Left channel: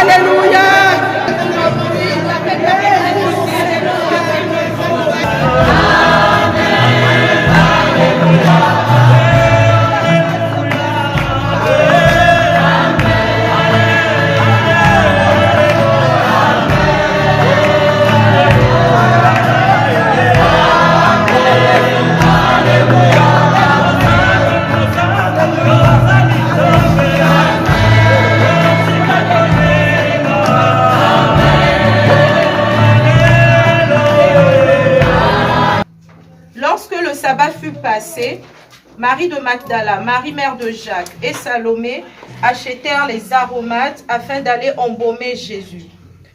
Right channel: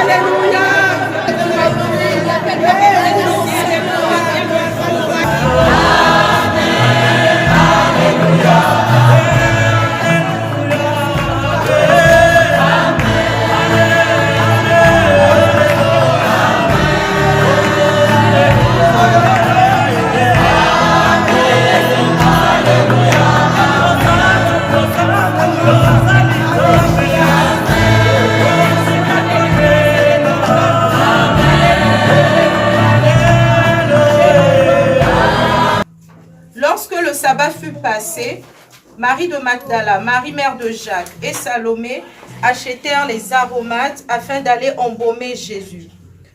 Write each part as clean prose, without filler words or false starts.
Alléluia. Lorsque le sabbat fut passé, Marie de Magdala, Marie mère de Jacques et Salomé achetèrent les aromates afin d'aller embaumer Jésus.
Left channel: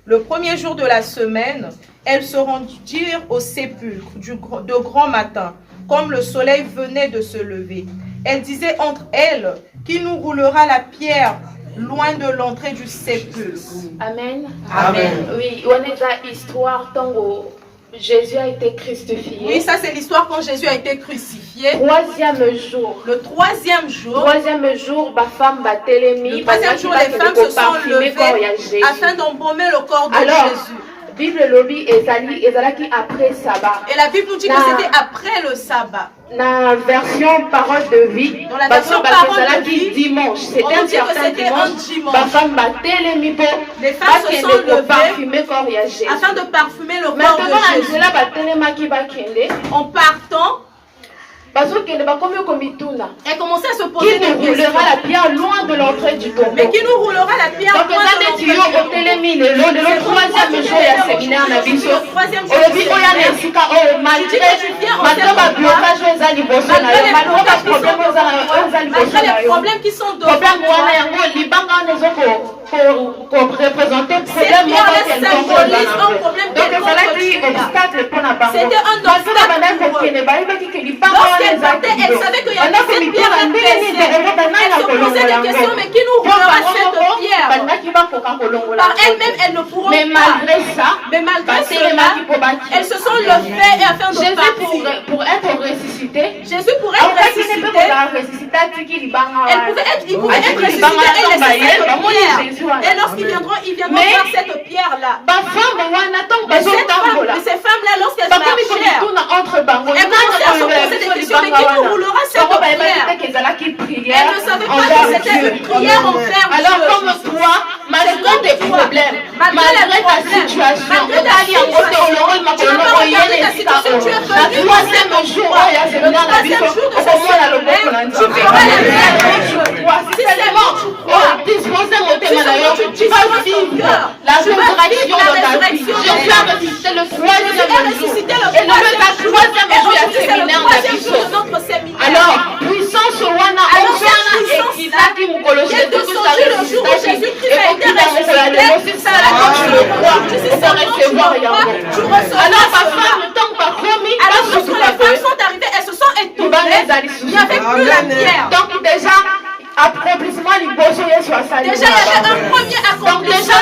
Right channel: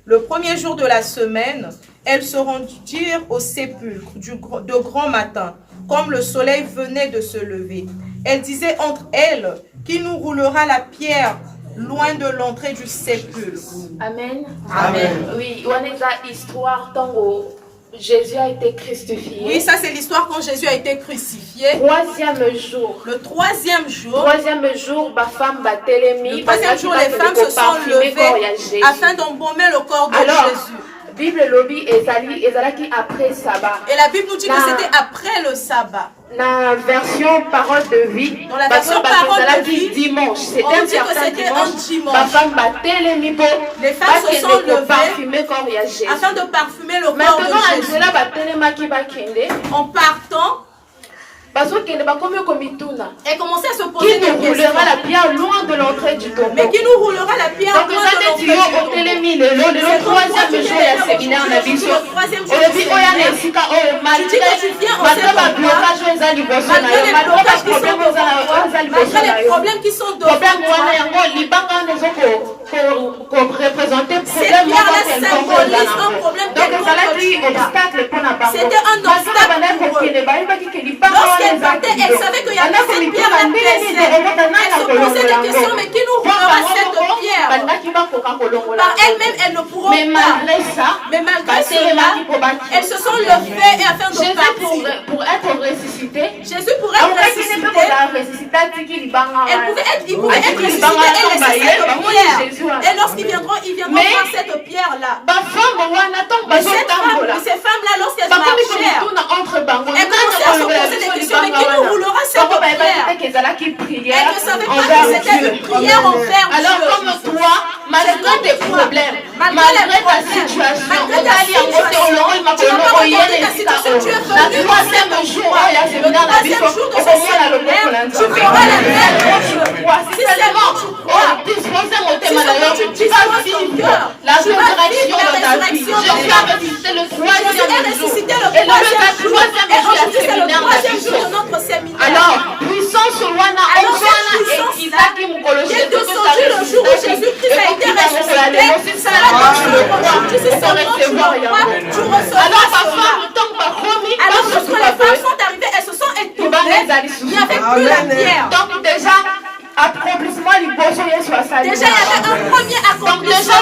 Le premier jour de la semaine, elles se rendirent au sépulcre de grand matin, comme le soleil venait de se lever. Elles disaient entre elles, qui nous roulera la pierre loin de l'entrée du sépulcre. Amen. Amen. Oui, on est dans l'histoire tant Jésus a été crucifié. Oui, ça c'est l'histoire quand Jésus a été crucifié. Troisième jour. Le troisième jour. Troisième jour, ma femme va télémi. Le troisième jour, les femmes se sont levées afin d'embaumer le corps de Jésus. Bible lobby ezalaki après sabbat. Et la Bible nous dit que c'était après le sabbat. La version parole de vie. Dans la version parole de vie, dimanche. C'était un certain dimanche. Ma femme va télémi pour les femmes se sont levées afin de parfumer le corps de Jésus. Maintenant, en partant, elle commençait à se poser qui nous roulera la pierre loin de l'entrée du tombeau. Mais qui nous roulera la pierre loin de l'entrée du tombeau. Le troisième jour, il y a séminaire na biso. Obi oya na esika o malgré blocage oza liboso na yo, malgré problème oza liboso na yo. Problèmes qui sont devant problème wana yango libanga nezo ko représenter problème moko quelconque oza na ngo. Donc ezalaki obstacle mpona bango. C'était un obstacle pour eux. Lorsqu'elle partait, elle savait qu'il y avait cette pierre épaissée. Elle se posait des questions, mais qui nous roulera cette pierre? Par elle-même, elle ne pourra pas. Mais malgré ça, elles se sont levées et afin de partir. Pour être ressuscité, Jésus pourrait être ressuscité. Elle pouvait être ressuscitée, elle laissait cette pierre. Et lorsqu'ils viendront, ils viendront voir cette pierre-là. Ces femmes-là, lorsqu'elles marchaient, elles commençaient à se poser des questions, mais qui nous roulera cette pierre? Elles ne savaient pas que c'était une prière envers Dieu. Alors comme toi, malgré tes problèmes, malgré ta situation, le troisième jour, il y a séminaire la biso, au moins la logo pour si seulement disposer mon thème tu vas vivre la résurrection de ta vie. Je viens de visiter le troisième jour. Et le troisième jour, il y a séminaire la biso. Alors, puissance wana ongana ekitaki mukolo Jésus que ça ressuscite et kokita mokola lelo si ça la tu le crois tu recevoir yango. Alors ma femme tant que bakomi alors lorsque les femmes sont arrivées, elles se sont étonnées, il n'y avait plus la pierre. Donc déjà accomplissement liboso Yesu asali. Déjà il y avait un premier accomplissement. Donc déjà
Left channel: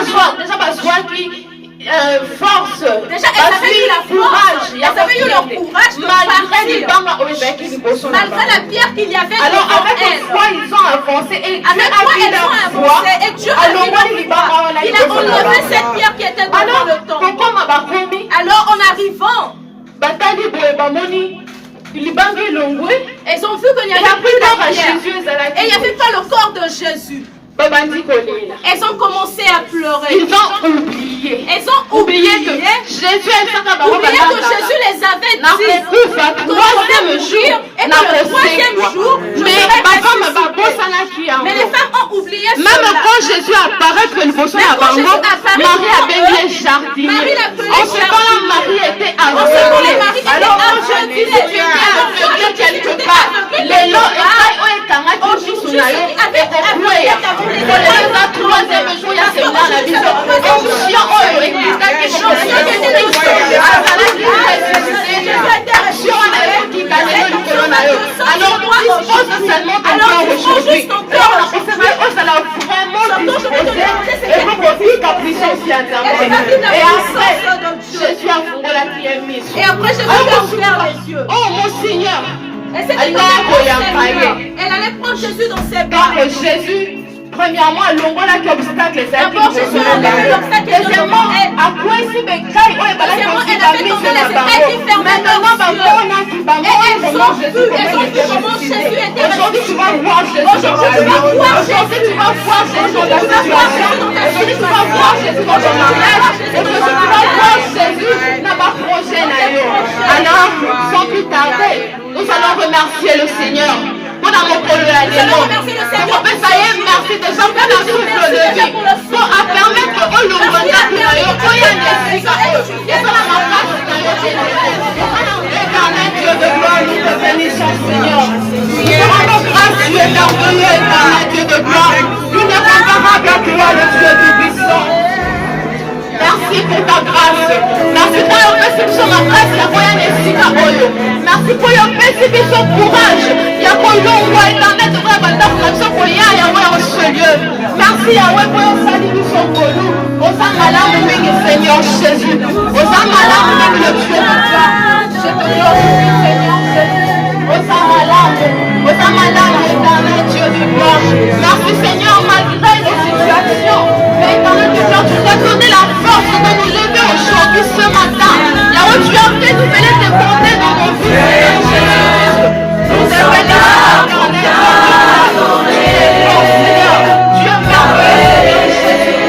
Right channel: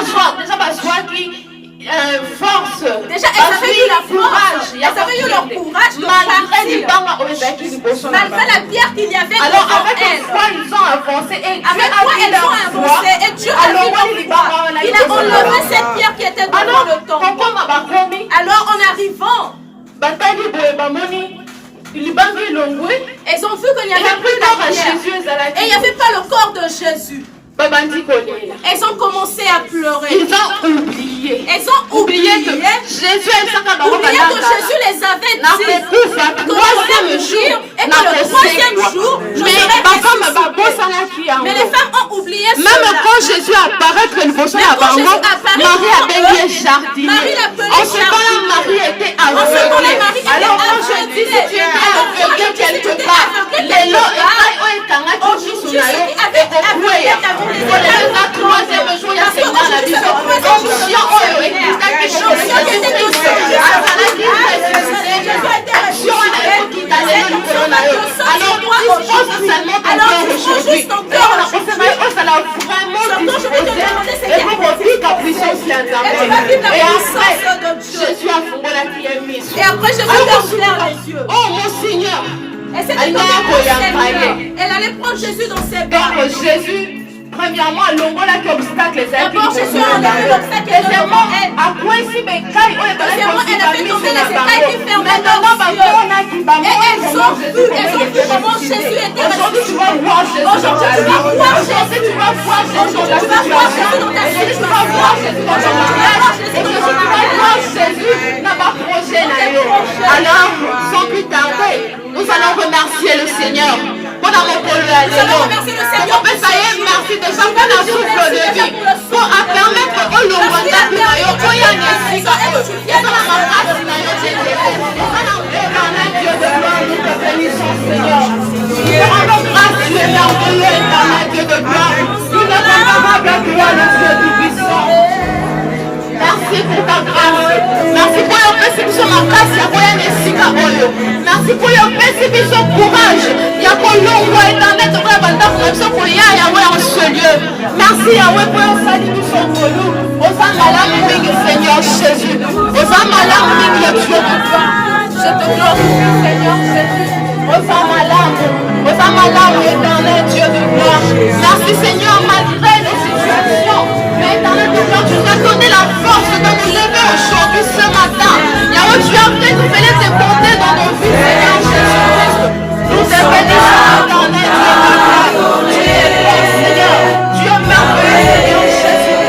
bazwa qui force, déjà elles avaient eu la courage, elles avaient eu le courage malgré la pierre qu'il y avait alors devant avec elles. foi ils ont avancé et Dieu avec foi elles ont avancé et Dieu a vu leur foi. Il a enlevé cette pierre qui était devant le tombeau. Alors en arrivant, elles ont vu qu'il n'y avait plus la pierre et il n'y avait pas le corps de Jésus. Elles ont commencé à pleurer. Ils ont oublié. Elles ont oublié que Jésus les avait dit. Troisième jour. Et que le troisième jour, mais les femmes ont oublié cela. Même quand Jésus apparaît, que le Marie a baigné jardinier. En ce temps-là, Marie était aveuglée. Alors quand je dis si tu es aveuglé quelque part, les lots et le troisième jour, il y a séminaire la vision. Onction oyo ekitaki Jésus-Christ azalaki ressuscité. Action wana ekokita lelo likolo na yo. Alors dispose seulement ton cœur aujourd'hui. Alors on a pensé ozala vraiment disposé et kokofika puissance ya Nzambe. Et après Jésus afungolaki ye miso. Et après Jésus a ouvert les yeux. Oh mon Seigneur. Elle allait prendre Jésus dans ses bras. Donc Jésus Premièrement, longola qui obstacle les actes. Deuxièmement, à quoi ici bécaille, on est pas là pour se parler de la parole. Maintenant, on a qui va manger comment Jésus, comment il était ressuscité. Aujourd'hui, tu vas voir Jésus dans ta vie. Aujourd'hui, tu vas voir Jésus dans ta situation. Aujourd'hui, tu vas voir Jésus dans ton mariage. Aujourd'hui, tu vas voir Jésus dans ma prochaine année. Alors, sans plus tarder, nous allons remercier le Seigneur. Pour avoir pour le merci déjà pour la souffle de vie. Pour permettre au Lomanda de merci pour ta grâce. Merci pour your paix sur ma grâce. Merci pour your paix sur courage. Merci Yahweh pour un salut sur nous. Aux âmes Seigneur Jésus. Aux âmes le Dieu de toi. Je te glorifie Seigneur Jésus. Aux âmes éternel Dieu de gloire. Merci Seigneur malgré nos situations. Mais éternel Dieu, tu nous as donné la force de nous lever aujourd'hui ce matin. Yahweh, tu as fait nous venir te compter dans nos vies Seigneur Jésus. Nous te bénissons éternel Dieu de gloire. Tu es fort Seigneur. Dieu merveilleux Seigneur Jésus.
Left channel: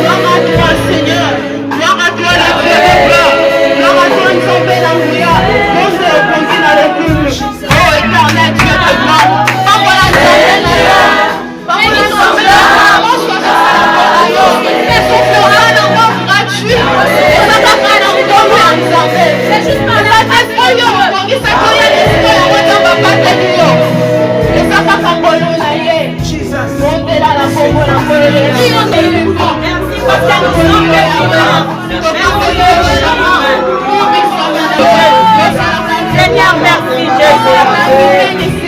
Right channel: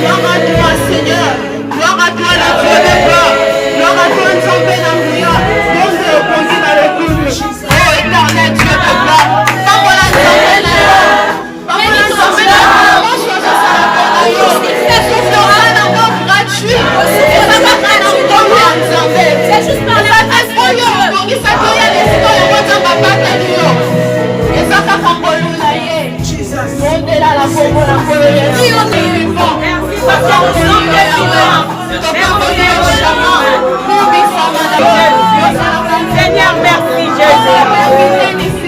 Gloire à toi Seigneur. Gloire à toi le Dieu de gloire. Gloire à toi une tombée d'Amouya. Monde au conduit dans le couple. Oh éternel Dieu de gloire. Papa la tombée dans le Papa la tombée dans le gratuit. Et ça va faire un bon lui en santé. C'est juste pour les fesses pour eux. Donc il s'accueille les citoyens. On va pas faire de l'eau. Et ça va faire un bon lui là. Montez là la bombe la Seigneur, merci Jésus. Nous te bénissons,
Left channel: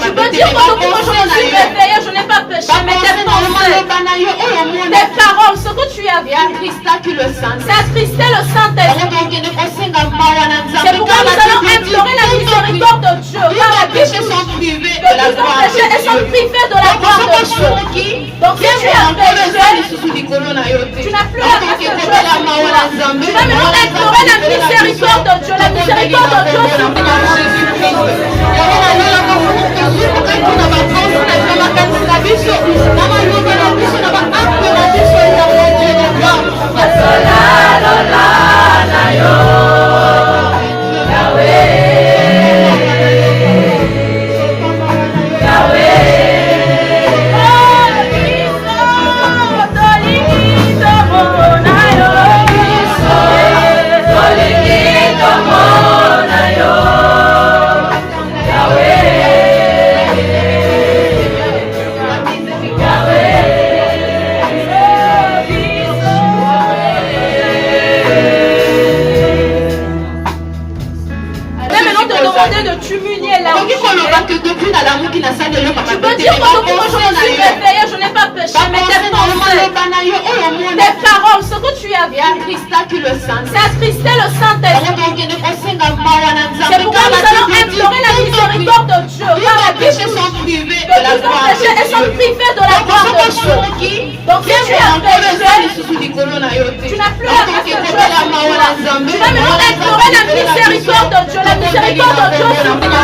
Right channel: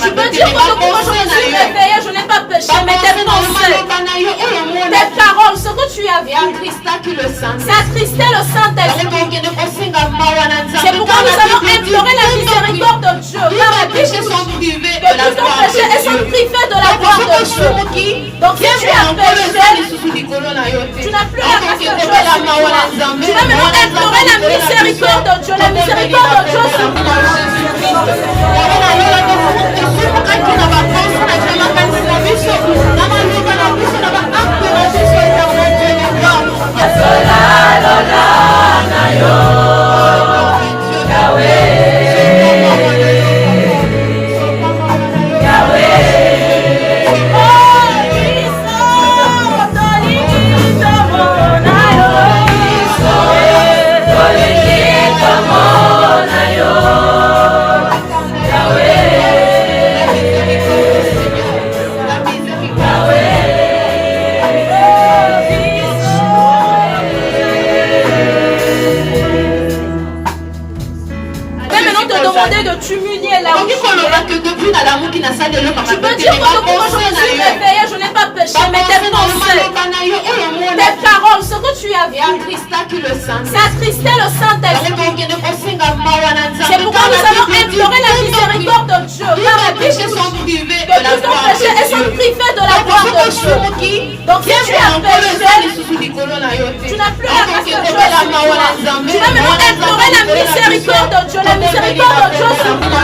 Tu peux dire que depuis moi je me suis réveillée, je n'ai pas péché, mais tes pensées, tes paroles, ce que tu as vu, c'est attristé le Saint-Esprit. C'est pourquoi nous allons implorer la miséricorde de Dieu, car les péchés sont privés de la gloire de Dieu. Et sont privés de la gloire de Dieu. Donc si tu as péché, tu n'as plus à pécher. Tu vas maintenant implorer la miséricorde de Dieu, la miséricorde de Dieu sur toi. Tu peux dire que depuis moi je me suis réveillée, je n'ai pas péché, mais tes pensées, tes paroles, ce que tu as vu, c'est attristé le Saint-Esprit. C'est pourquoi nous allons implorer la miséricorde de Dieu, car les péchés sont privés de la gloire de Dieu. Et sont privés de la gloire de Dieu. Donc si tu as péché, tu n'as plus à pécher. Tu vas maintenant implorer la miséricorde de Dieu, la miséricorde de Dieu sur toi.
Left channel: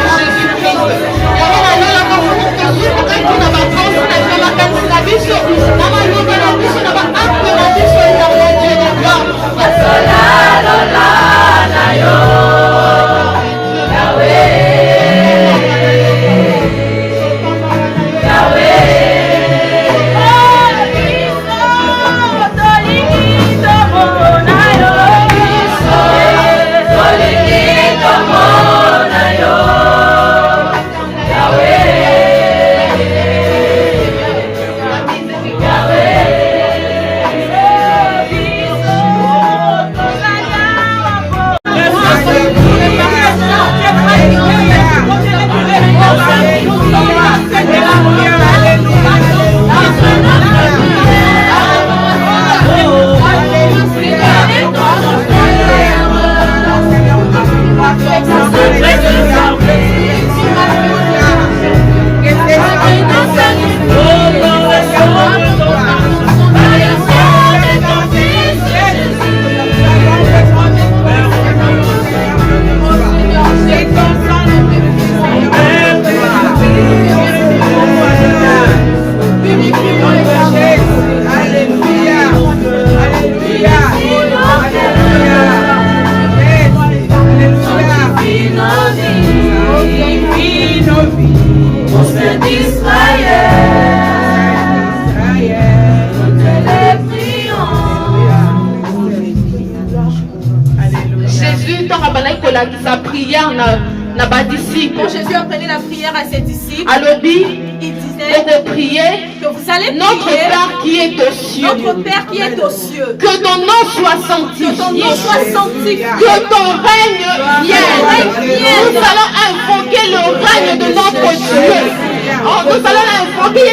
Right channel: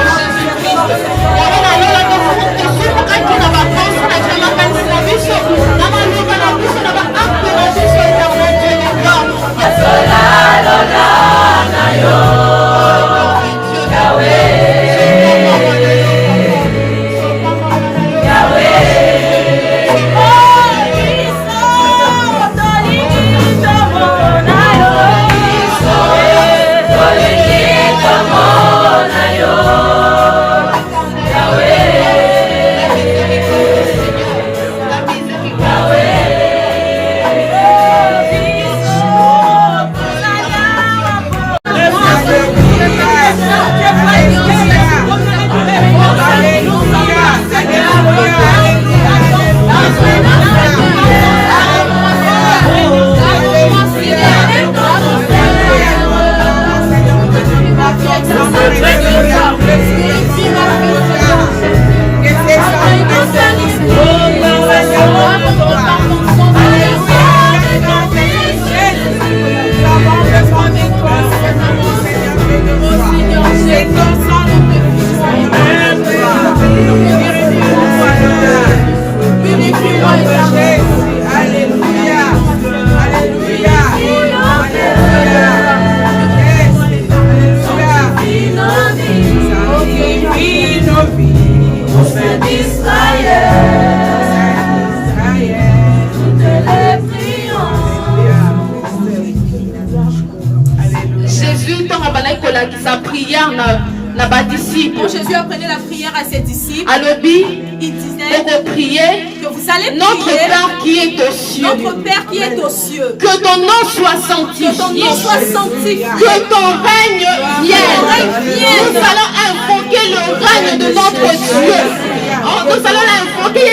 Jésus tant que sa prière n'a pas disciple. Quand Jésus apprenait la prière à ses disciples, il disait que vous allez prier notre Père qui est aux cieux. Notre Père qui est aux cieux. Que ton nom soit sanctifié. Que ton règne vienne. Nous allons invoquer le règne de notre Dieu. Nous allons invoquer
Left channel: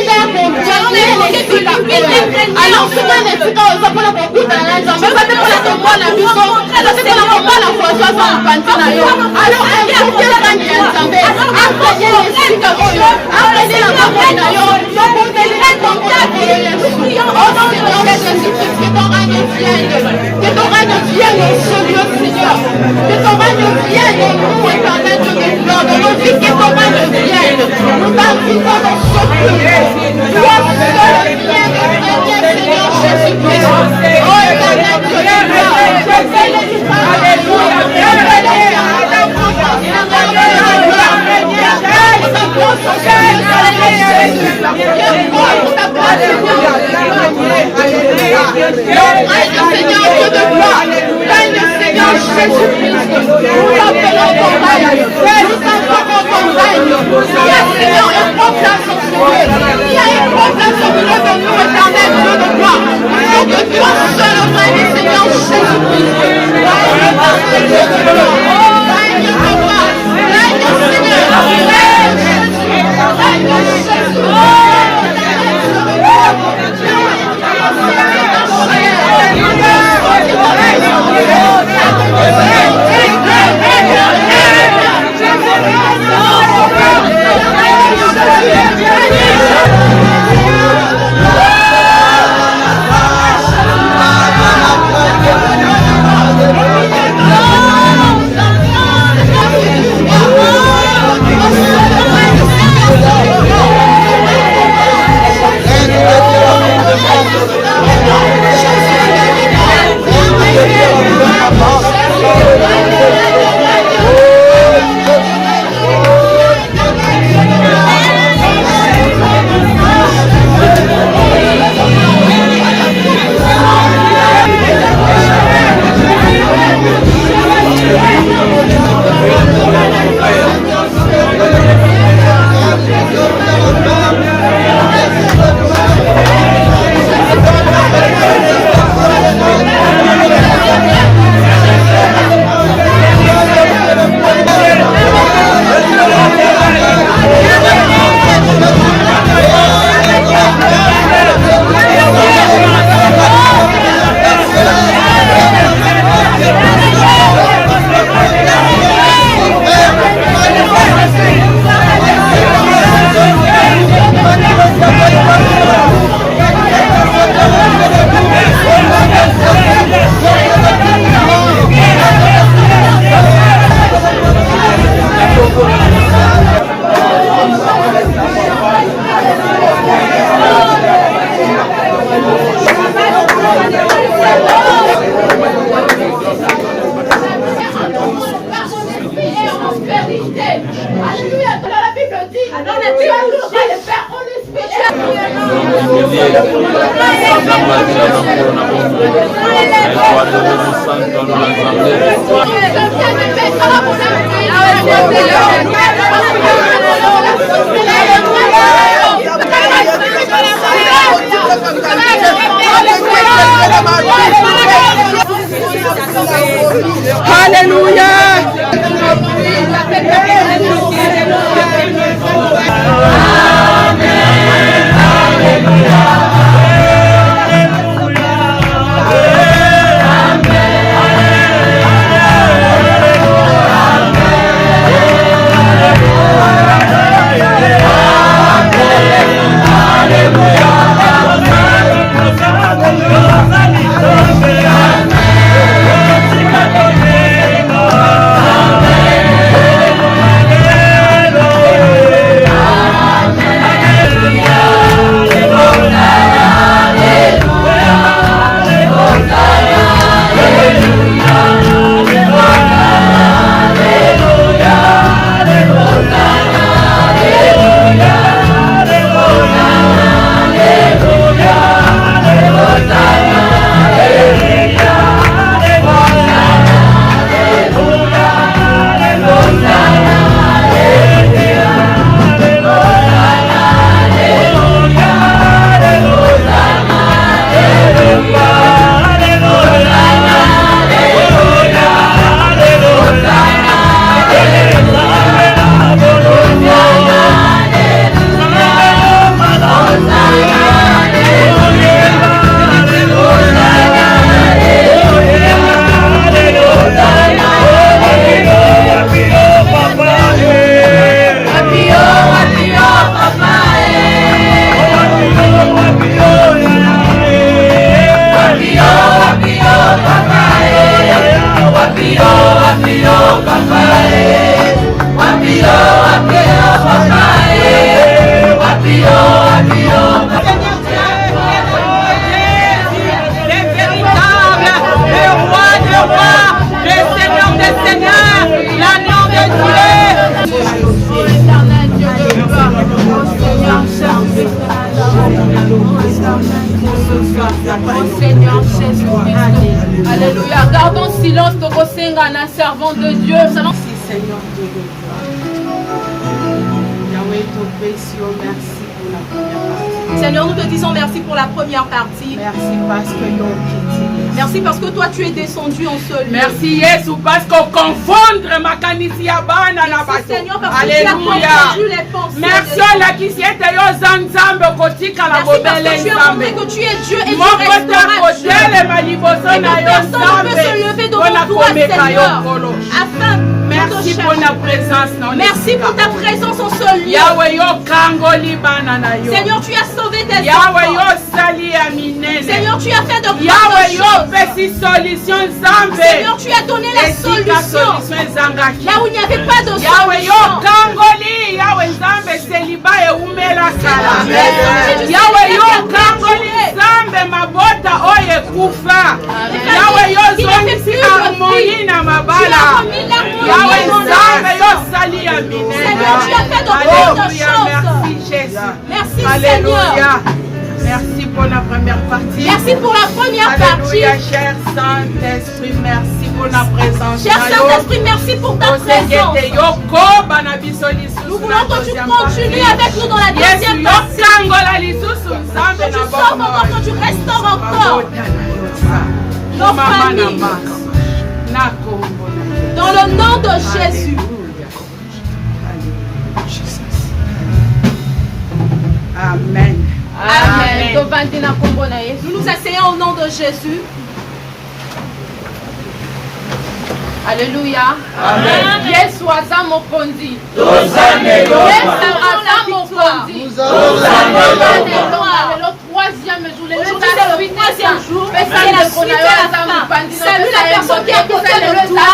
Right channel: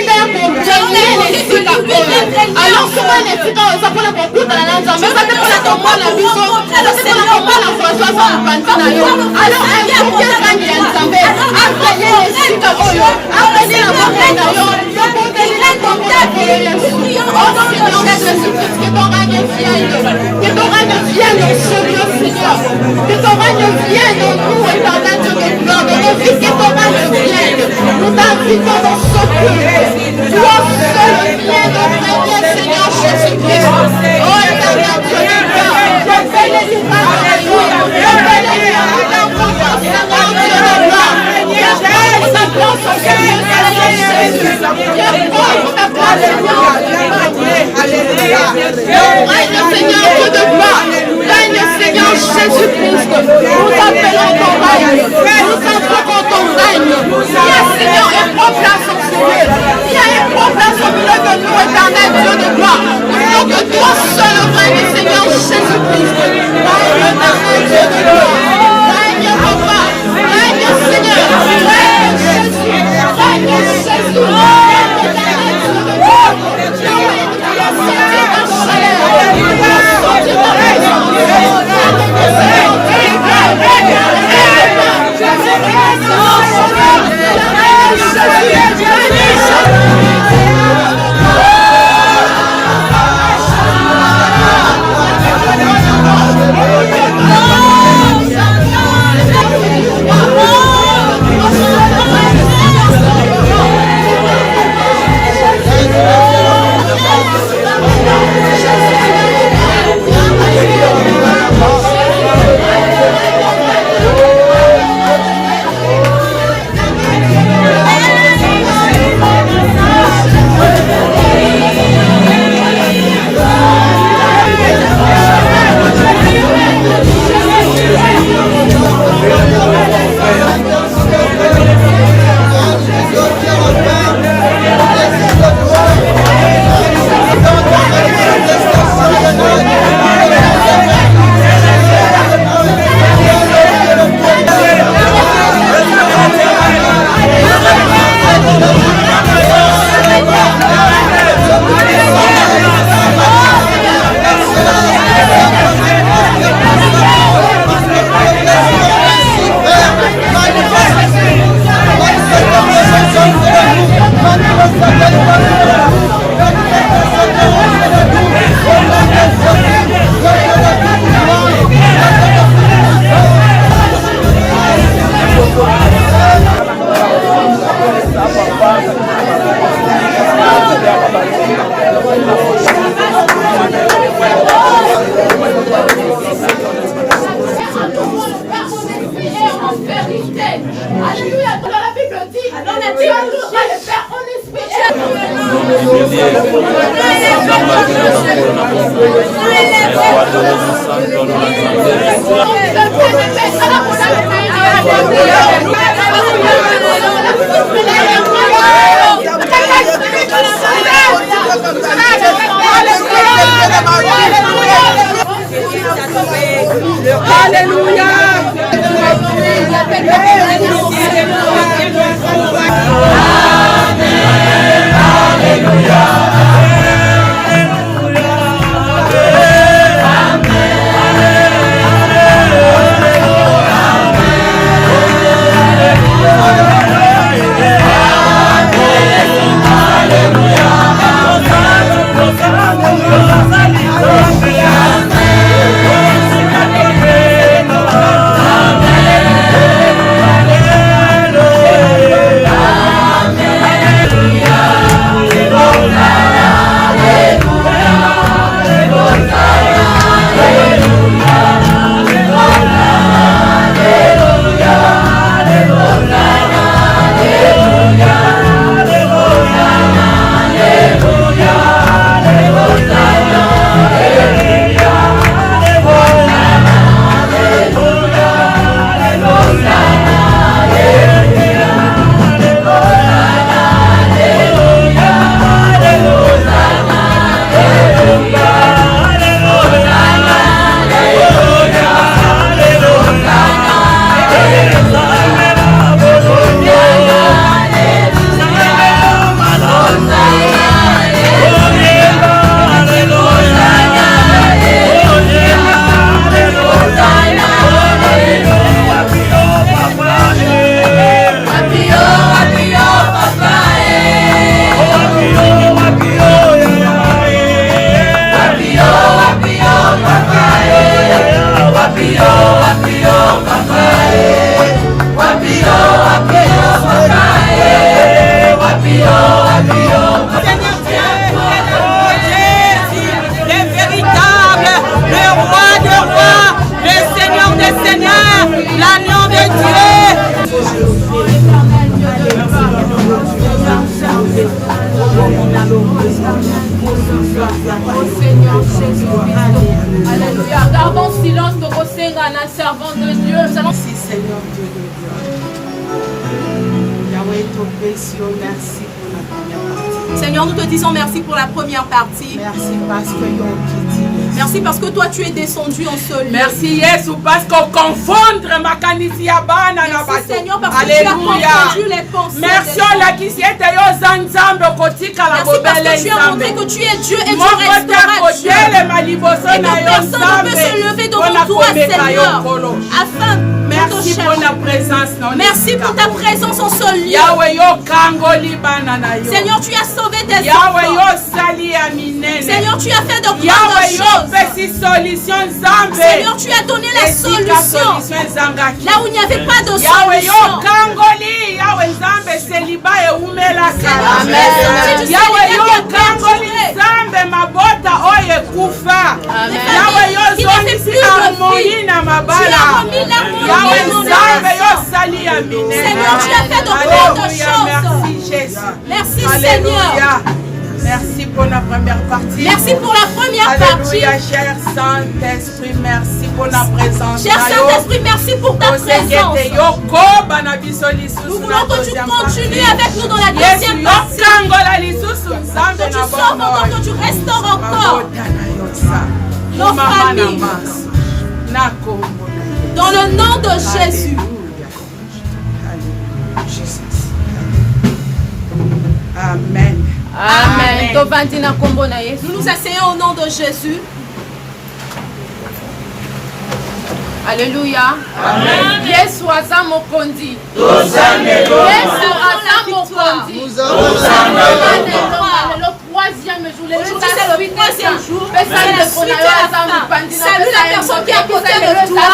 alors souvent les filles quand on s'appelle pour tout dans la langue, mais ça dépend de comment la vision, ça dépend de comment la Françoise va nous panter. Alors invoquer le règne de Nzambe, enseigner les filles enseigner la parole d'ailleurs, enseigner la parole de Jésus. Oh Seigneur Jésus-Christ, que ton règne vienne, que ton règne vienne sur nous, Seigneur, que ton règne vienne en nous, éternel Dieu de gloire, dans nos vies, que ton règne vienne. Nous t'invitons dans ce culte. Toi seul viens de régner, Seigneur Jésus-Christ. Oh éternel Dieu de gloire, je fais les livraisons. Alléluia, Seigneur Jésus-Christ, nous appelons ton règne, nous invoquons ton règne. Seigneur, un grand place au ciel, il y a un grand place au milieu de nous, éternel Dieu de gloire. Il faut que toi seul règne, Seigneur Jésus-Christ. Règne, Dieu de gloire, règne, papa, règne, Seigneur, règne, Jésus, règne, Jésus. Amen. des seigneurs, l'agneau de Dieu. Alléluia. Gardons silence de Rosenga, un servant de Dieu. Merci Seigneur Dieu de gloire. Yahweh, ton précieux, merci pour la première partie. Seigneur, nous te disons merci pour la première partie. Merci parce que Yon Kiti. Merci parce que toi tu es descendu en ce lieu. Merci Yesu parce qu'on confondre ma canisia bana na bato. Seigneur, parce Alléluia. que tu as confondu les pensées. Merci la kisiete yo zanzambe kotika la Merci bobele parce que tu as nzambe. montré que tu es Dieu et tu Mon côté resteras Dieu. côté ma liboso Et que na yo personne ne peut nzambe. se lever devant Bona toi, komeka yo Seigneur, kolo. afin de Merci te pour chercher. la présence non. Merci pour ta présence en ce lieu. Yahweh yo kangoli bana na yo. Seigneur, tu as sauvé tes Yahweh yo enfants. sali aminene. Seigneur, tu as fait de Yahweh yo grandes choses. pesi solution nzambe. Seigneur, tu as donné la solution. Ezangaki. Là où il n'y avait pas de Yahweh yo solution. kangoli Yahweh nzambe seliba eumela kala. Amen. Yahweh yo kangoli nzambe mabota oye kufa. Yahweh yo zonisi harmonie na mabala. Yahweh nzambe yo sali ya minene. Seigneur, tu as fait de grandes Alléluia, choses. merci Jésus. Merci, Alléluia. Seigneur. Merci pour la première partie. Merci pour la première Alléluia, partie. cher Saint-Esprit, merci pour la présence. Cher Saint-Esprit, merci pour ta présence. Nous voulons que tu continues avec nous dans la deuxième partie. Que tu sors encore, que tu restaures encore nos familles. Dans le nom de Jésus. Amen. Amen. Nous nous asseyons au nom de Jésus. Alléluia. Amen. Yesu aza mokonzi. Yesu aza mokonzi. Le troisième jour, le Aujourd'hui, c'est le troisième jour. C'est la suite et la fin. Salut la personne qui est à côté de toi.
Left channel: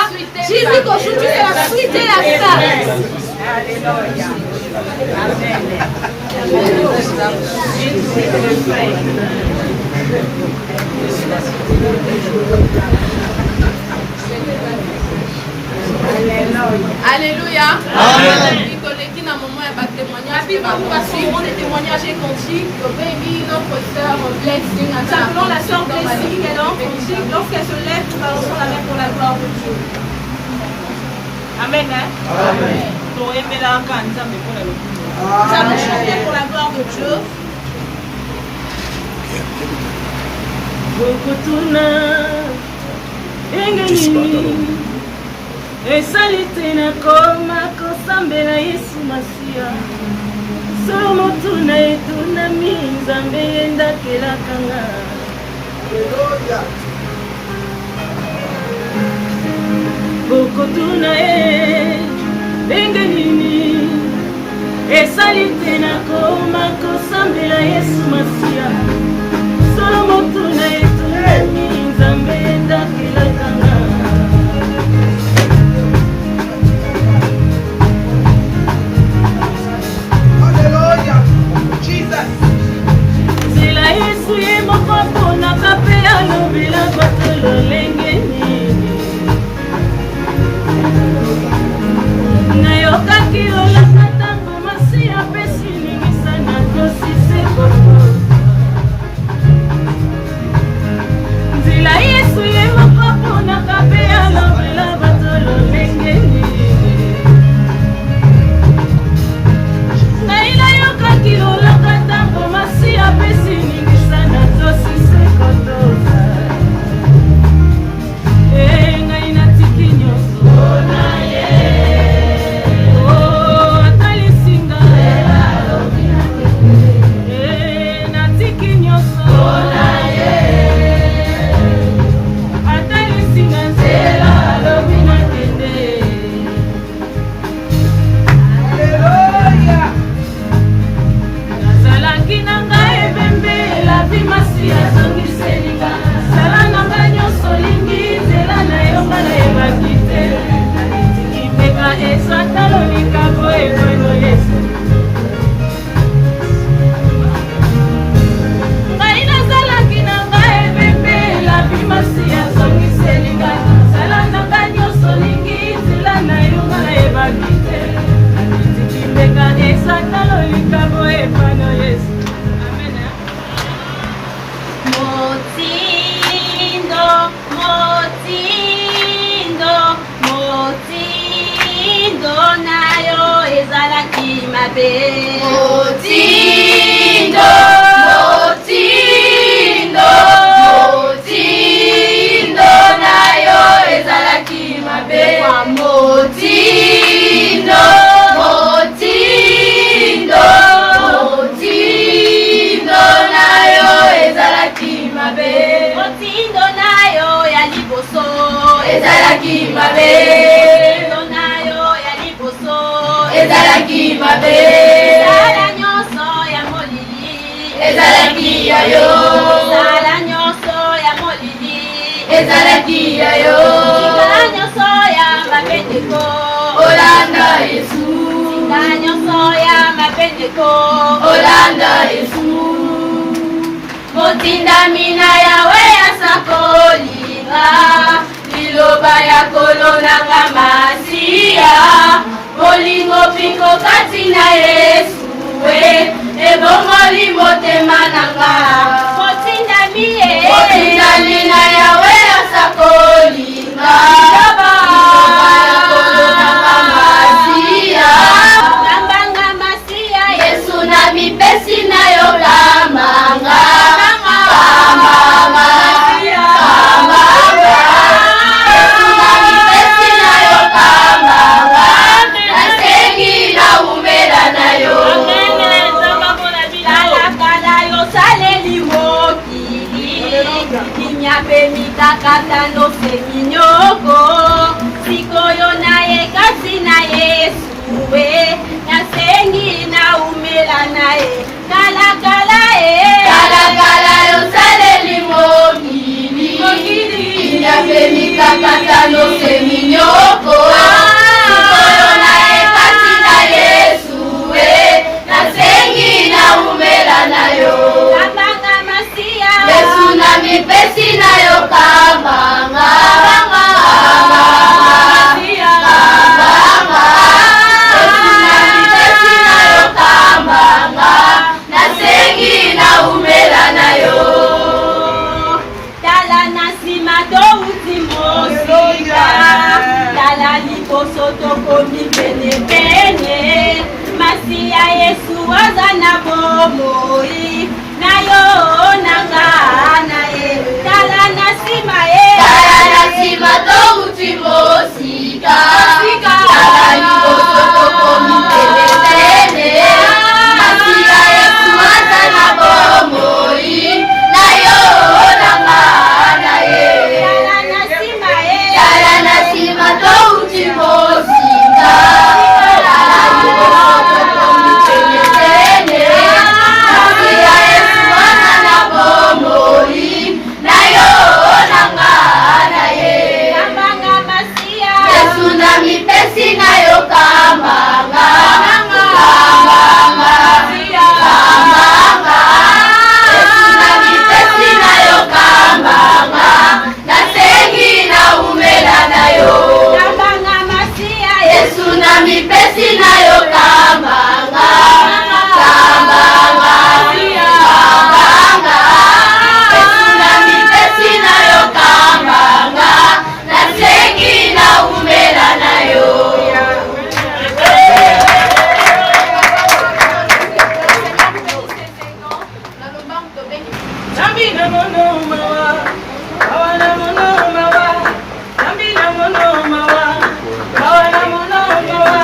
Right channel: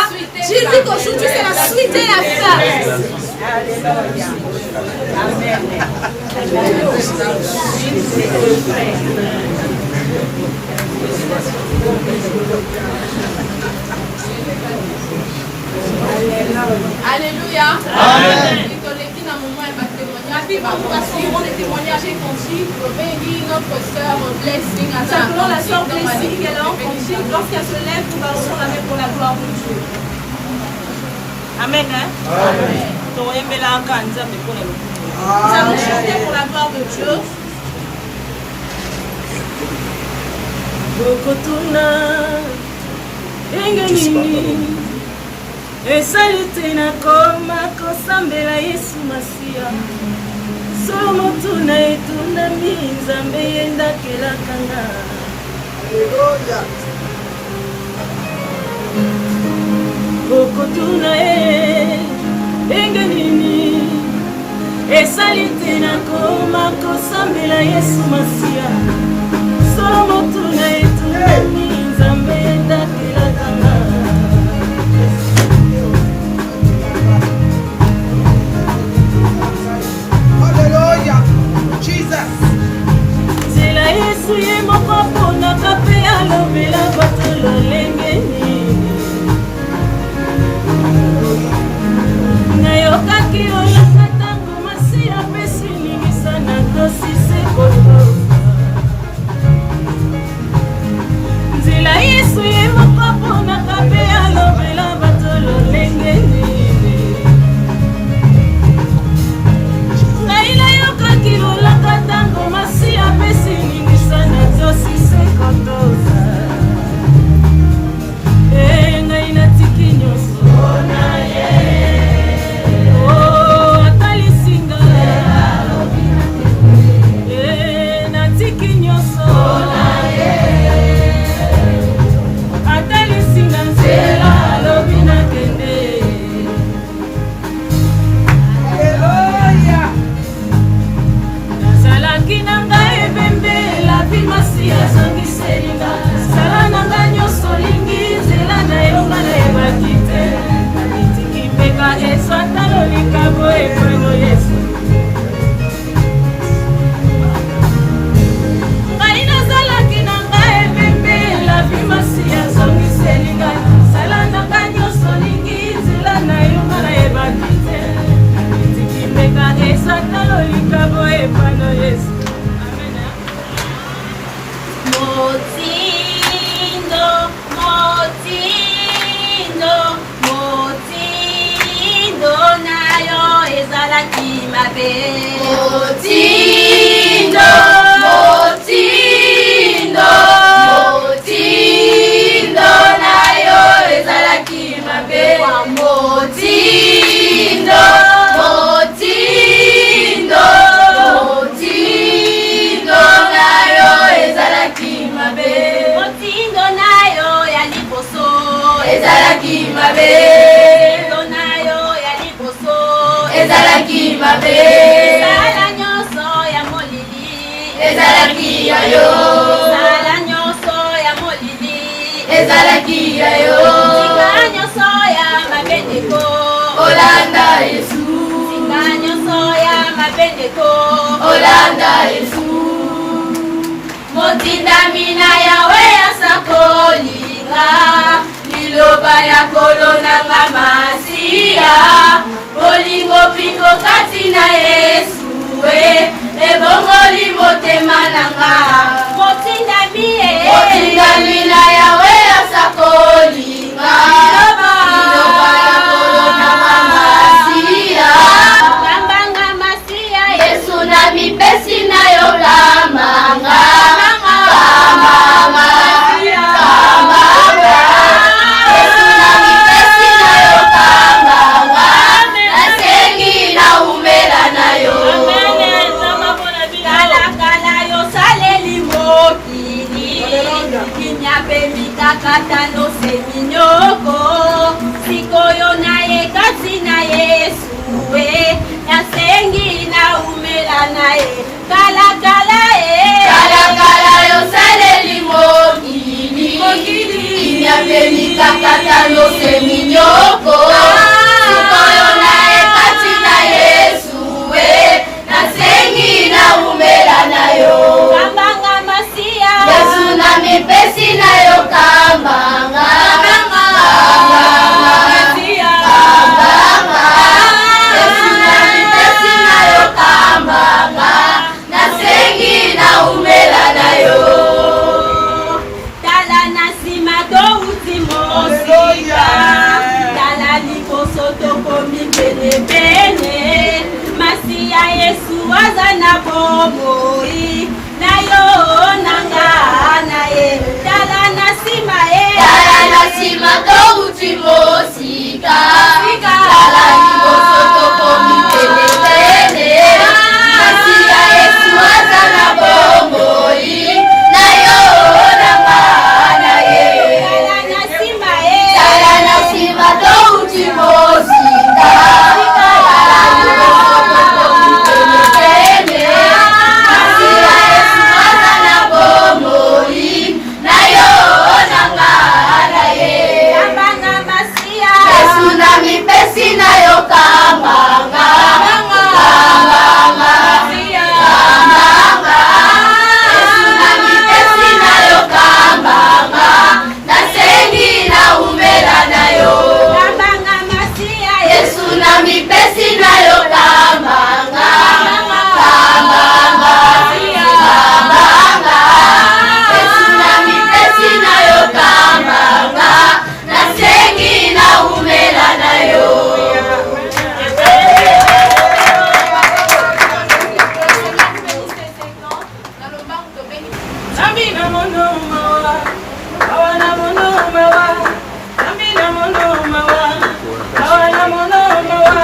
Dis-lui qu'aujourd'hui, c'est la suite et la fin. Alléluia. Alléluia. Amen. Les témoignages est conduit. Notre sœur Blessing a Simplement la sœur Blessing, elle entre conduit. Lorsqu'elle se lève, nous balançons la main pour la gloire de Dieu. Amen. Hein? Amen. Nous allons chanter pour la gloire de Dieu. Bokotuna engenini esalite na koma kosambela Yesu Masiya solo motuna etundami Nzambe yendakelakanga Bokotuna engenini esalite na koma kosambela Yesu Masiya solo motuna etundami Nzambe yendakelakanga nzela Yesu ye moko aponaka mpe alobela bato lolenge nini nayokaki olaka ntango masi apesi ningisa na tosise kotoka mabe. Motindo, motindo, motindo nayo ezalaki mabe. Motindo, motindo, motindo nayo ezalaki mabe. Motindo nayo ya liboso ezalaki mabe. Motindo nayo ya liboso ezalaki mabe. Sala nyonso ya molili ezalaki yayo. Sala nyonso ya molili ezalaki yayo. Singa nyonso ya mabendeko olanda Yesu. Singa nyonso ya mabendeko olanda Yesu. Motindami na yawe asakolinga liloba ya kolonanga masiya. Bolingo piko kati na Yesu ebongoli motema nanga. Motindami motindami na yawe asakolinga liloba ya kolonanga masiya. Kambanga masia Yesu na mipesi na yo kamanga. Kata no seminyoko sikoyo naye kasi na Yesu nasengi na umela naye kala kala yo saleli mokili nyapemika kata no seminyoko sikoyo naye kasi na Yesu nasengi na umela nayo. Kambanga masia Yesu na mipesi na yo kamanga. Yesu na mipesi na yo kamanga. Nasengi na umela na yo. tala na nsima touti mosika tala liboso tokomi penepene masiya Yesu aza na bomoi na yo nanga na ye tala na nsima Tala na sima touti mosika. Tala liboso tokomi penepene. Masiya Yesu aza na bomoi na yo nanga na ye. tala na nsima Tala na sima touti mosika. Tala liboso tokomi penepene. Masiya Yesu aza na bomoi na yo nanga na ye. kambanga masia Yesu na mipesi na yo kamanga. Kamanga. Kamanga. Yesu na mipesi na yo kamanga. Nasengi na umela na yo. kambanga masia Yesu na mipesi na yo kamanga. Kamanga. Kamanga. Yesu na mipesi na yo kamanga. Nasengi na umela na yo. Zambi na mono mawa, mawa na mono mawa. Zambi na mono mawa, mawa na mono mawa.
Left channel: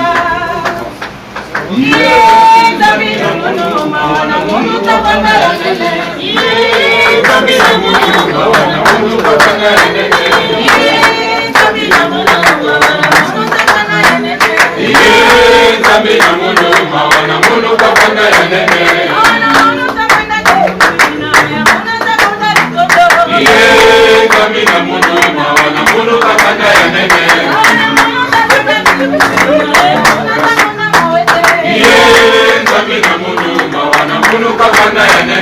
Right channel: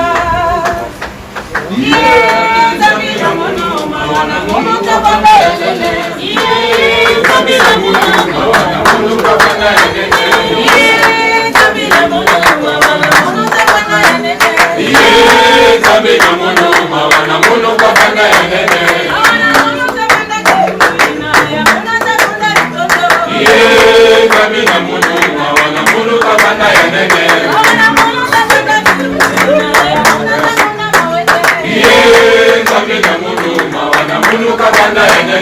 Zambi na mono mawa na mono tabanga yene. Zambi na mono mawa na mono tabanga yene. Zambi na mono mawa na mono tabanga yene. Zambi na mono mawa na mono tabanga yene. Zambi na mono mawa na mono tabanga yene. Zambi na mono mawa na mono tabanga yene.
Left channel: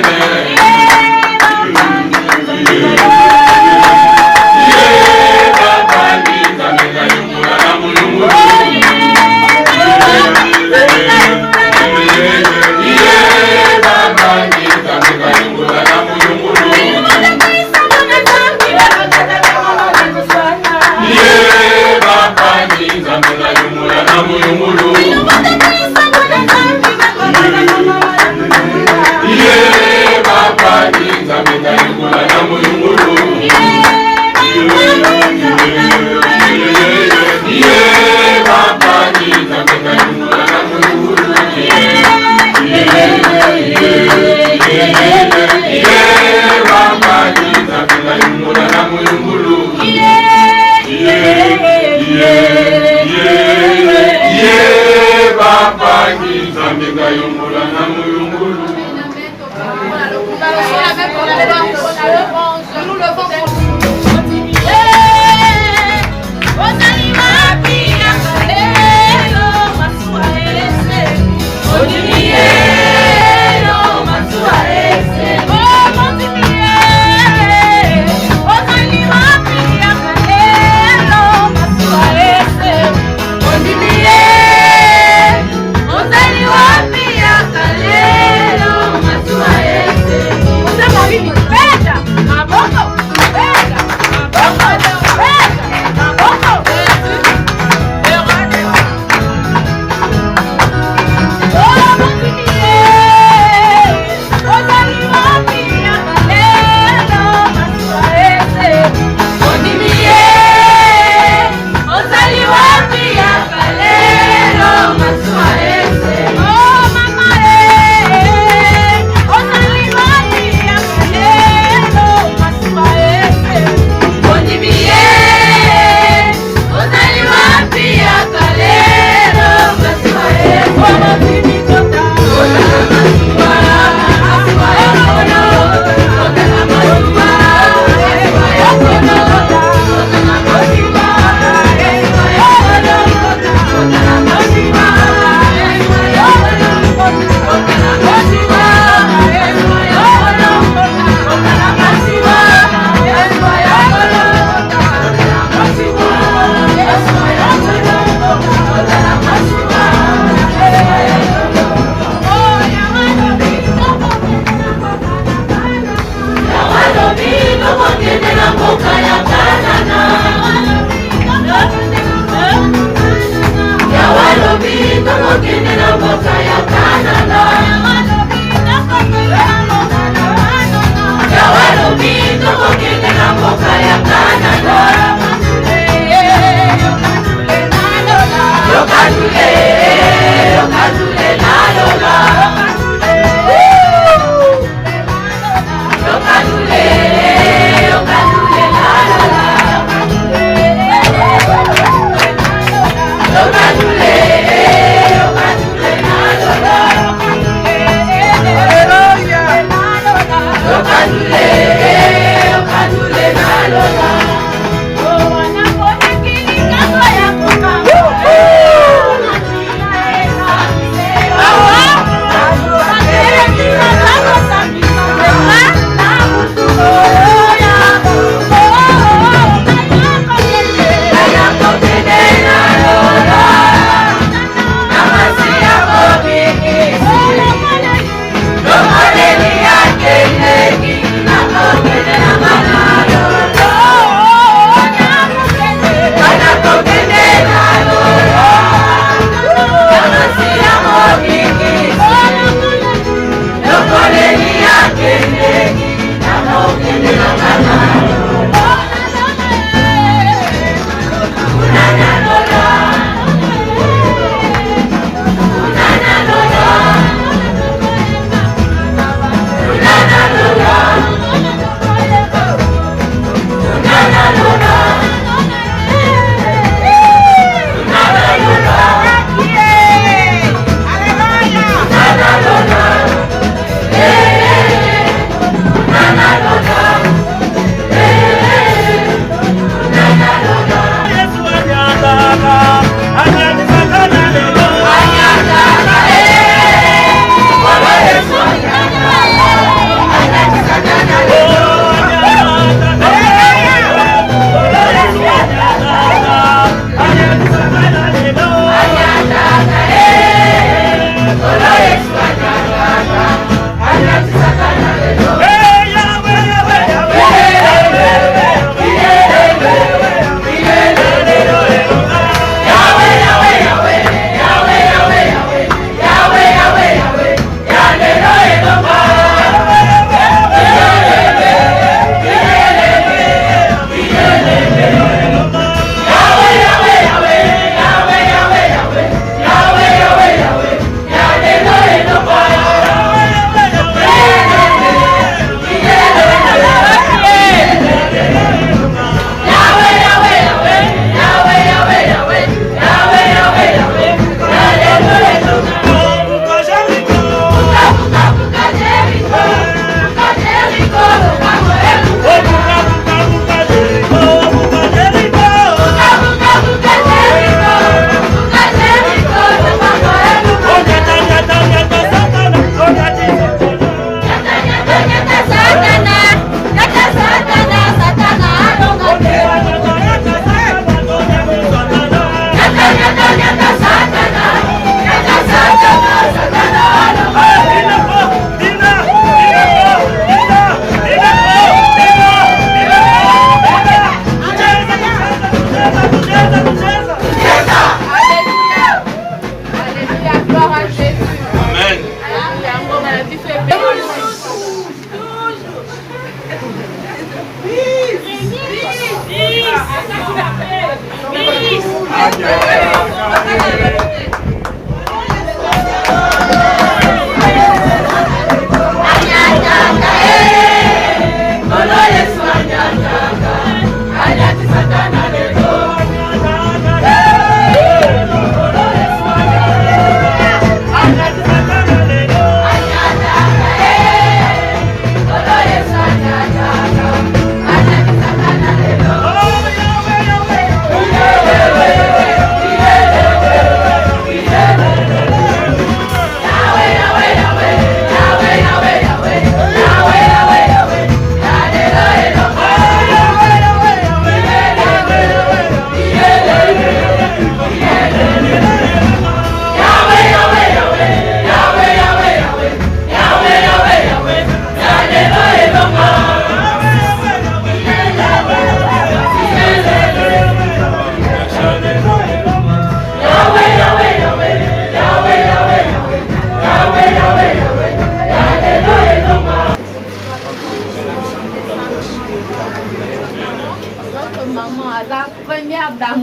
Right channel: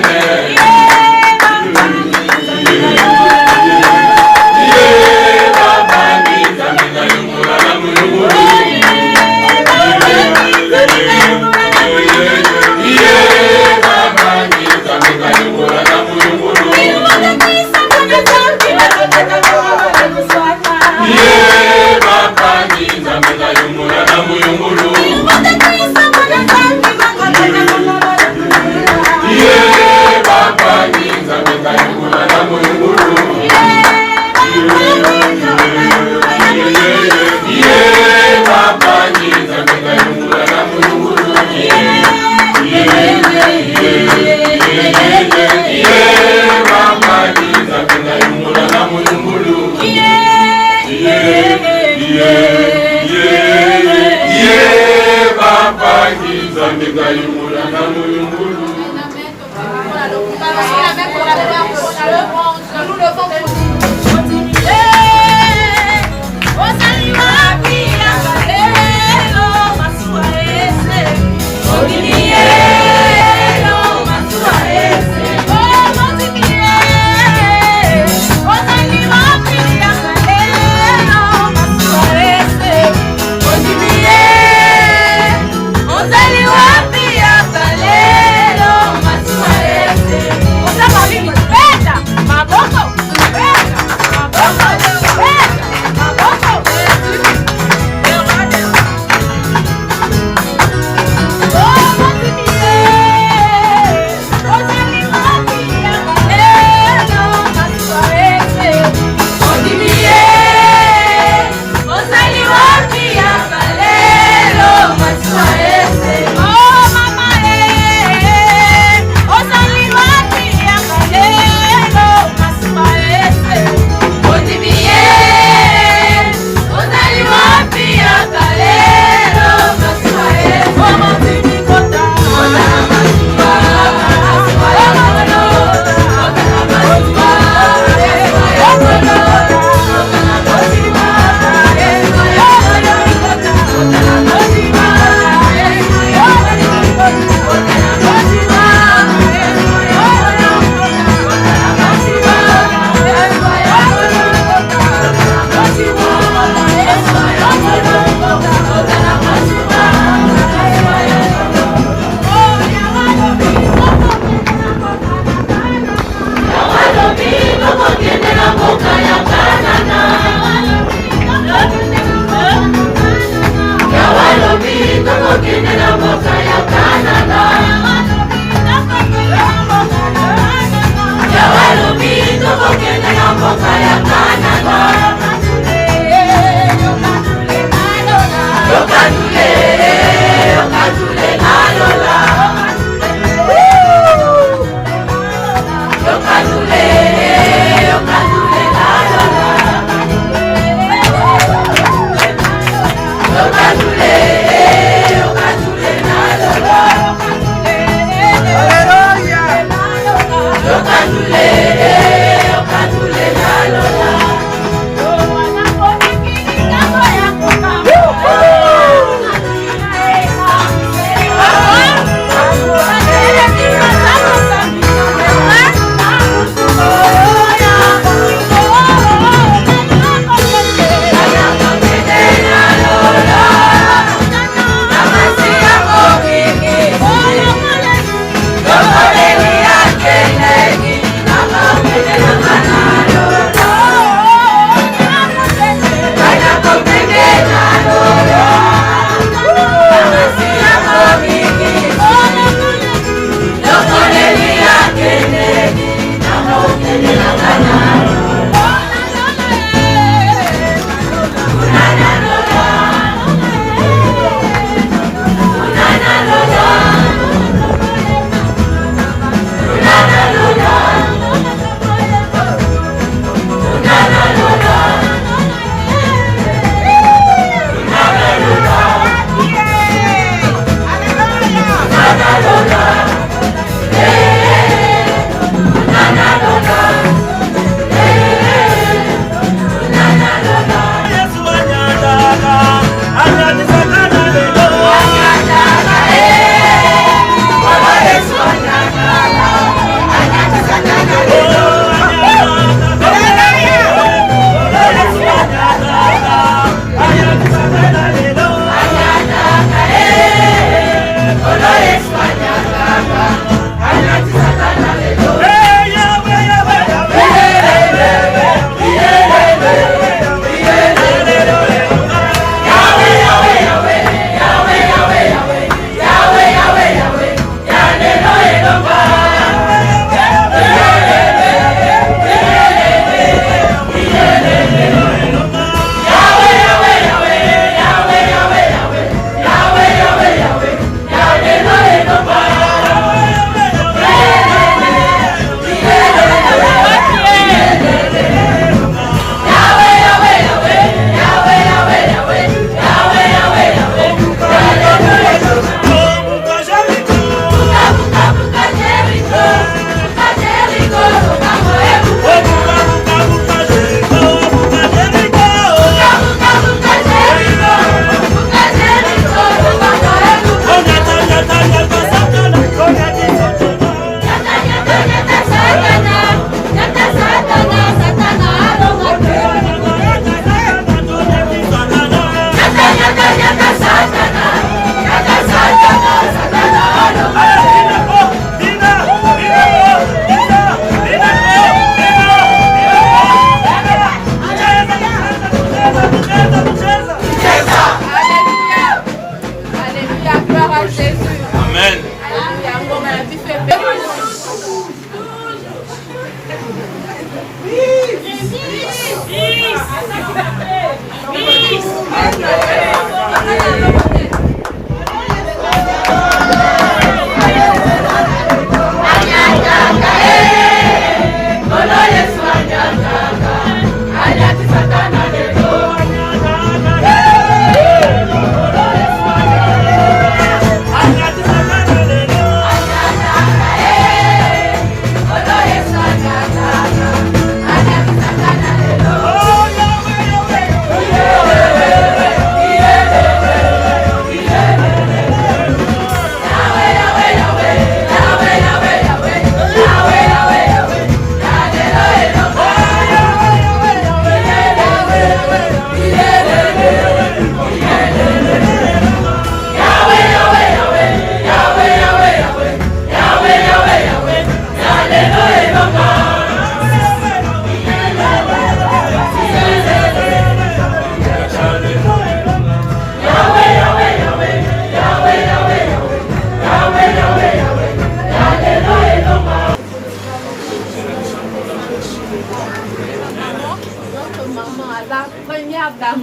Gayumula na mulungulu. Maboko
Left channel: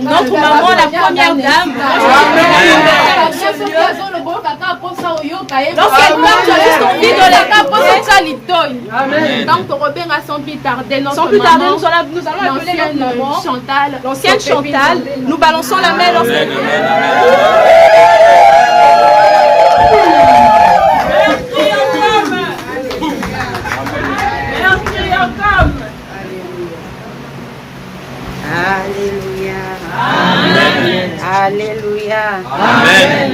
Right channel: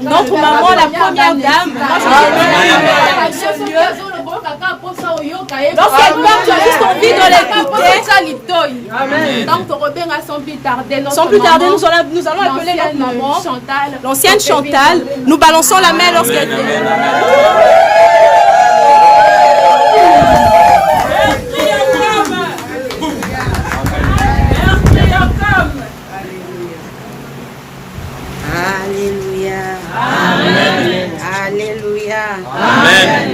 Notre maman, la première dame. Dans cette part, tu as juste envie de l'écouter. Donc, Robin sans plus tarder, Sans plus tarder, nous allons appeler notre maman. Chantal. L'ancienne Chantal. Nous balançons la main lorsqu'elle vient. Alléluia. Amen.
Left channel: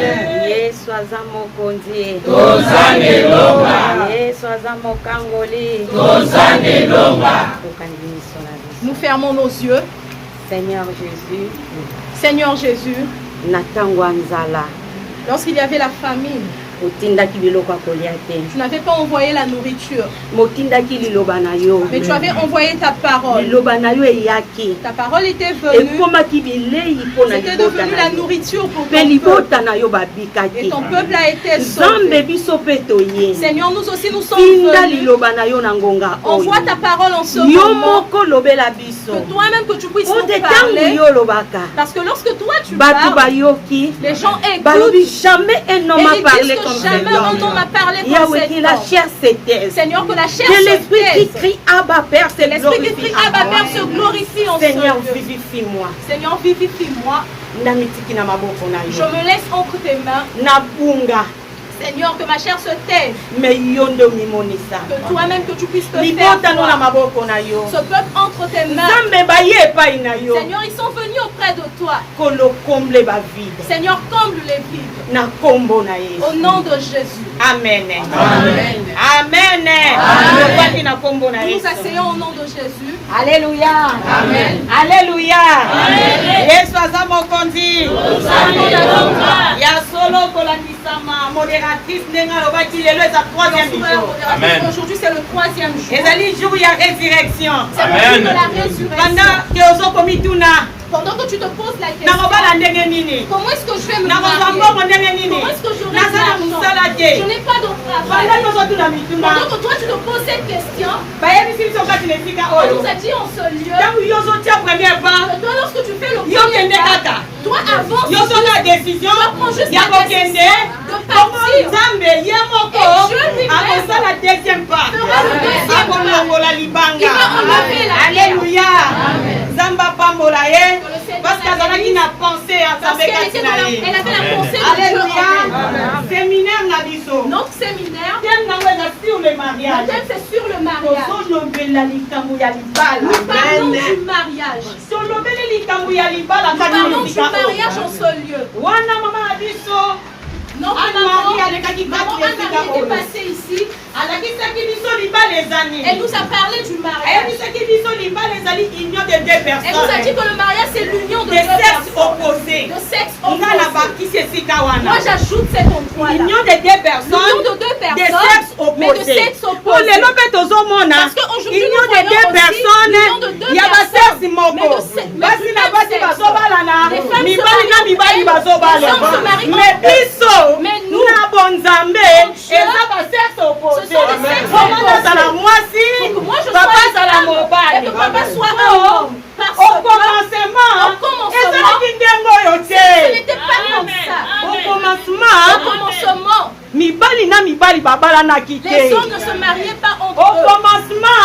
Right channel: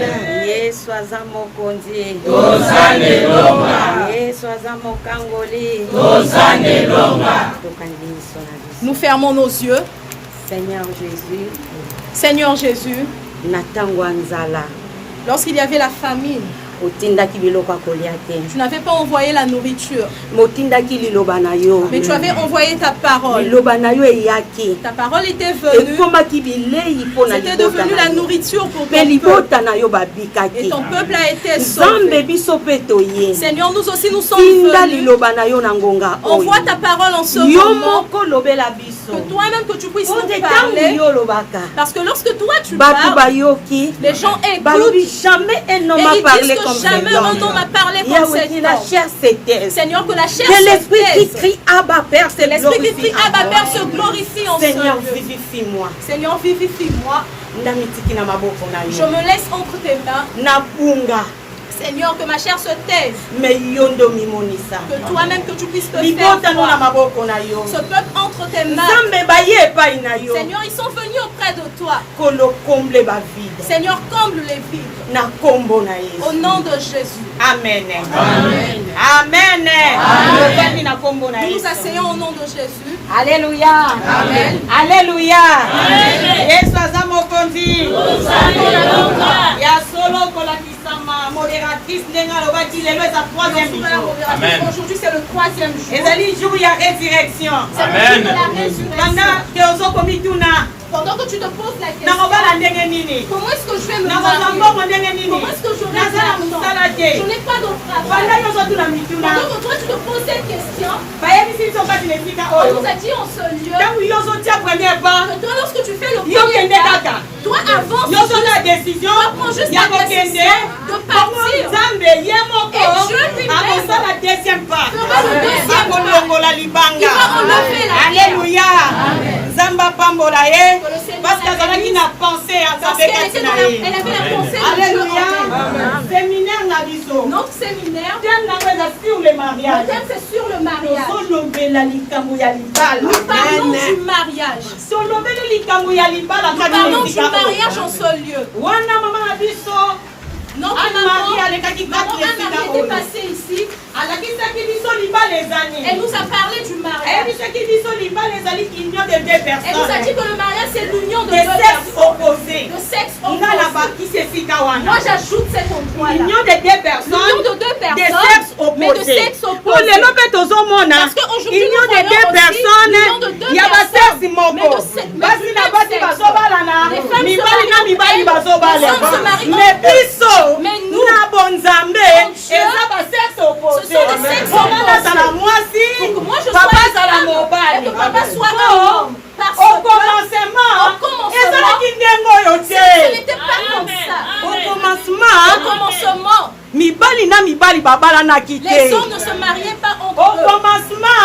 Yesu aza mokonzi. Yesu aza mokangoli. Nous fermons nos yeux. Seigneur Jésus. Seigneur Jésus. Natango nzala. Lorsqu'il y avait la famine, tu n'avais pas envoyé la nourriture, mais tu avais envoyé ta parole. Ta parole était venue. C'était devenu la nourriture pour ton peuple. Et ton peuple a été sauvé. Seigneur, nous aussi nous sommes venus. Envoie ta parole en ce moment. Que toi-même que tu puisses nous parler. Parce que lorsque toi tu parles, les gens écoutent. Jamais un homme a parlé comme cet homme. La chair s'éteint. Seigneur, que la chair que l'esprit qui crie Abba Père se glorifie en Seigneur, vivifie-moi. Seigneur, vivifie-moi. Je me laisse entre tes mains. Seigneur, que ma chair se taise. Que toi-même que tu puisses te faire. Ce peuple entre tes mains. Seigneur, ils sont venus auprès de toi. Seigneur, comble les vides. Au nom de Jésus. Amen. Amen. Amen. Nous nous asseyons au nom de Jésus. Alléluia. Amen. Alléluia. Yesu aza mokonzi. Ya solo kolakisama modératrice ndenga lobaki lelo eza 3e jour. Aujourd'hui c'est le 3e jour. Ezali jour ya résurrection. Amen. Pendant que ozokomituna Pendant que tu te poses la question, comment est-ce que je vais me marier? Comment est-ce que je vais me marier? Je n'ai pas de travail. Pendant que toi tu te poses cette question, on nous a dit en ce lieu que toi lorsque tu fais le premier pas, toi avance, tu prends juste la décision de partir. Et Dieu lui-même fera le deuxième pas. Il va enlever la terre. Alléluia. Zamba pambola ye. Parce qu'elle avait la pensée à sa elle avait la pensée de Dieu en elle. Séminaire na biso. Notre séminaire, sur le mariage. le thème c'est sur le mariage. Nous parlons du mariage. Nous parlons du mariage en ce lieu. Notre maman était passée ici. Elle nous a parlé du mariage. Elle nous a dit que le mariage c'est l'union de deux personnes. De sexe Moi j'ajoute cet endroit. L'union de deux personnes. L'union de deux personnes. De sexe opposé. Mais de sexe opposé. Pour les lobes tozomona. Parce qu'aujourd'hui Union nous de deux voyons personnes. il y a ba sexe moko. Basi na basi bazobalana. Mibali na mibali bazobalana. Mais biso. Mais nous. Na bonzambe. Eza ba sexe opposé. Comment ça la moisi? Papa ça la mobile. Papa soit un homme. Au commencement, ce n'était pas comme ça. Au commencement, mibali na mibali babala kite. Les hommes ne se mariaient pas entre eux. Au commencement,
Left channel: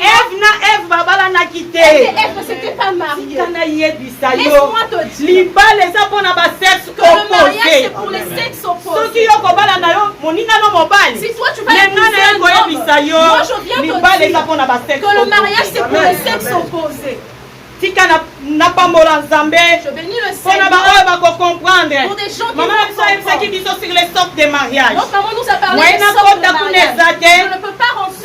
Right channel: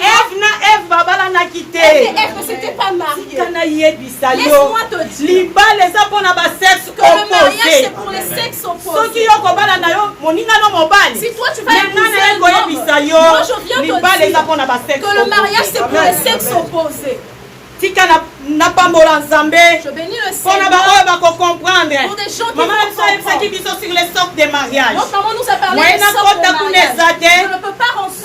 Ève na Ève babala kite. Ève ne s'était pas mariée. Laisse-moi te dire. Libale eza pona ba sexe opposé. C'est pour les sexes opposés. Soki yo kobala na yo moninga no mobali. Si toi tu vas épouser un homme, moi je viens te dire que le mariage c'est pour les sexes opposés. Tika na pambola nzambe. Je bénis le Seigneur. Pour des gens qui maman sur les sortes de mariage. Notre maman nous a parlé des sortes de mariage. Je ne peux pas rentrer.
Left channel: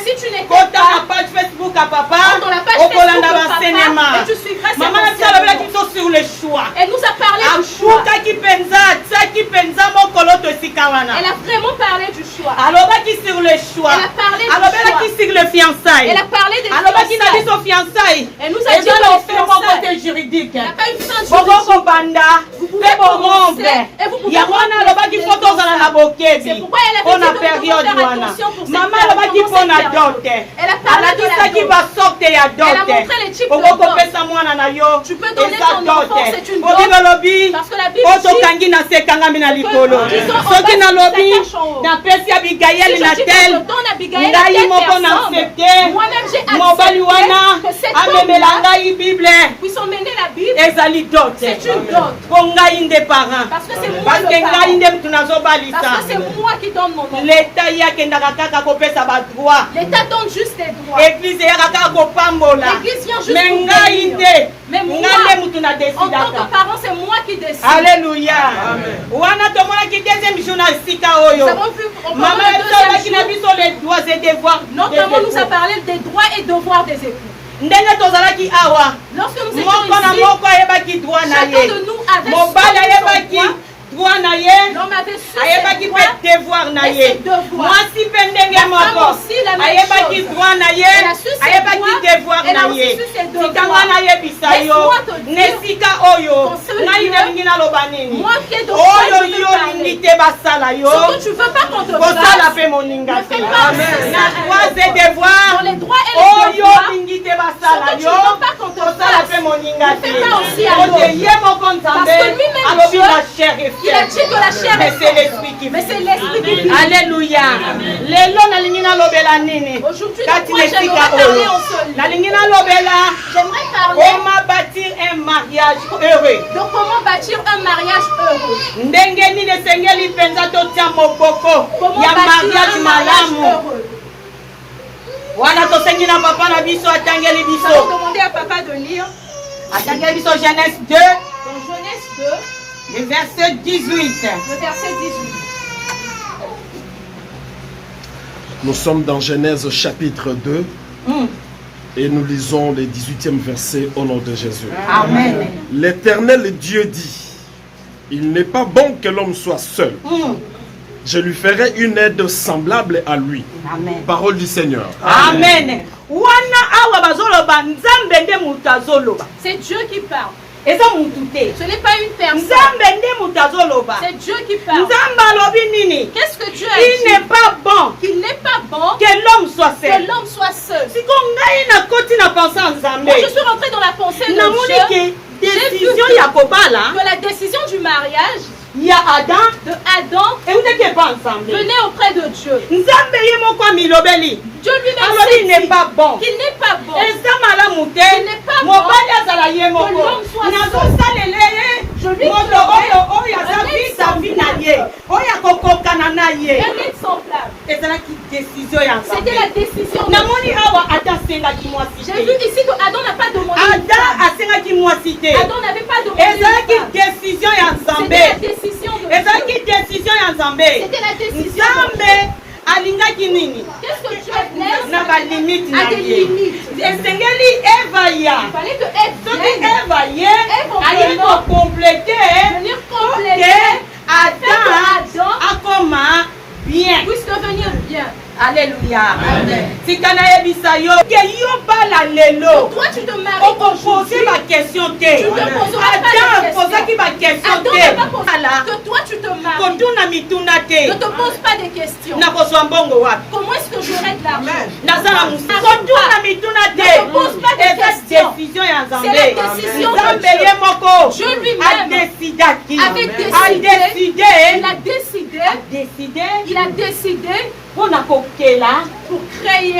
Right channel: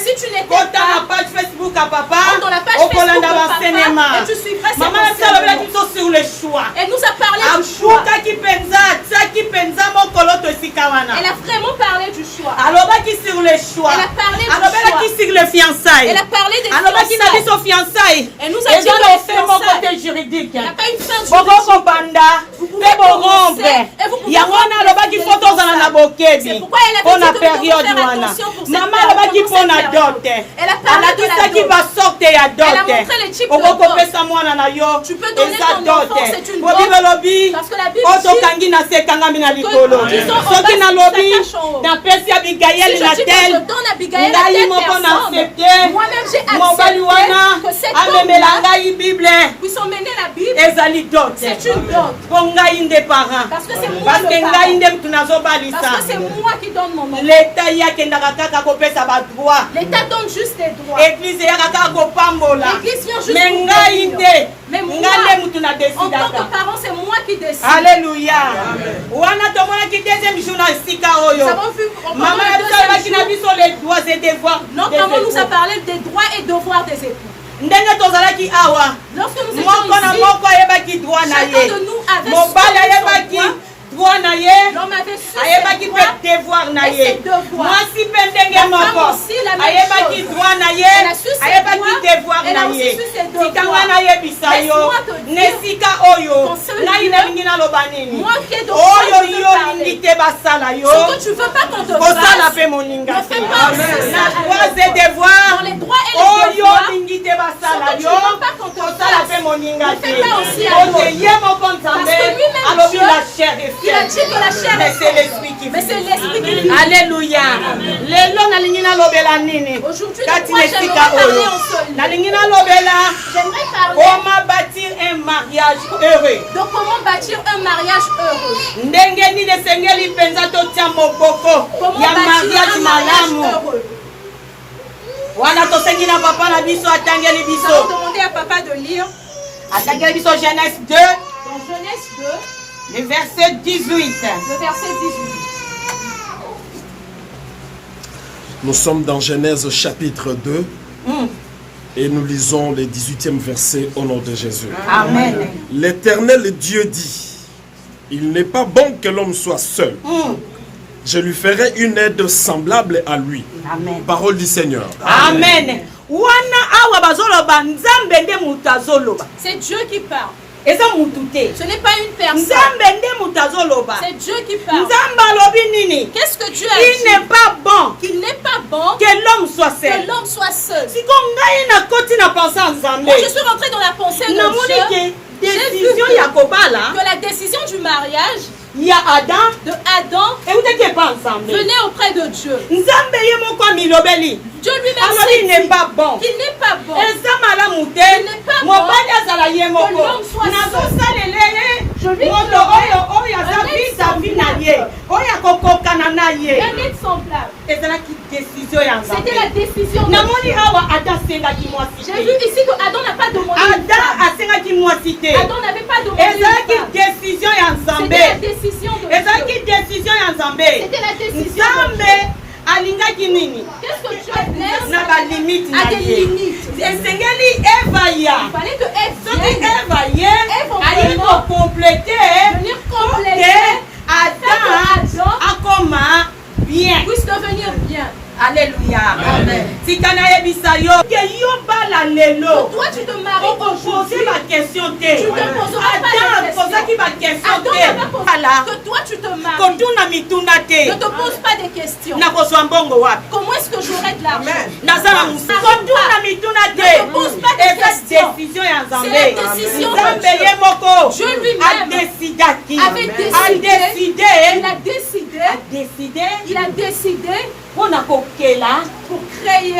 Si tu n'es pas la page Facebook à papa, dans la page Facebook à papa, et tu suivras cet enseignement. sur le choix. Elle nous a parlé du choix. Elle a vraiment parlé du choix. Alors sur le choix. Elle a parlé du choix. Sur le fiançailles. Elle a parlé des fiançailles. Elle nous a dit que c'est mon côté juridique. Il n'y a pas une fin juridique. Vous pouvez c'est pourquoi elle a dit que nous devons faire attention pour cette période. Elle a parlé de la dot. Elle a montré les types de dot. Tu peux donner ton enfant, c'est une dot. Parce que la Bible dit que disons on va s'attache en haut. Si je dis que je donne Abigail à telle personne, moi-même j'ai accepté que cet homme-là puisse emmener la Bible. C'est une dot. Parce que c'est moi le parent. Parce que c'est moi qui donne mon nom. L'État donne juste des droits. L'église vient juste pour bénir. Mais moi, en tant que parent, c'est moi qui décide. Alléluia. Nous avons vu les droits et devoirs. Notre maman nous a parlé des droits et devoirs des époux. Lorsque nous étions ici, chacun de nous avait son droit. L'homme avait ses droits et ses devoirs. La femme aussi la même chose. Elle a su ses droits, elle a aussi su ses devoirs. Laisse-moi te dire, ton seul Dieu, moi qui ai de quoi je veux parler. Ce que tu veux pas qu'on te fasse, ne fais pas aussi ça. Dans les droits et les devoirs, ce que tu veux pas qu'on te fasse, ne fais pas aussi à l'autre. Parce que lui-même Dieu, il a dit que la chair est l'esprit qui vit. Alléluia. Aujourd'hui, moi j'aimerais parler en seul. J'aimerais parler comment bâtir un mariage heureux. Donc comment bâtir un mariage heureux. Comment bâtir un mariage heureux. Nous allons demander à papa de lire Genèse 2. Dans Genèse 2. Le verset 18. Le verset 18. Nous sommes dans Genèse chapitre 2 et nous lisons les 18e versets au nom de Jésus. Amen. L'Éternel Dieu dit, il n'est pas bon que l'homme soit seul. Je lui ferai une aide semblable à lui. Amen. Parole du Seigneur. Amen. C'est Dieu qui parle. Ce n'est pas une personne. C'est Dieu qui parle. Qu'est-ce que Dieu a dit? Il n'est pas bon. Qu'il n'est pas bon que l'homme soit seul. Que l'homme soit seul. Moi, je suis rentrée dans la pensée de Dieu. J'ai vu que la décision du mariage il y a Adam et venez auprès de Dieu. Dieu lui-même n'est pas bon. Qu'il n'est pas bon. Il n'est pas bon. Que l'homme soit seul. Je lui c'était la décision de Dieu. J'ai vu ici que Adam n'a pas demandé. Adam n'avait pas demandé. C'était la décision de Dieu. C'était la décision de Dieu. Qu'est-ce que Dieu laisse à des limites? Il fallait que Ève vienne. compléter Alléluia. Tikana yebisa yo ke yo bala lelo. Toi tu te maries. On poser ma question te. Tu te poseras pas de question. Qui va question te. Que toi tu te maries. Konduna mituna te. Ne te pose pas de questions. Na koswa mbongo wapi? Comment est-ce que j'aurai de l'argent? Nazala musa. Konduna mituna te. Ne te pose pas de questions. Décision ya Nzambe. C'est la décision de Nzambe Dieu. ye moko. Je lui-même. Décidaki. Il a décidé pour créer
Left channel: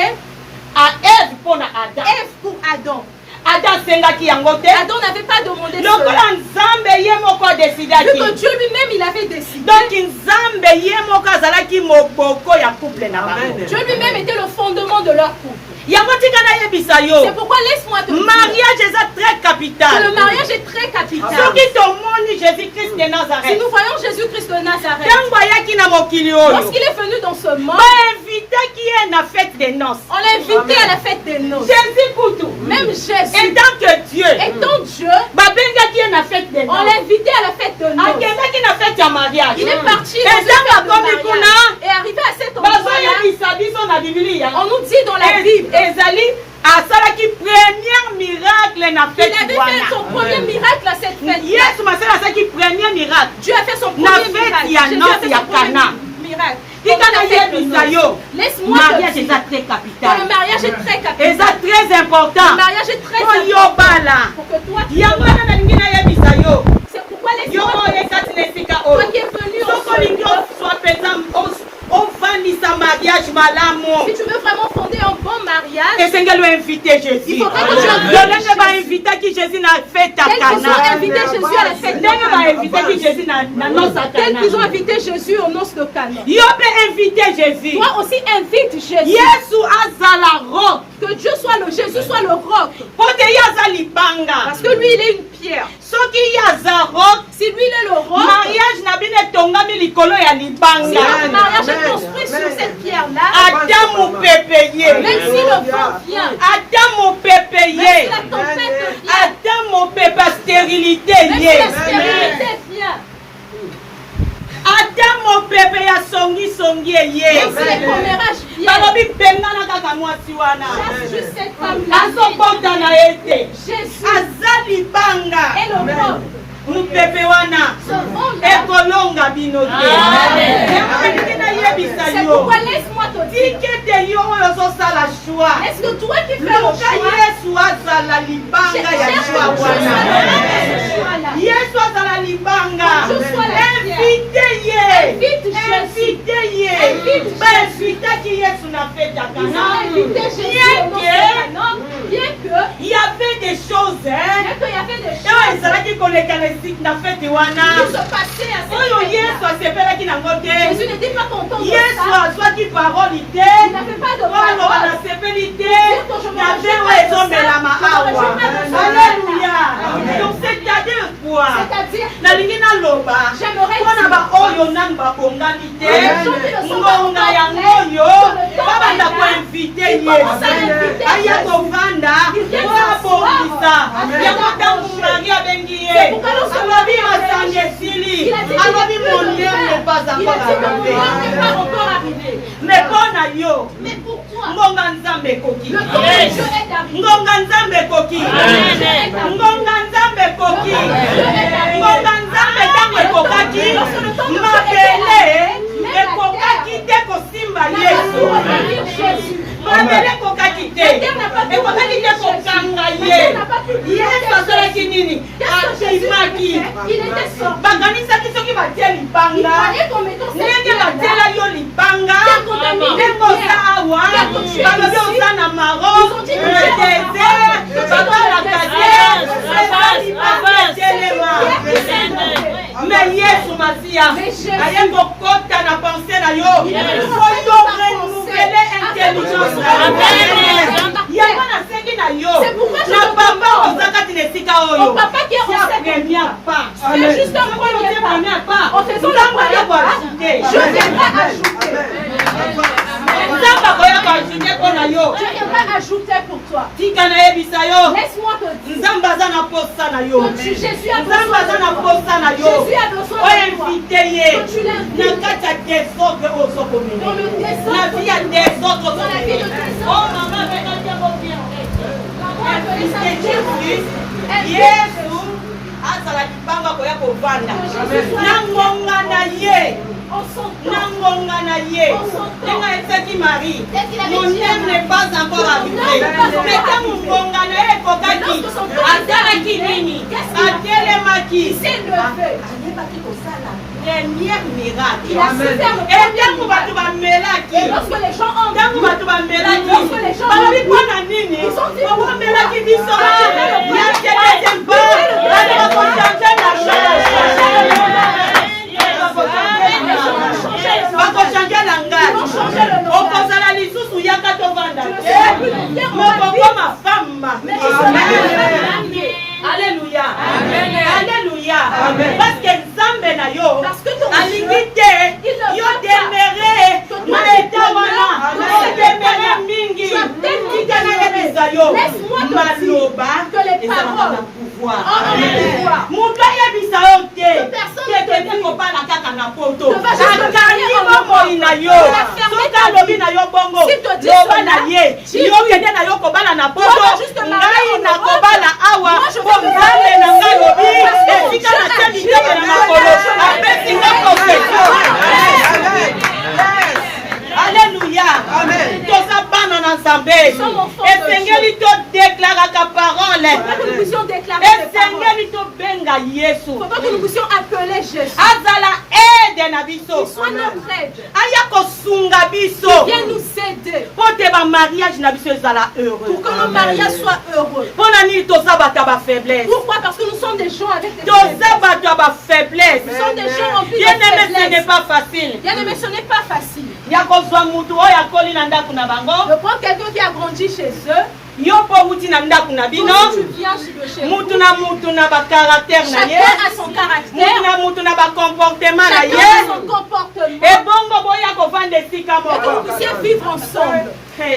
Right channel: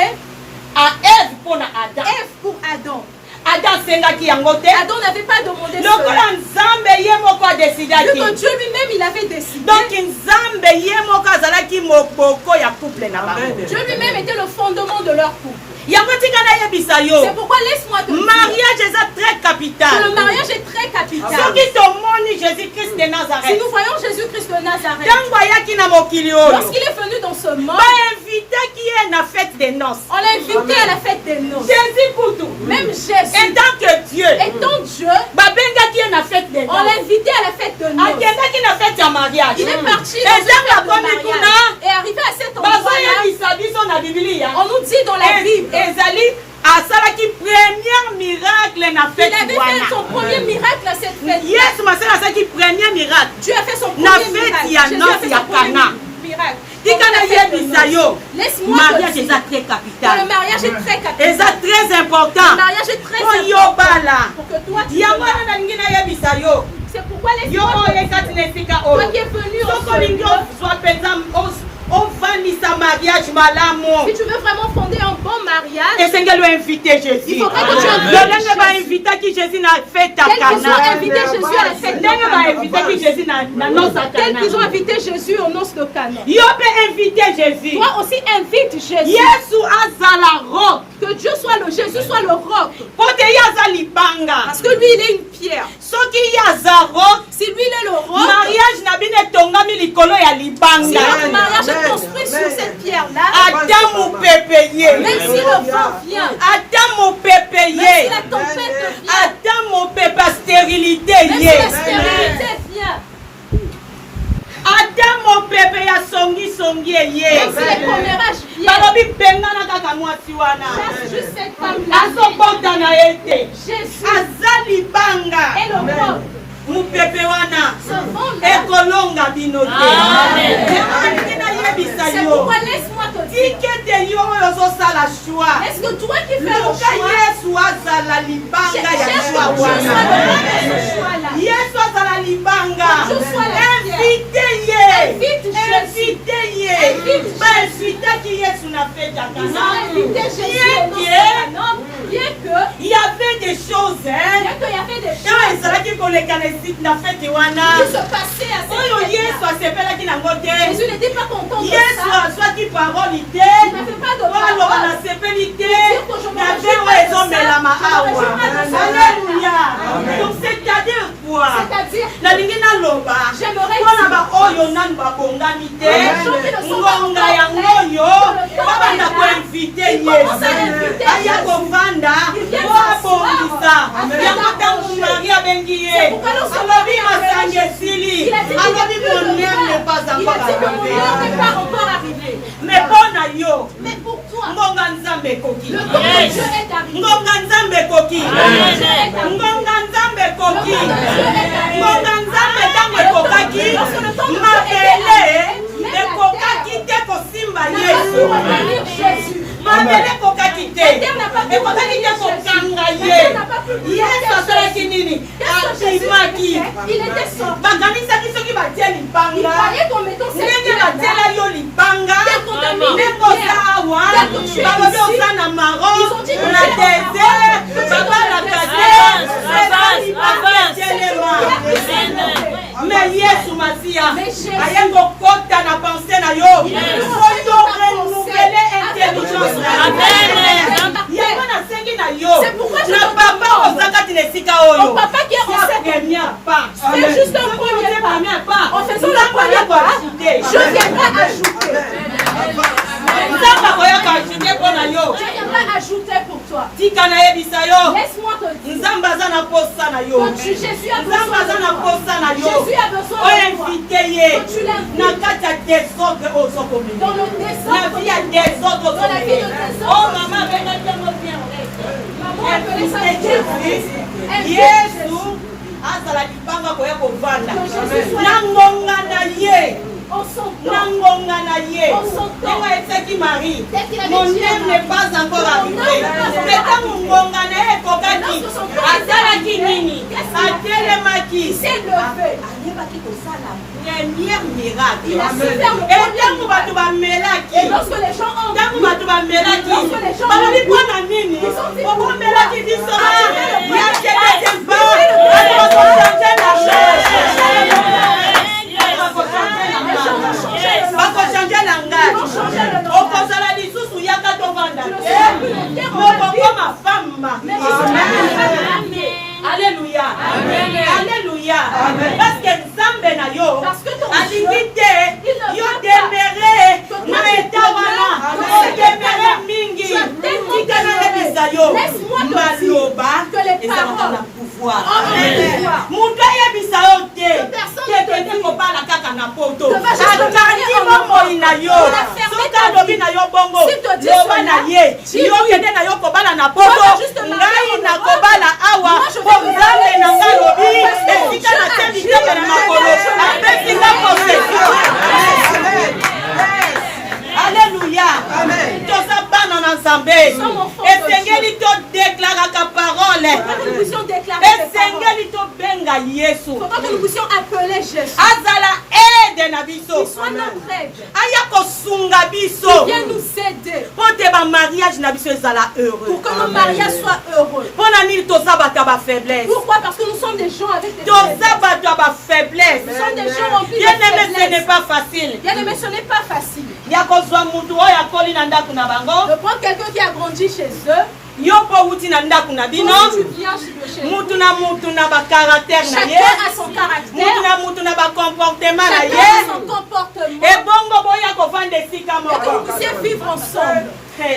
à Ève pour Adam. Ève pour Adam. Adam sengaki yango te. Adam n'avait pas demandé cela. Lokola Nzambe ye moko décidaki. Vu que Dieu lui-même il avait décidé. Donc Nzambe ye moko azalaki moboko ya couple na bango. Dieu lui-même était le fondement de leur couple. C'est pourquoi laisse-moi te dire mariage est très capital. que le mariage est très capital. Jésus-Christ de Nazareth. Si nous voyons Jésus-Christ de Nazareth, lorsqu'il est venu dans ce monde, on l'a invité à la fête des noces. Même Jésus, étant Dieu, on l'a invité à la fête de noces. Il est parti et arrivé à cet endroit, on nous dit dans la Bible, asalaki premier miracle na fête il avait fait son premier miracle à cette fête. Yesu masala asalaki premier miracle. Dieu a fait son na premier fête miracle. ya noce ya Cana. Laisse-moi mariage te est dire très capital. le mariage est très capital. C'est très important. Le mariage est très important. Pour que toi tu c'est pourquoi laisse-moi te dire toi qui es venu au si tu veux vraiment fonder un bon mariage, il faudra que tu invites Jésus à la fête de Cana. tel qu'ils ont invité Jésus aux noces de Cana. Jésus. Toi aussi invite Jésus. Que Dieu soit le Jésus soit le roc. Parce que lui il est une pierre. Si lui il est le roc, le mariage est construit sur cette pierre là. Même si le vent vient, même si la tempête vient, stérilité même si la stérilité vient, Adam pepe ya songi même si le commérage vient, balobi bengana kaka mwasi wana chasse juste cette femme azobota na ye te Jésus azali banga est le roc. mupepe wana ekolonga bino te ekolingi nayebisa C'est yo pourquoi laisse-moi te dire, tikete yo oyo ozosala shwa est-ce que toi qui fais le luka choix, yesu azala libanga ya cherche shwa que Dieu wana soit le choix là. yesu azala libanga Que Dieu soit la invite ye Invite Jésus. invite ye Invite bainvitaki yesu na fete ya Ils ont Cana invité Jésus au nom de Cana, bien que il y avait des choses il y avait des oyo choses ezalaki koleka na fete wana qui se passaient à oyo cette yesu fête-là. asepelaki nango te Jésus n'était pas content de yesu ça. azwaki paroli te Il n'avait pas de oloba parole. nasepeli te Dire que je me na réjouis ve pas oyo de ezomelama ça. Je me awa réjouis pas de ça. alleluya Amen. donc c'est-à-dire quoi C'est-à-dire, nalingi naloba j'aimerais mpona dire baoyo nani babongani te les gens qui ne sont pas ngonga encore yango prêts, oyo que le temps babanda est là. koinvite Ils yesu commencent à inviter aya Jésus. kovanda Ils viennent po abongisa s'asseoir. yango ntango mari abengi C'est ye pourquoi nous sommes alobi là. masangi esili Il a dit alobi qu'il mon n'est heure plus n'est pas il a dit encore que mon arrivé heure n'est pas encore arrivée. mais mpo na yo Mais pour toi, ngonga nzambe ekoki le temps de Dieu est arrivé. ngonga nzambe ekoki ngonga nzambe ekoki ngonga nzambe ntango ekokaki mabele ekokaki te kosimba yesu mabele ekokaki te ekokaki te kokanga ye yesu asalaki nini akimaki bakanisaki soki batie libanga ndenge batiela yo libanga ndenge oza awa balobi oza na maroc na désert babalaka te eza libanga etelema mais yesu masiya aye kokota na pense na yo oyo renouvele intelligence yango nasengi na yo na papa oza kati na esika oyo première part C'est juste un premier pas. En faisant la première part, je viendrai ajouter. Je viendrai ajouter pour toi. Laisse-moi te dire que Jésus a besoin de toi. Jésus a besoin de toi. Que tu l'invites dans le désordre. Dans la vie à des autres. Dans la vie de tes autres. Oh maman, Yesu azala kibanga koya kovanda na ngonga na ye nanga esaki Marie mon terme n'est pas encore arrivé mais tango ngonga na ye ekokaki azalaki nini atelemaki ayebaki kosala première miracle etango bato bamelaki ntango bato bamelaki balobi mpona nini okomelaki biso yakedesemba bakochange la bakochange langage okozala lisusu yaka tovanda mokokoma femme Alléluia. Alléluia. Parce que Nzambe na yo alingi te yo demere na etawana demere mingi tikana yebisa yo maloba ezala pouvoir mutu ayebisa yo te tekende kobala kaka na poto akangi bomoi na yo soki alobi na yo bongo loba na ye yo kende na yo kobala na poto ngai nakobala awa Nzambe na ngai lobi esika na te mitema na makolo apesinga possession. Alléluia. Toza bana na Nzambe esengeli to déclaraka parole esengeli to benga Yesu azala aide na biso aya kosunga biso po te ba mariage na biso ezala heureux Pour que nos mariages soient heureux. mpona nini toza bato ya bafaiblesse Pourquoi? Parce que nous sommes des gens avec des toza bato ya bafaiblesse Nous sommes des gens en vie de bien aimé ce n'est faiblesse. pas facile Bien aimé, ce n'est pas facile. ya kozwa mutu oyo akoli na ndako na bango De prendre quelqu'un qui a grandi chez eux. yo mpo wuti na ndako na bino Quand tu viens de chez vous, mutu na bakaraktere na ye chacun a son mutu caractère. na mutu na bakomportema na Chacun ye a son comportement. ebongo boya kovanda esika Et que vous moko puissiez vivre ensemble.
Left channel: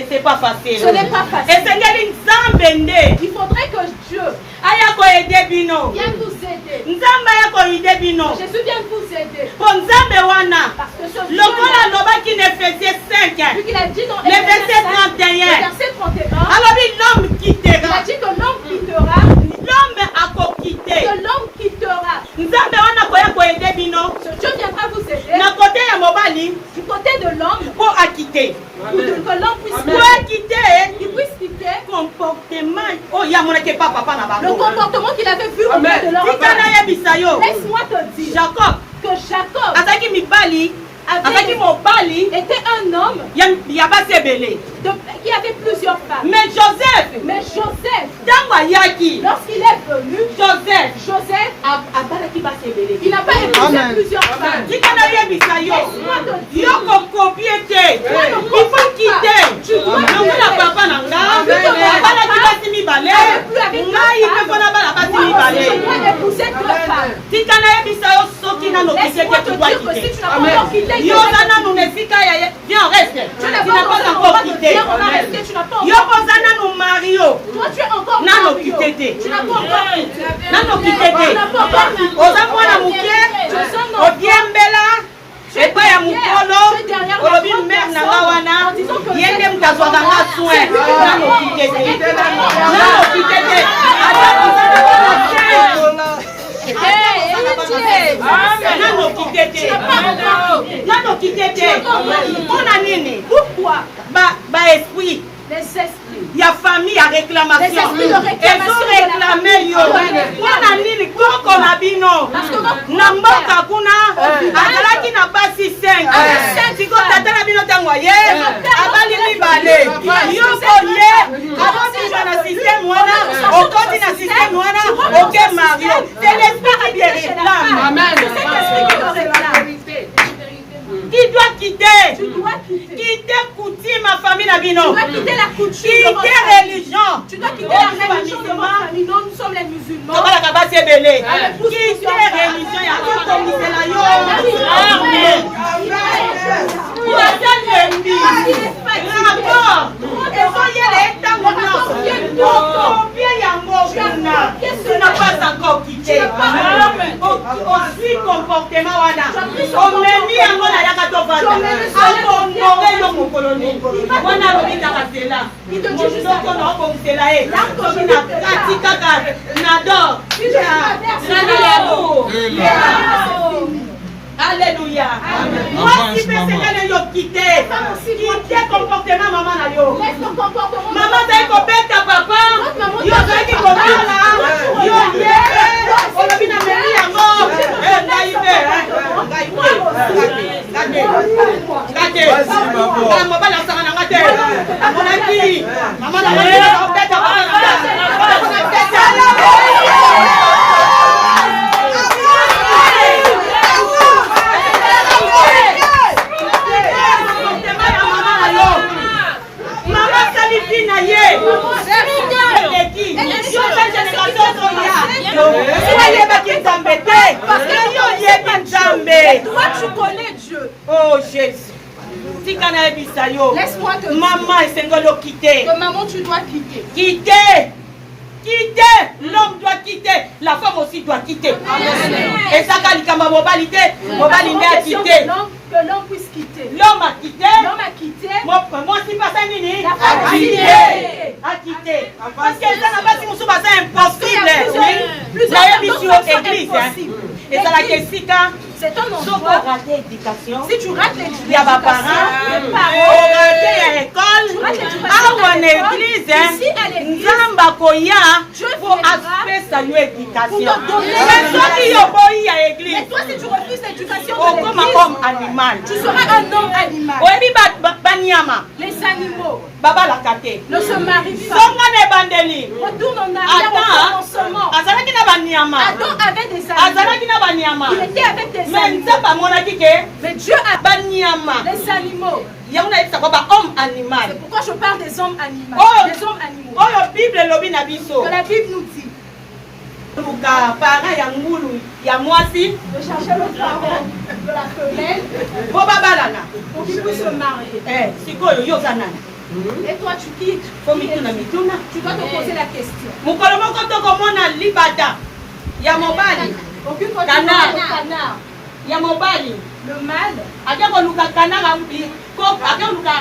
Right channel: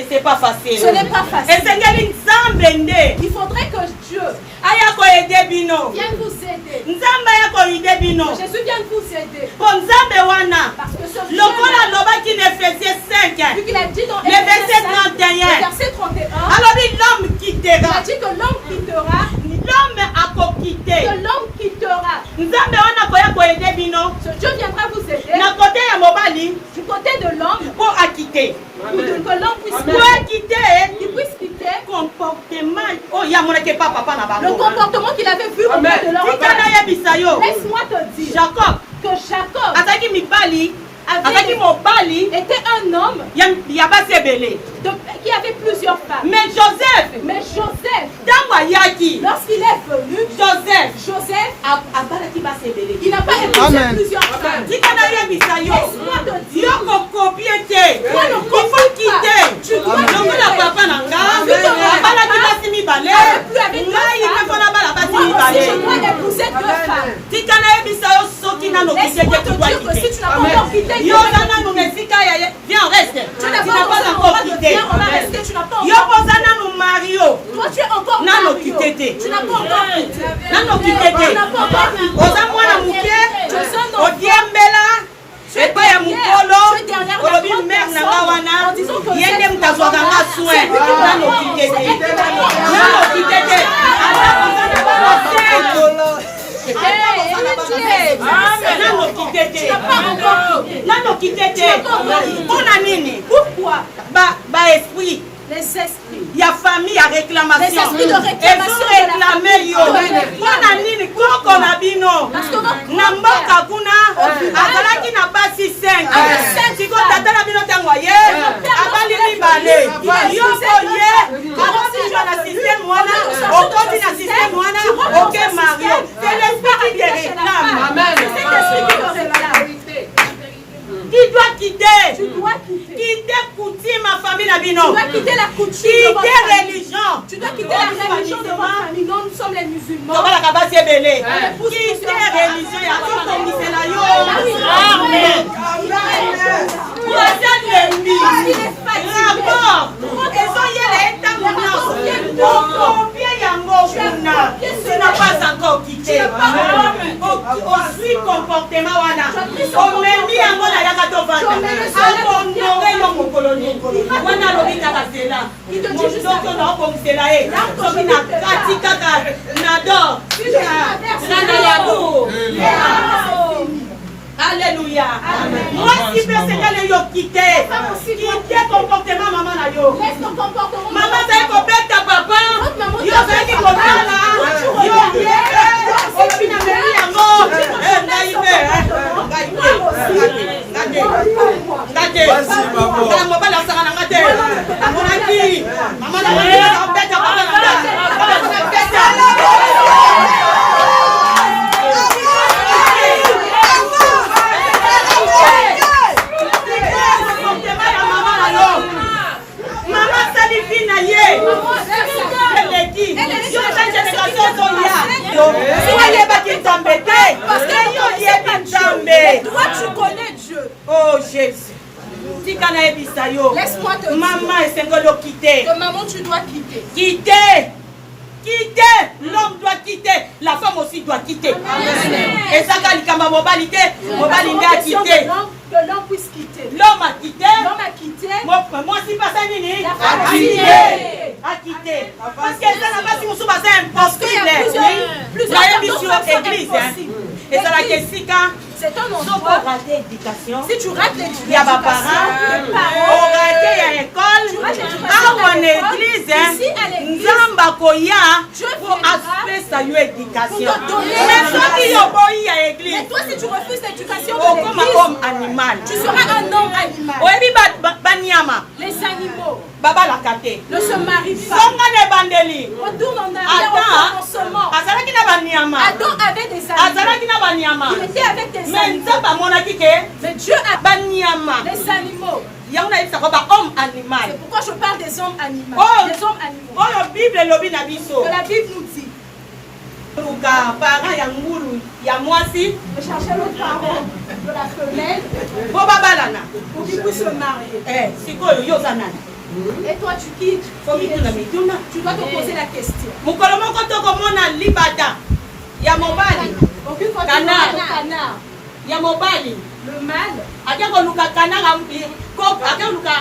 c'est pas facile Ce n'est pas facile. esengeli nzambe nde Il faudrait que Dieu aya koede bino vienne vous aider. nzambe aya koide bino Jésus vienne vous aider. po nzambe wana Parce que ce lokola Dieu, alobaki na Efesie 5 vu qu'il a dit dans Le verset 31. le verset 31, alobi l'homme il quittera a dit que l'homme quittera, l'homme akokite que l'homme quittera. nzambe wana koya koede bino Ce Dieu viendra vous aider na kote ya mobali du côté de l'homme mpo akite pour que l'homme puisse po akite qu'il puisse quitter comportement oyo amonaki epa papa na le bango comportement qu'il avait vu auprès de leur tika nayebisa yo Laisse-moi te dire jacob que Jacob azalaki mibali azalaki mobali était un homme ya basi ebele qui avait plusieurs femmes. mais joseph Mais Joseph, ntango ayaki lorsqu'il est venu, Joseph, abalaki basi ebele il n'a pas épousé plusieurs femmes. tika nayebisa yo Laisse-moi te dire, yo kokopie te ifo kite lokola papa na nga abalaki basi mibale ngai mpe mpo nabala basi je mibale dois épouser deux femmes. tika nayebisa yo soki nano kite Laisse-moi te te tudwa dire que si kite tu n'as pas encore quitté, yo oza nanu na esika ya viens on reste tu n'as tu pas n'as pas encore encore quitté, quitté on va rester, tu n'as pas yo encore oza nanu mario Toi, tu es encore Nano Mario. quitté te. Tu n'as pas encore quitté. nano kite te On n'a pas encore quitté. oza mwana moke odiembela epai ya mokolo olobi mere na nga wana ye nde moto azwaka nga soin nano kite te nano kite te nano kite te mpona nini Pourquoi? baesprit Les esprits. ya famille ya réclamation Les esprits de réclamation ezoreklame yo mpona nini koko na bino na mboka kuna azalaki na basi 5 siko tata na bino ntango aye abali mibale yo boye akobima na systeme wana okoti na systeme wana oke mario c'est l'esprit qui te réclame qui doit quitter Tu dois quitter. quitter coutume ma famille na bino Tu dois quitter la coutume. de quitter votre famille. religion Tu dois quitter la religion de votre famille. Nous, nous sommes les musulmans. tobalaka basi ebele quitter religion ya kotongisela yo amen Rapport. Tu n'as pas encore quitté. Aussi comportement wana. On m'a mis en mode à Yakatovana. Abondoré le mokoloni. Wana lobita kasela. Mon doko na okomsela e. Soki na katika nador. Nana yabo. Alléluia. Moi, si personne yo quitté, quitter comportement maman na yo. Maman ça ko beta papa. Yo ça ki ko la. Yo ye. O la bina meri yango. Ngai be. Kala mo bala sanga na ngate. Amona ki. Maman na ko beta papa. Toi, tu connais Dieu. Oh Jésus. Laisse-moi te dire. Maman et Sengolo quitter. Que maman, tu dois quitter. Quitter. Quitter. L'homme doit quitter. La femme aussi doit quitter. Et ça, quand il y a mobilité, mobilité a quitté. Que l'homme puisse quitter. L'homme a quitté. L'homme a quitté. Moi, si pas ça, Nini. La femme A quitté. A quitté. Parce que ça n'a pas si vous c'est impossible. La émission église. Et ça la question. C'est un Sauf endroit. rater l'éducation. Si tu rates l'éducation, Il y a mes parents. les parents. On raté à l'école. Ah, en église. Ici, à l'église. Nzamba koya. Dieu Pour viendra aspect sa éducation. pour te donner Mais ceux qui ont boyi à Mais l'église. toi, si tu refuses l'éducation Oh, de comme un l'église, homme animal. tu seras un homme animal. Oyebi banyama. Les animaux Baba la kate. ne se marient pas. Songa ne bandeli. Retourne en arrière au commencement. Azalaki na banyama. Adam avait des animaux. Azalaki na banyama. Il était avec des Mais animaux. nzamba monaki ke Mais Dieu a banyama. des animaux. Yango na yebisa ko ba homme animal. C'est pourquoi je parle des hommes animaux. Oh. Des hommes animaux. Oyo Bible lobi na biso. Que la Bible nous dit. Luka parent ya ngulu ya mwasi De chercher le parent de la femelle bo babalana. pour qu'il puisse se marier. Sikoyo yo kanani. Et toi, tu quittes. Mituna. Tu dois te poser la question. Mukolo moko tokomona libata ya mobali. Aucune fois tu Canard. vois le canard. Ya mobali. Le mâle. Ake koluka kananga ko ake koluka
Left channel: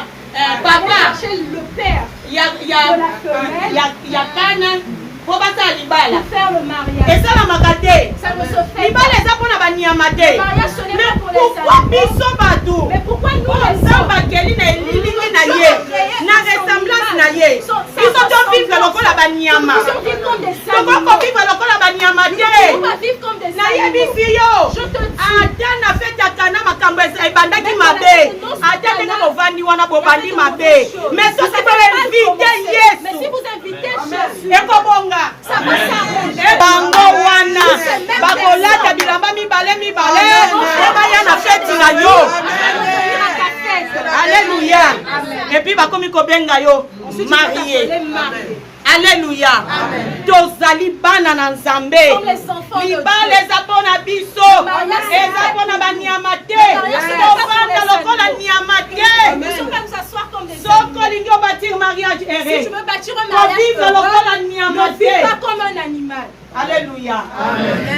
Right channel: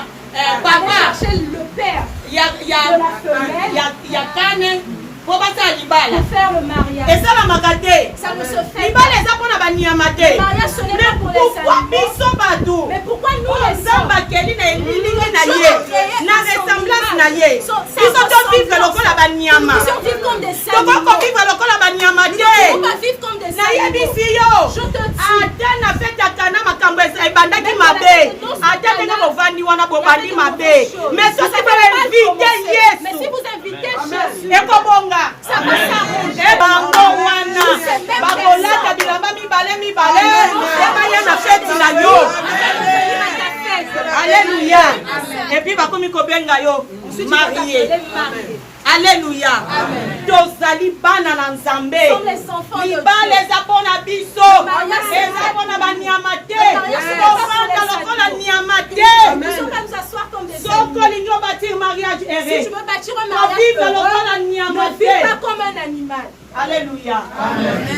Va papa chercher le père ya de la femelle ya kana po basa libala. pour faire le mariage. Esalamaka te. Ça ne se fait Libala pas. eza mpona banyama te. Le mariage, ce n'est Mais pas pour les pourquoi animaux. biso bato Mais pourquoi nous les nzambe hommes akeli na elilingi na ye na ressemblance na ye biso tovivre lokola banyama nous sommes vivre comme des animaux. tokokovivre lokola banyama On te va vivre comme des animaux. nayebisi yo Je te dis. ata na fetaka na makambo ebandaki mabe ata ndenge bovandi wana bobandi mabe mais soki boinvite Mais yesu si vous invitez Jésus, ekobonga ça va s'arranger. ebango wana bakolata bilamba mibale ebaya na feti na yo alléluia epuis bakomi kobenga yo marie alléluia tozali bana na nzambe libala eza mpona biso eza mpona banyama te tovanda lokola nyama te Nous sommes à nous asseoir comme des soko animaux. olingi obâtir mariage Si ere tu veux bâtir un kovivre mariage lokola heureux, nyama ne vis te pas comme un animal. alléluia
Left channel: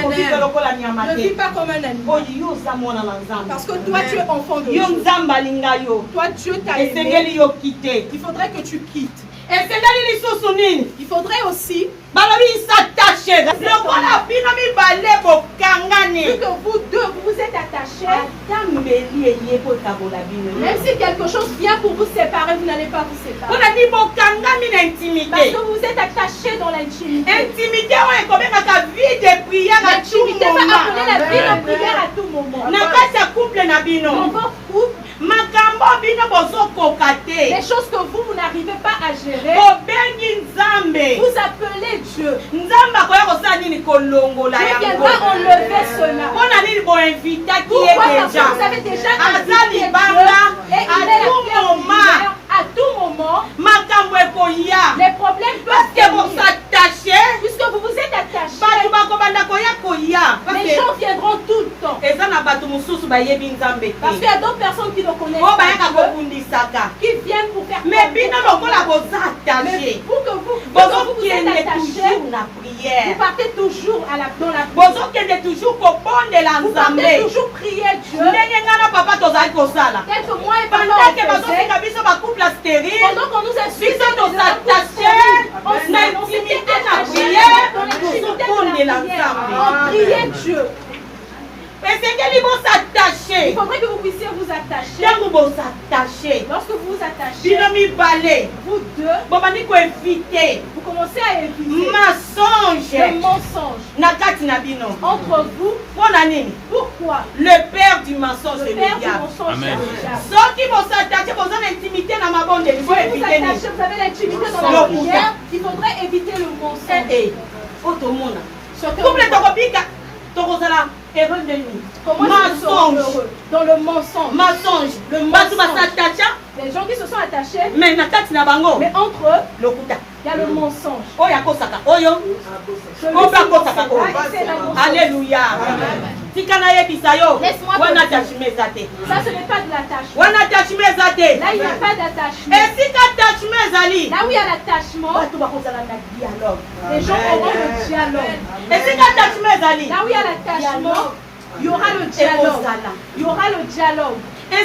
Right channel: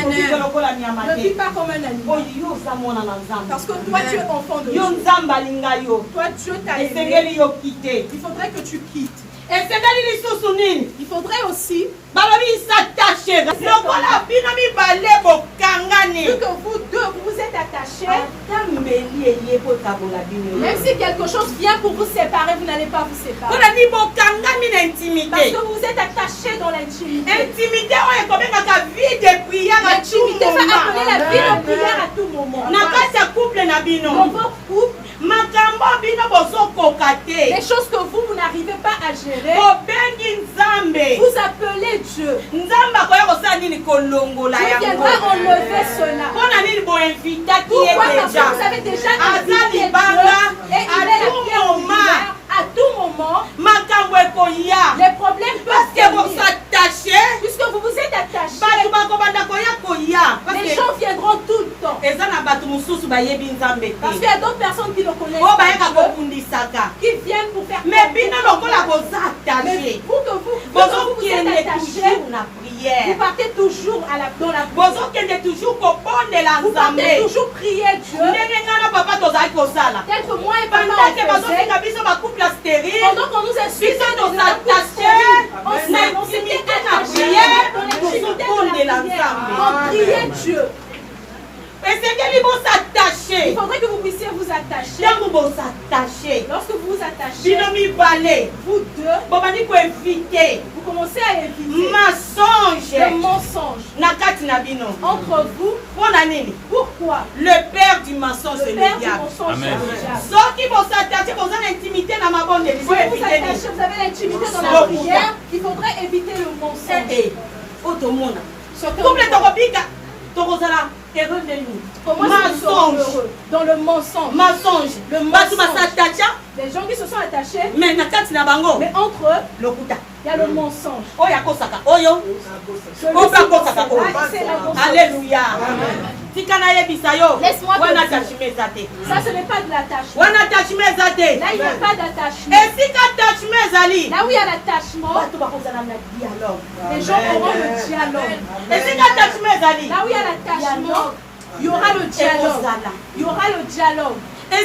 kovivre lokola nyama Ne vis te pas comme un animal. oyo yo oza mwana na nzambe Parce que toi, tu es enfant de yo Dieu. nzambe alinga yo Toi, Dieu t'a aimé. esengeli yo kite Il faudrait que tu quittes. esengeli lisusu nini Il faudrait aussi balobi s'attache lokola bino mibale bokangani vu que vous deux, vous vous êtes attachés. ata mbeli eye kotabola bino Même si quelque chose vient pour vous séparer, vous n'allez pas vous séparer. mpona ti bokangami na Parce intimité que vous êtes attachés dans l'intimité. intimité oyo ekobengaka vie de prière à tout L'intimité va appeler la moment vie de prière à tout moment. na kati ya couple na Dans bino votre couple, makambo bino bozokoka te les choses que vous n'arrivez pas à gérer, bobengi nzambe vous appelez Dieu. nzambe akoya kosala nini kolongola Dieu yango viendra enlever cela. mpona nini boinvitaki ye Pourquoi? Parce que deja vous avez déjà aza invité Dieu libanga et il est la à pierre tout moment angulaire. À tout moment, makambo ekoya les problèmes parce peuvent que venir. bosattache Puisque vous vous êtes attachés, bato bakobanda koya koya parce que les gens viendront tout le temps. Parce qu'il y a d'autres personnes qui ne connaissent pas Dieu, qui viennent pour faire mais pour que vous êtes attachés, vous partez toujours dans la prière. Vous partez toujours prier Dieu. Tel que moi et papa on faisait, pendant qu'on nous insultait dans la on s'était attachés dans l'intimité de la prière. On priait Dieu. Il faudrait que vous puissiez vous attacher. Lorsque vous vous attachez, vous deux, vous commencez à éviter le mensonge entre vous. Pourquoi? Le père du mensonge, c'est le diable. Si vous vous attachez, vous avez l'intimité dans la prière, il faudrait éviter le mensonge. Mensonge. Dans le mensonge. Les gens qui se sont attachés, mais entre eux, il y a le mensonge. Alléluia. Laisse-moi te dire. Ça, ce n'est pas de l'attachement. Là, il n'y a pas d'attachement. Là où il y a l'attachement, les gens auront le dialogue. Là où il y a l'attachement, il y aura le dialogue. Il y aura le dialogue. Là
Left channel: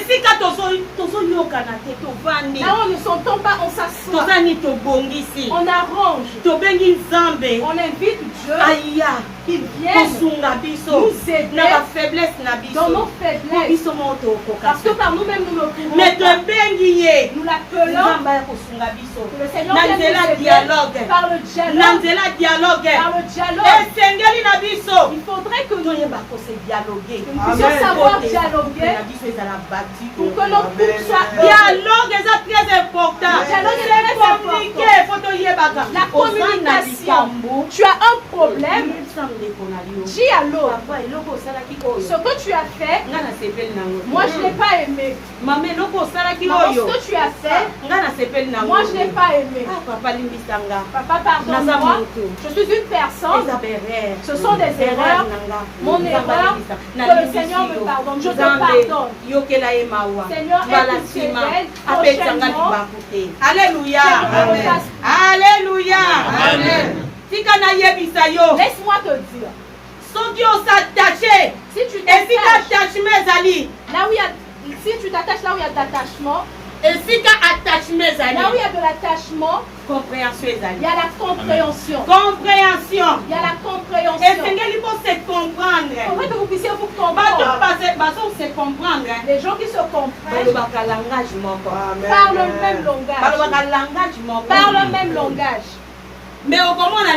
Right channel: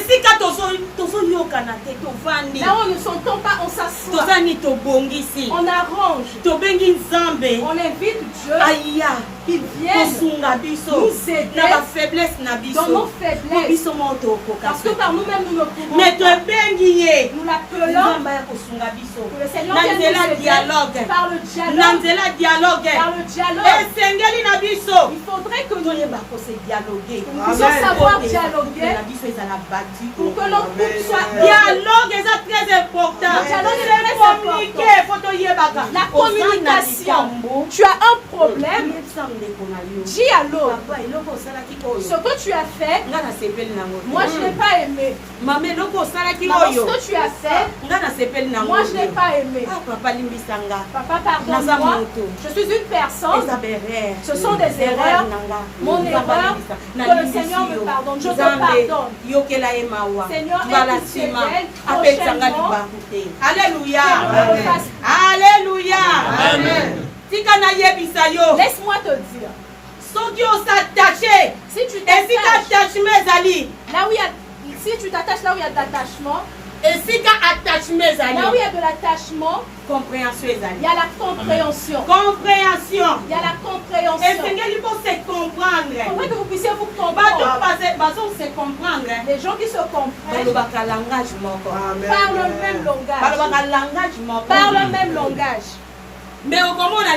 où on ne s'entend pas, on s'assoit. On arrange. On invite Dieu. Qu'il vienne nous aider dans nos faiblesses. Parce que par nous-mêmes, nous ne pouvons pas. Nous l'appelons. Que le Seigneur vienne nous aider par le dialogue. Il faudrait que nous puissions savoir dialoguer pour que notre couple soit dialogue est très important. La communication. Tu as un problème. Dis à l'autre. Ce que tu as fait, moi je n'ai pas aimé. Maman, ce que tu as fait, moi je n'ai pas aimé. Papa, pardonne-moi. Je suis une personne. Ce sont des erreurs. Mon erreur, que le Seigneur me pardonne. Je te pardonne. Seigneur, Alléluia. Alléluia. Amen. Laisse-moi te dire. Si tu t'attaches là où il y a, si tu t'attaches là où il y a d'attachement, là où il y a de l'attachement, compréhension. Il y a la compréhension. Il y a la compréhension. Et il faut se comprendre. Il faudrait que vous puissiez vous comprendre. Les gens qui se comprennent parlent le même langage. Mais au comment on a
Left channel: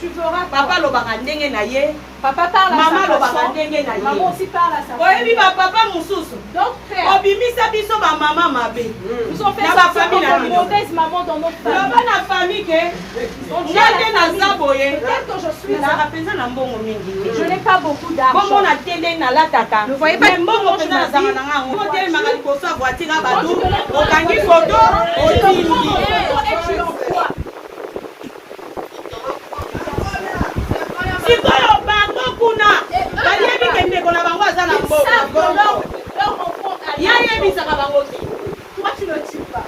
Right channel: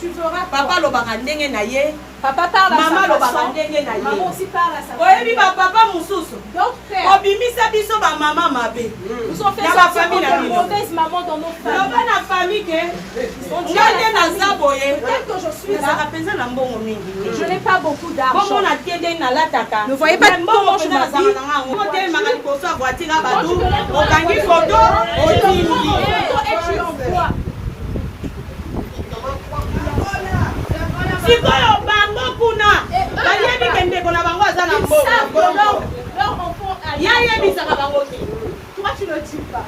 tu verras. Papa parle à sa façon. Maman aussi parle à sa façon. Papa Moussous. Donc frère, nous ont fait sortir de mauvaise maman dans nos familles. Peut-être que je suis là. Je n'ai pas beaucoup d'argent. Ne voyez pas Toi tu ne dis pas.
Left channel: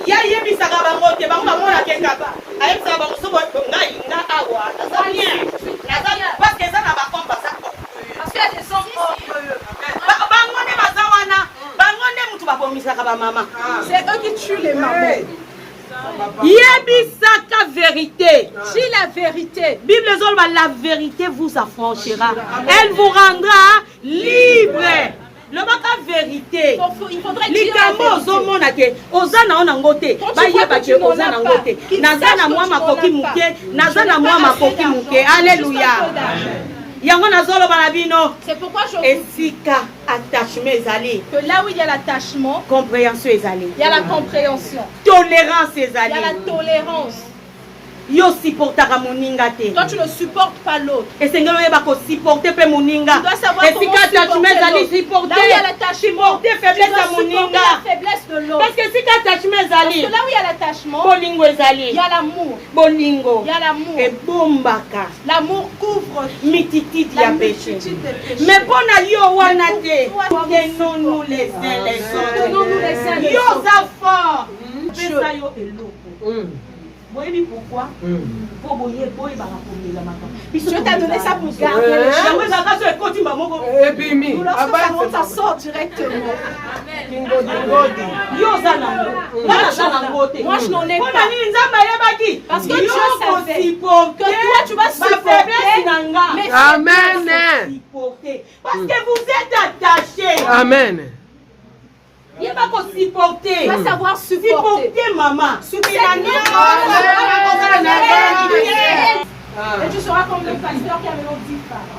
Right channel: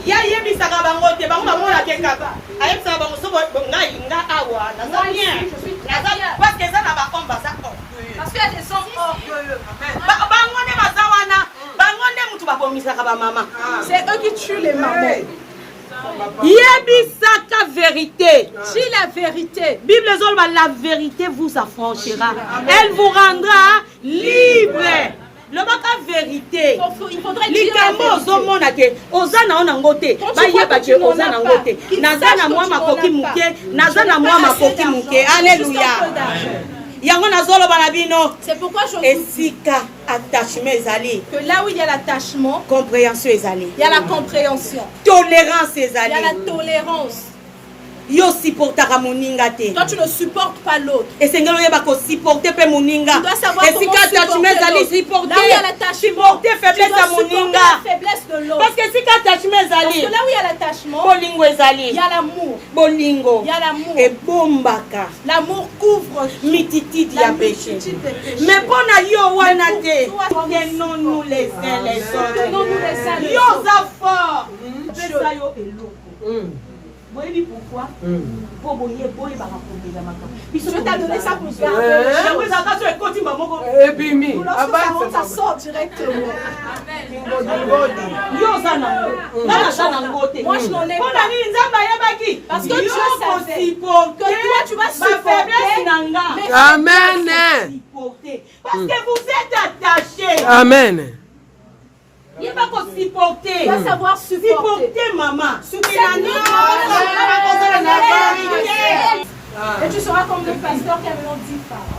Parce qu'il y a des hommes orgueilleux. C'est eux qui tuent les mamans. Yebisaka vérité. Dis la vérité. Bible zolba, la vérité vous affranchira. Elle vous rendra libre. Le baka vérité. Likambo ozomona ke ozana ona ngote. Bayeba ke ozana ngote. Nazana mwa makoki muke, nazana mwa makoki muke. Alléluia. C'est pourquoi je Esika attachement ezali. que là où il y a l'attachement, Compréhension ezali. il y a la compréhension. Tolérance Il y a ezali. la tolérance. Yo supportaka moninga te. Quand tu ne supportes pas l'autre, Esengelo yeba ko supporter pe moninga. tu dois savoir comment supporter attachement ezali supporter faiblesse ya moninga parce que sika attachement ezali bolingo ezali bolingo ebombaka mititidi ya péché mais mpona yo wana te tenons-nous les uns les autres yo oza fort pesa yo eloko boyebi pourquoi po boye bakakomela makambo biso t'a donné ça pour garder yango ezalaka so ekoti bamoko ebimi ça sort directement yo oza nango ngana aza nango te moi je n'en ai pas nini nzambe ayebaki parce que Dieu savait que toi tu vas supporter nanga amen parce que vous êtes attachés amen. Il va supporter. Il va savoir supporter maman. Et tu seras comme le pasteur qui avait l'autre 10 femmes.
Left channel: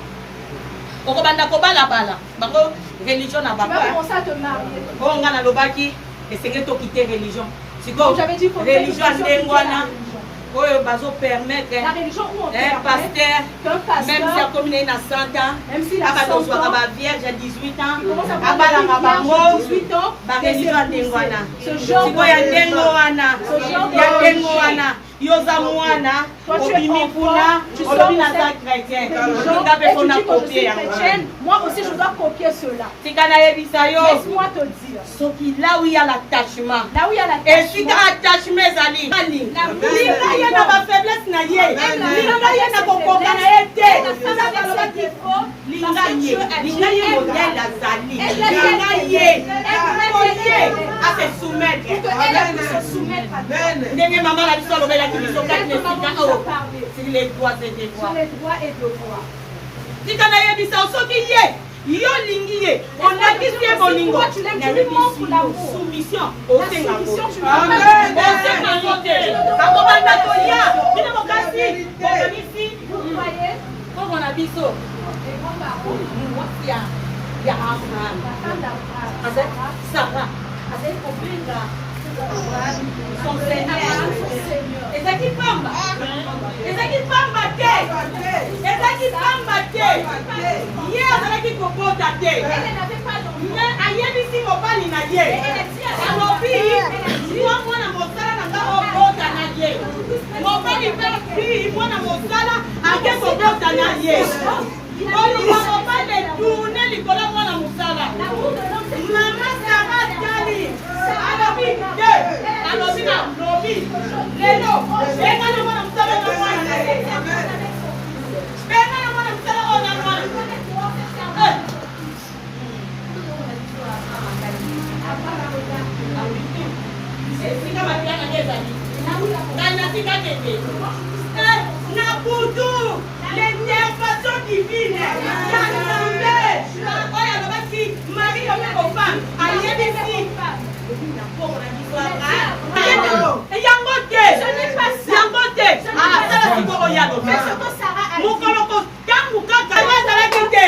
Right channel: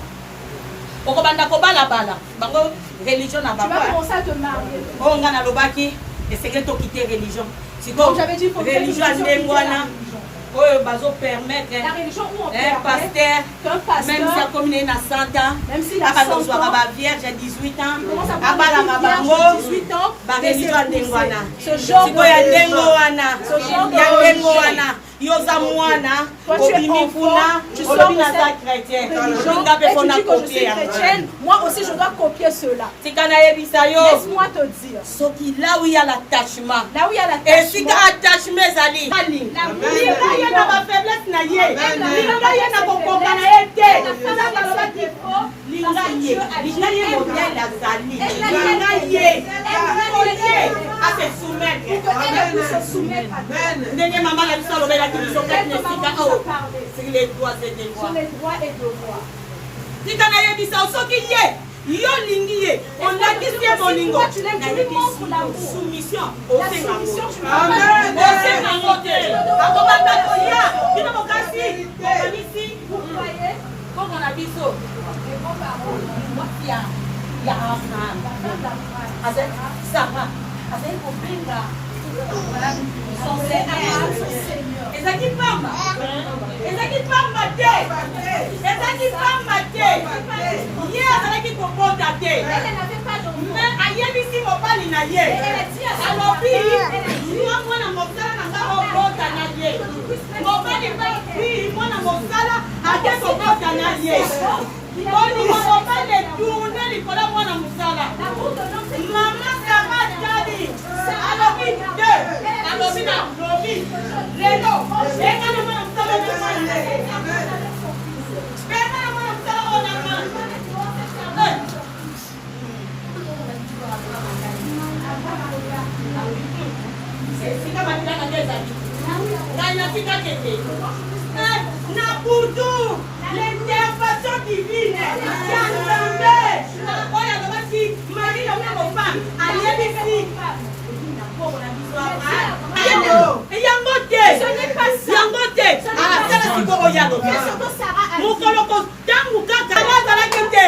Religion n'a pas. Tu vas commencer à te marier. On a l'obaki et c'est que tu quitter religion. C'est comme j'avais dit religion permettre la religion où on pasteur même si la commune na 100 ans même si la vierge à 18 ans à 18 ans religion ndengwana ce genre ya yoza mwana obimi kuna olobi naza chrétien moi aussi je dois copier cela tikana yebisa yo laisse-moi te dire soki là où il y a l'attachement et si attachement ezali linga na ba faiblesse na ye linga ye na kokoka na ye te linga ye modèle azali linga ye à se soumettre ndenge mama na biso alobelaki biso kati na sika sur les droits et devoirs tika na yebisa soki ye yo lingi ye onakisi ye bolingo soumission osengango te akobanda tolia bino mokasi bokanisi kongo na biso ya Sarah azali kobenga ezaki pamba te ye azalaki kobota te mais ayebisi mobali na ye alobi mwa mwana mosala na nga obota na ye mobali mpe mwana mosala ake kobota na ye olinga mobali etourne likolo mwana mosala mama Sara tali alobi te alobi na lobi lelo engana mwana mosala na mwana na ye engana mwana mosala ona mwana sika makana ngezali ngana sika kete na butu l'intervention divine ya Nzambe oyo alobaki Marie la kofa ayebisi yango te asala sikoyo yalobi mokolo kotangu kaka azalaki te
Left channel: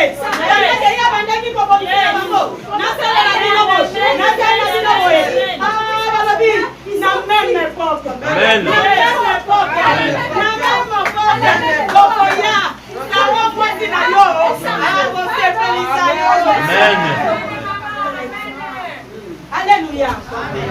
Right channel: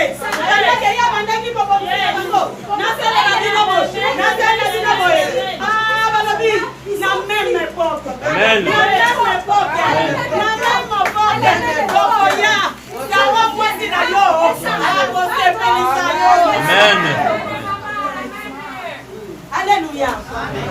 bandaki ya bandaki kobongela bango nasalela bino boye balobi na même époque okoya sango kwasi na yo akosepelisa yo amen. Alléluia.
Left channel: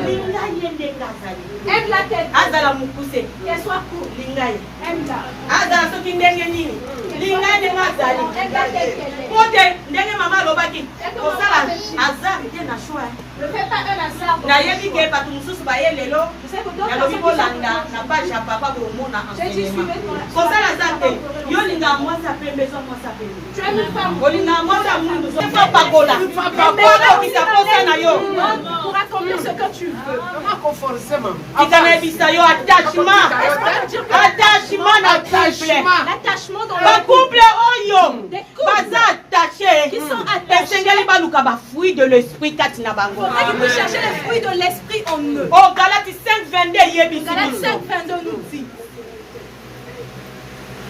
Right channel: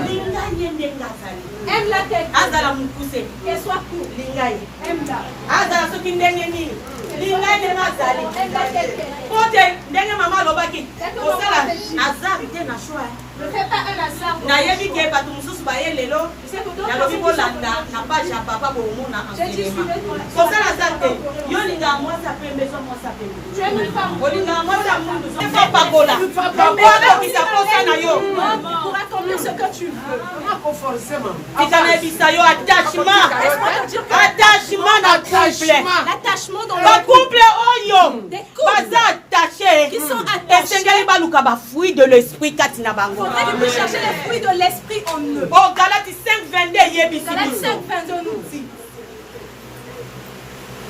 Linga yende ngazali. Aime la tête. Azala mukuse. Et soit court. Linga ye. Aime la. Azala soki ndenge nini. Linga yende ngazali. Aime la tête. Pote ndenge mama lobaki. Osala azali te na choix. Ne fais pas un hasard. Na yebi ke batu mususu ba yelelo. Na lobi bolanda na page ya papa bomona enseignement. Osala zate. Yo linga mwasa pembe zo mwasa pembe. Tu es une femme. Olinga mwasa mundu zo pagola. Papa ko kitakosa na yo. Pour accomplir ce que tu veux. Attachement dans le couple. Des couples qui sont attachés. Fruits de l'esprit. On peut chercher les fruits de l'esprit en eux. Oh, Galates 5:22. Galates 5:22 nous dit.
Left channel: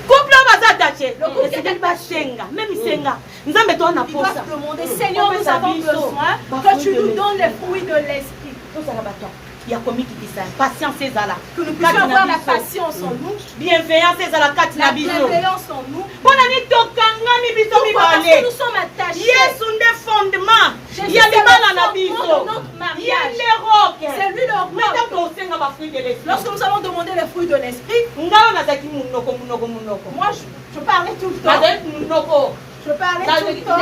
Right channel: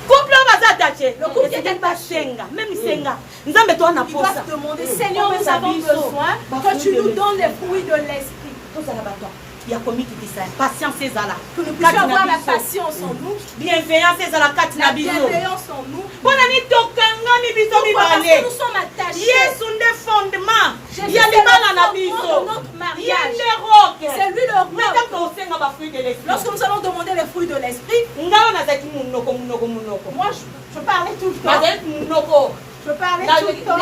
Couple attaché. Même Senga. Nous avons besoin de posa. Seigneur, nous avons besoin que tu nous donnes les fruits de l'esprit. Il y a commis qui dit ça. Patience c'est là. Que nous puissions avoir la patience en nous. Bienveillance c'est là. La bienveillance en nous. Pourquoi? Parce que nous sommes attachés. fruits de l'esprit. Lorsque nous allons demander les fruits de l'esprit, moi je parlais tout le temps. Je parlais tout le temps.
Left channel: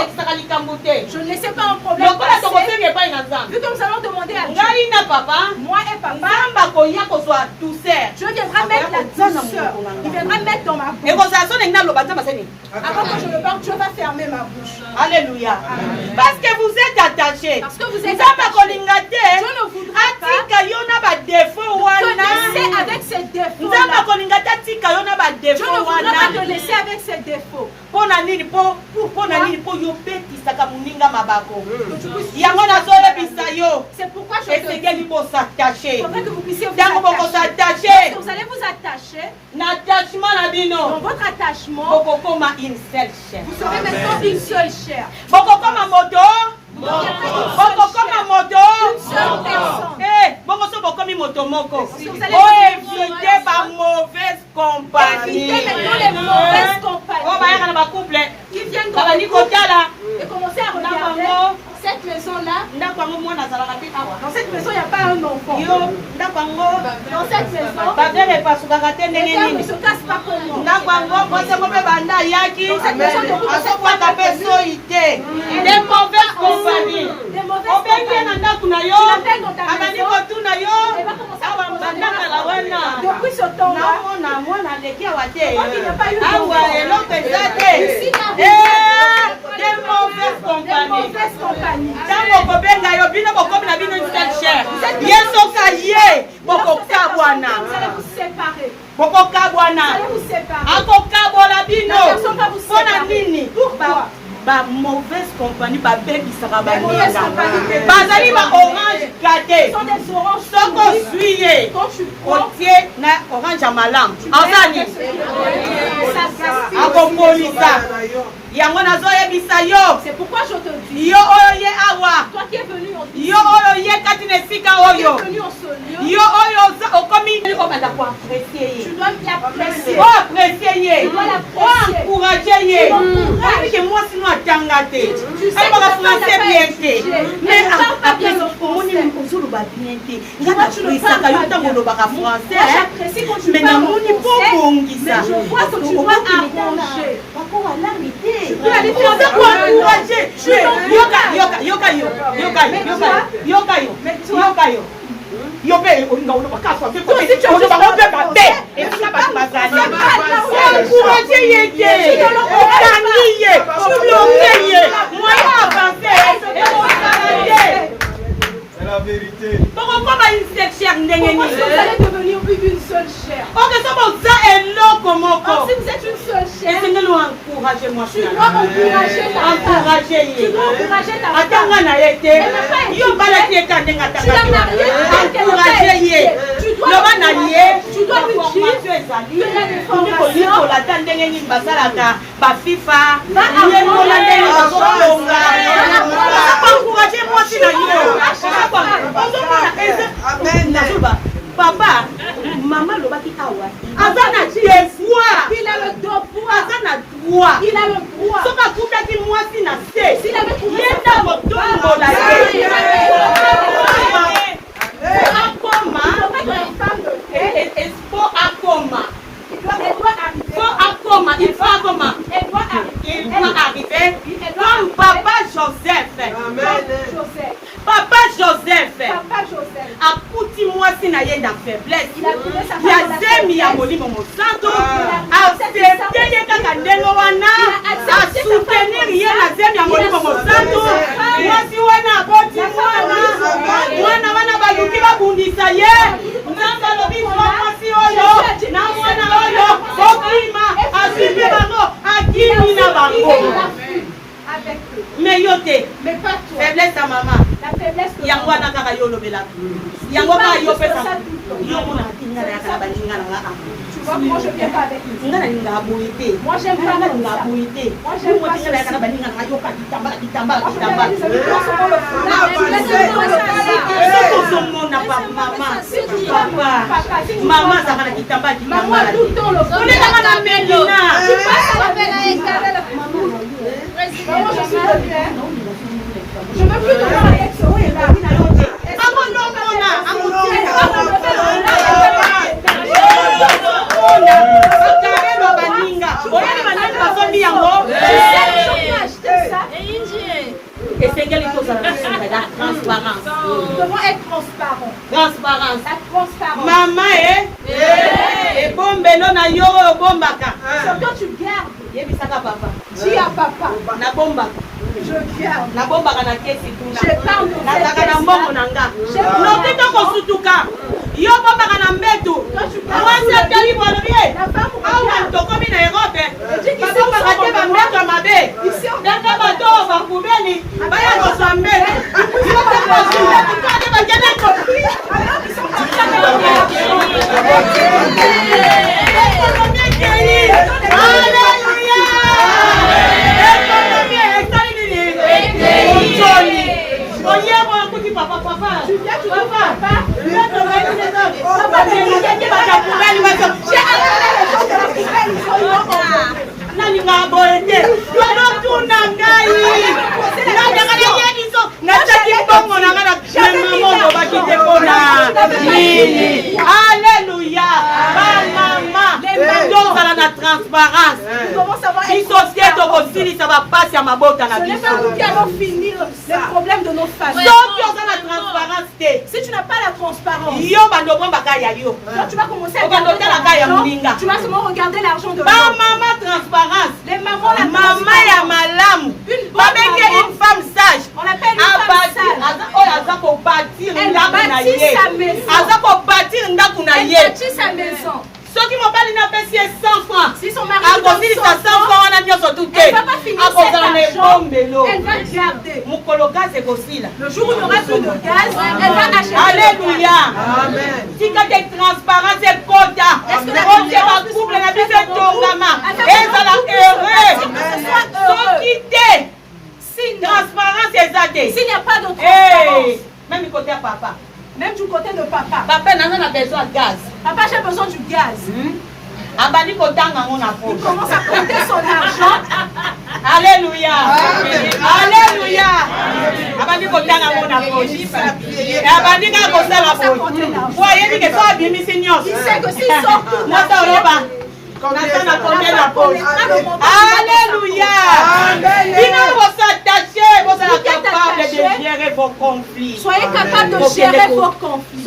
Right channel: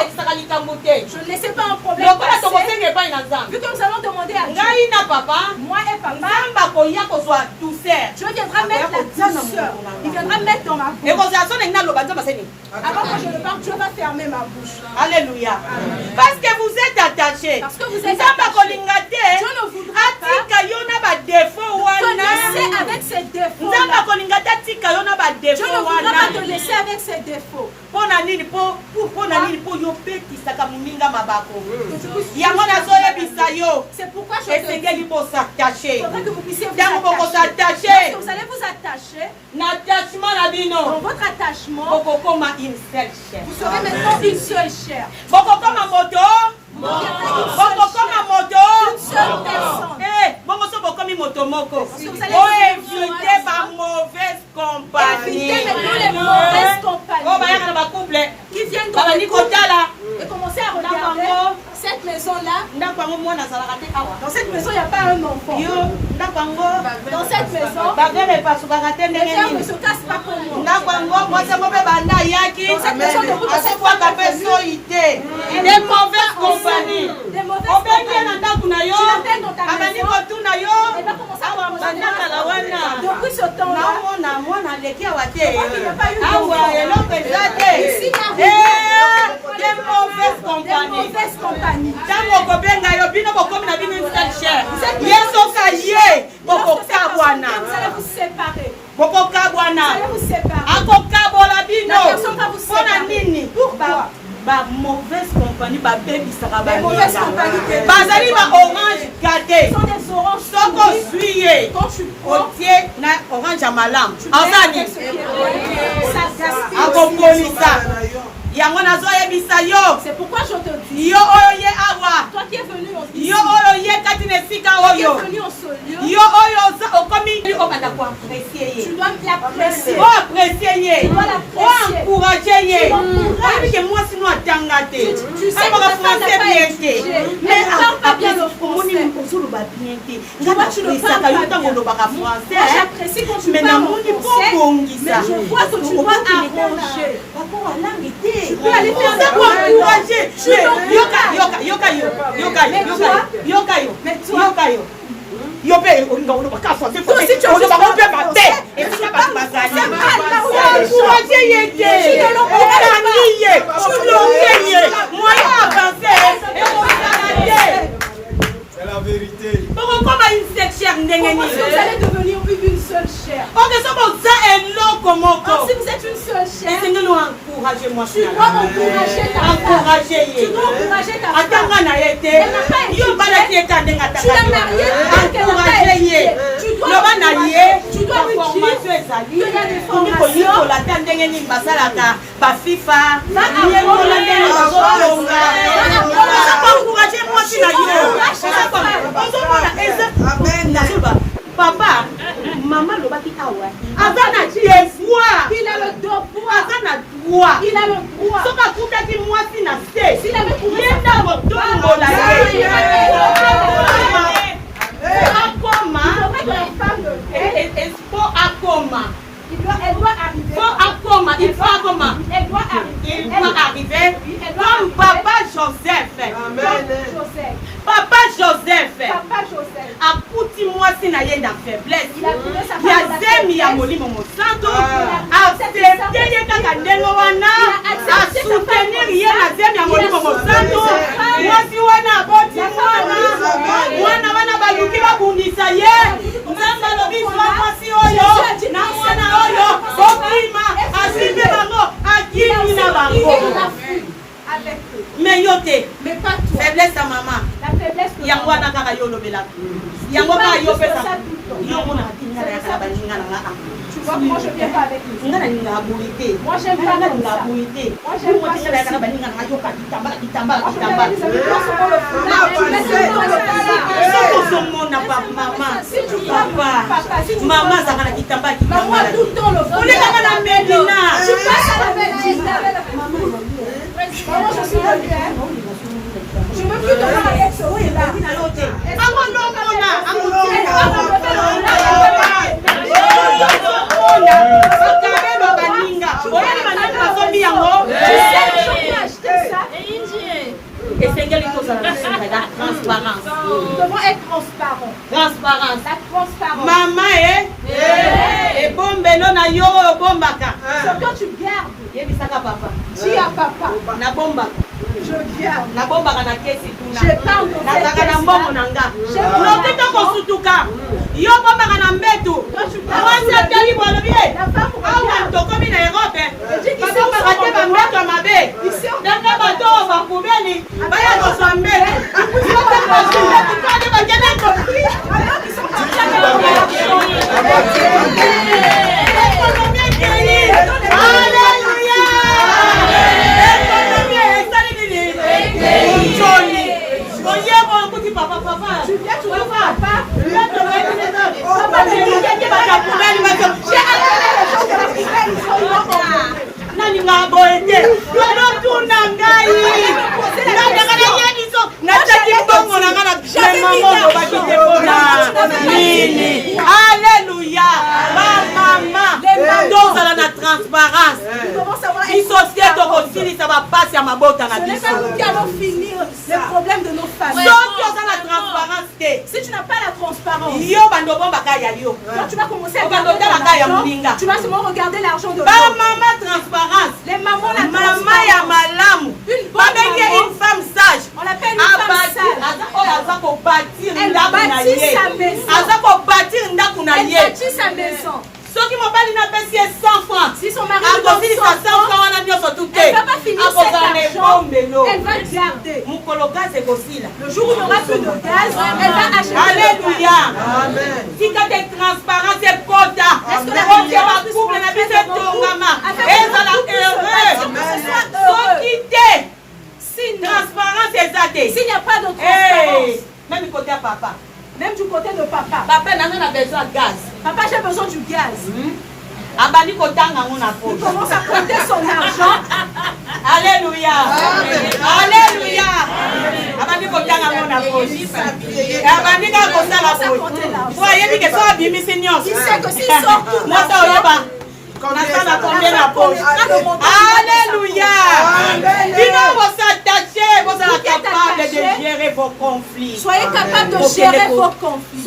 Je ne laissais pas un problème passer. Vu que nous allons demander à Dieu, moi et papa, Dieu viendra mettre la douceur. Il viendra mettre dans ma bouche. Avant que je ne parle, Dieu va fermer ma bouche. Alléluia. Parce que vous êtes attachés. Parce que vous êtes attachés. Dieu ne voudra pas te laisser avec ses défauts. Dieu ne voudra pas te laisser avec ses défauts. C'est pourquoi je te dis, il faudrait que vous puissiez vous attacher. Vous allez vous attacher. Dans votre attachement, vous serez maintenant une seule chair. Évitez ma mauvaise compagnie. Évitez les mauvaises compagnies. Qui viennent dans le couple et commencer à regarder cette maison-là. Dans cette maison, il n'y a pas un enfant. Dans cette maison, les gens ne se cassent pas comme moi. Cette maison ne vous casse pas. Des mauvaises compagnies. Des mauvaises compagnies. Tu l'appelles dans ta maison. Et va commencer à depuis ce temps-là, il n'a pas eu des mauvaises compagnies. Vous allez vous séparer. Vous allez vous séparer. La personne va vous séparer. Pourquoi? Mauvaise compagnie, baby sera mauvaise compagnie. Bazali ba orange gâté. Ce sont des oranges. Soko suye. Quand tu prends, na orange à malam. Enzani. C'est pourquoi je te dis. Yo oyo ye awa. Toi qui es venu au Yo oyo ye katine sika oyo. Qui est venu au lieu. Yo oyo okomi o banda ko apprécier. Tu dois l'apprécier. Oh apprécier ye. Tu dois l'apprécier. Oh encourager ye. Parce que moi sinon atangate. Tu sais que ça pas bien. Mais après omoni ozulu ba bien te. Ngana apprécier ka yo tango lo ba français. J'apprécie quand tu mais parles namoni po bongisa. Je vois que tu dois arranger. Bako walangite. Tu peux aller faire ça pour encourager. Yoka. Yope olinga olo bakaswa se ko si olo ba ope ba te e fika ba bazali encourager yeke okangiye tulongeye moyen avancer et regarder. C'est la vérité. Pourquoi comme une seule chair ndengeni? Vous allez devenir une seule chair. OK ça bon ça est loko moko. Si vous êtes une seule chair, et c'est nous encourager moi. Tu dois encourager ta femme. Tu dois encourager ta femme. Atanga na yete. Yo bala ki ekande ngata. Tu l'as mariée. Encourager ye. Tu dois lui dire. Tu dois lui dire. Il y a des formations. La tendengeni basalaka ba FIFA. Va encourager moi si na yo. Papa, maman lobaki awa. Azana devoir. Il a le devoir. Azana droit. Il a le droit. Soka kuta ki moi si na se. S'il avait trouvé sa motongo la Il doit arriver. Comme Papa Joseph. Papa Joseph. Akuti-moi si na yenda faiblesse. Ya zemi ya molimo mosanto. Accepter ye kaka ndenge wana. A soutenir ye na zemi ya molimo mosanto. Mwasi wana aboti mwana wana baluki babundisa ye. Nzamba lobi mwasi oyo. Na mwana oyo. Okima. Asibe bango. Akimi na bango. Mais yote. Mais pas toi. Faiblesse à maman. La faiblesse de Yango na kaka yo lobela. Yango ka yo pesa. Yo mona kinga na kala balinga na nga. Tu vois moi je viens pas avec lui. Ngana ninga boité. Moi j'aime pas la boité. Moi j'aime pas kinga na kala balinga na yo ka kitamba. Soko mona pa maman. Papa. Maman ça va kitamba. Maman tout le temps le fond. On est là na Medina. Tu passes avec maman. Maman je suis de terre. Je veux plus te voir avec ce Et c'est quelle chose la transparence. Nous devons être transparents. Transparence. La transparence. Maman et bombelo na yo bombaka. Ce que tu gardes. Yebisaka papa. Dis à papa. Na bombaka. Je garde. Na bombaka na kesi kuna. Je parle de na taka na mbongo na nga. Lokita kosutuka. Yo bombaka na mbeto. Mwasi atali bwalobi. Awa tokomi na Europe. Babombaka te ba mbeto mabe. Nanga bato bakubeli. Baya koswa mbeto. Yo te kosutuka tikade bakene kopri. Alors ils sont en train de Alléluia. Alléluia. Maman, donc à la transparence. Ce n'est pas nous qui allons finir les problèmes de nos familles. Si tu n'as pas la transparence, toi, tu vas commencer à regarder l'argent. Tu vas seulement regarder l'argent de l'autre. Maman transparence. Les mamans, la Maman transparence. ya malamu. Une femme sage. On l'appelle une femme sage. Elle bâtit sa maison. Elle bâtit sa maison. Soki mobali na pesi 100 francs. Si son mari a lui donne 100 francs wana nyoso tout elle va pas finir cet argent. Elle va garder. Mukolo gaz ekosila. Le jour où il n'y aura plus de gaz, elle va acheter. Alléluia. Tika de transparence et kota. Est-ce que la Dieu va couple na biso tongama. Ezala heureux. Soki te. Transparence ezate. S'il n'y a pas de transparence. Même côté papa. Même du côté de papa. Papa n'a besoin de gaz. Papa, j'ai besoin du gaz. Il commence à compter son argent. Alléluia. Alléluia. Il sait que s'il sort tout Alléluia. Vous êtes capable de gérer vos conflits. Soyez capable de gérer vos conflits.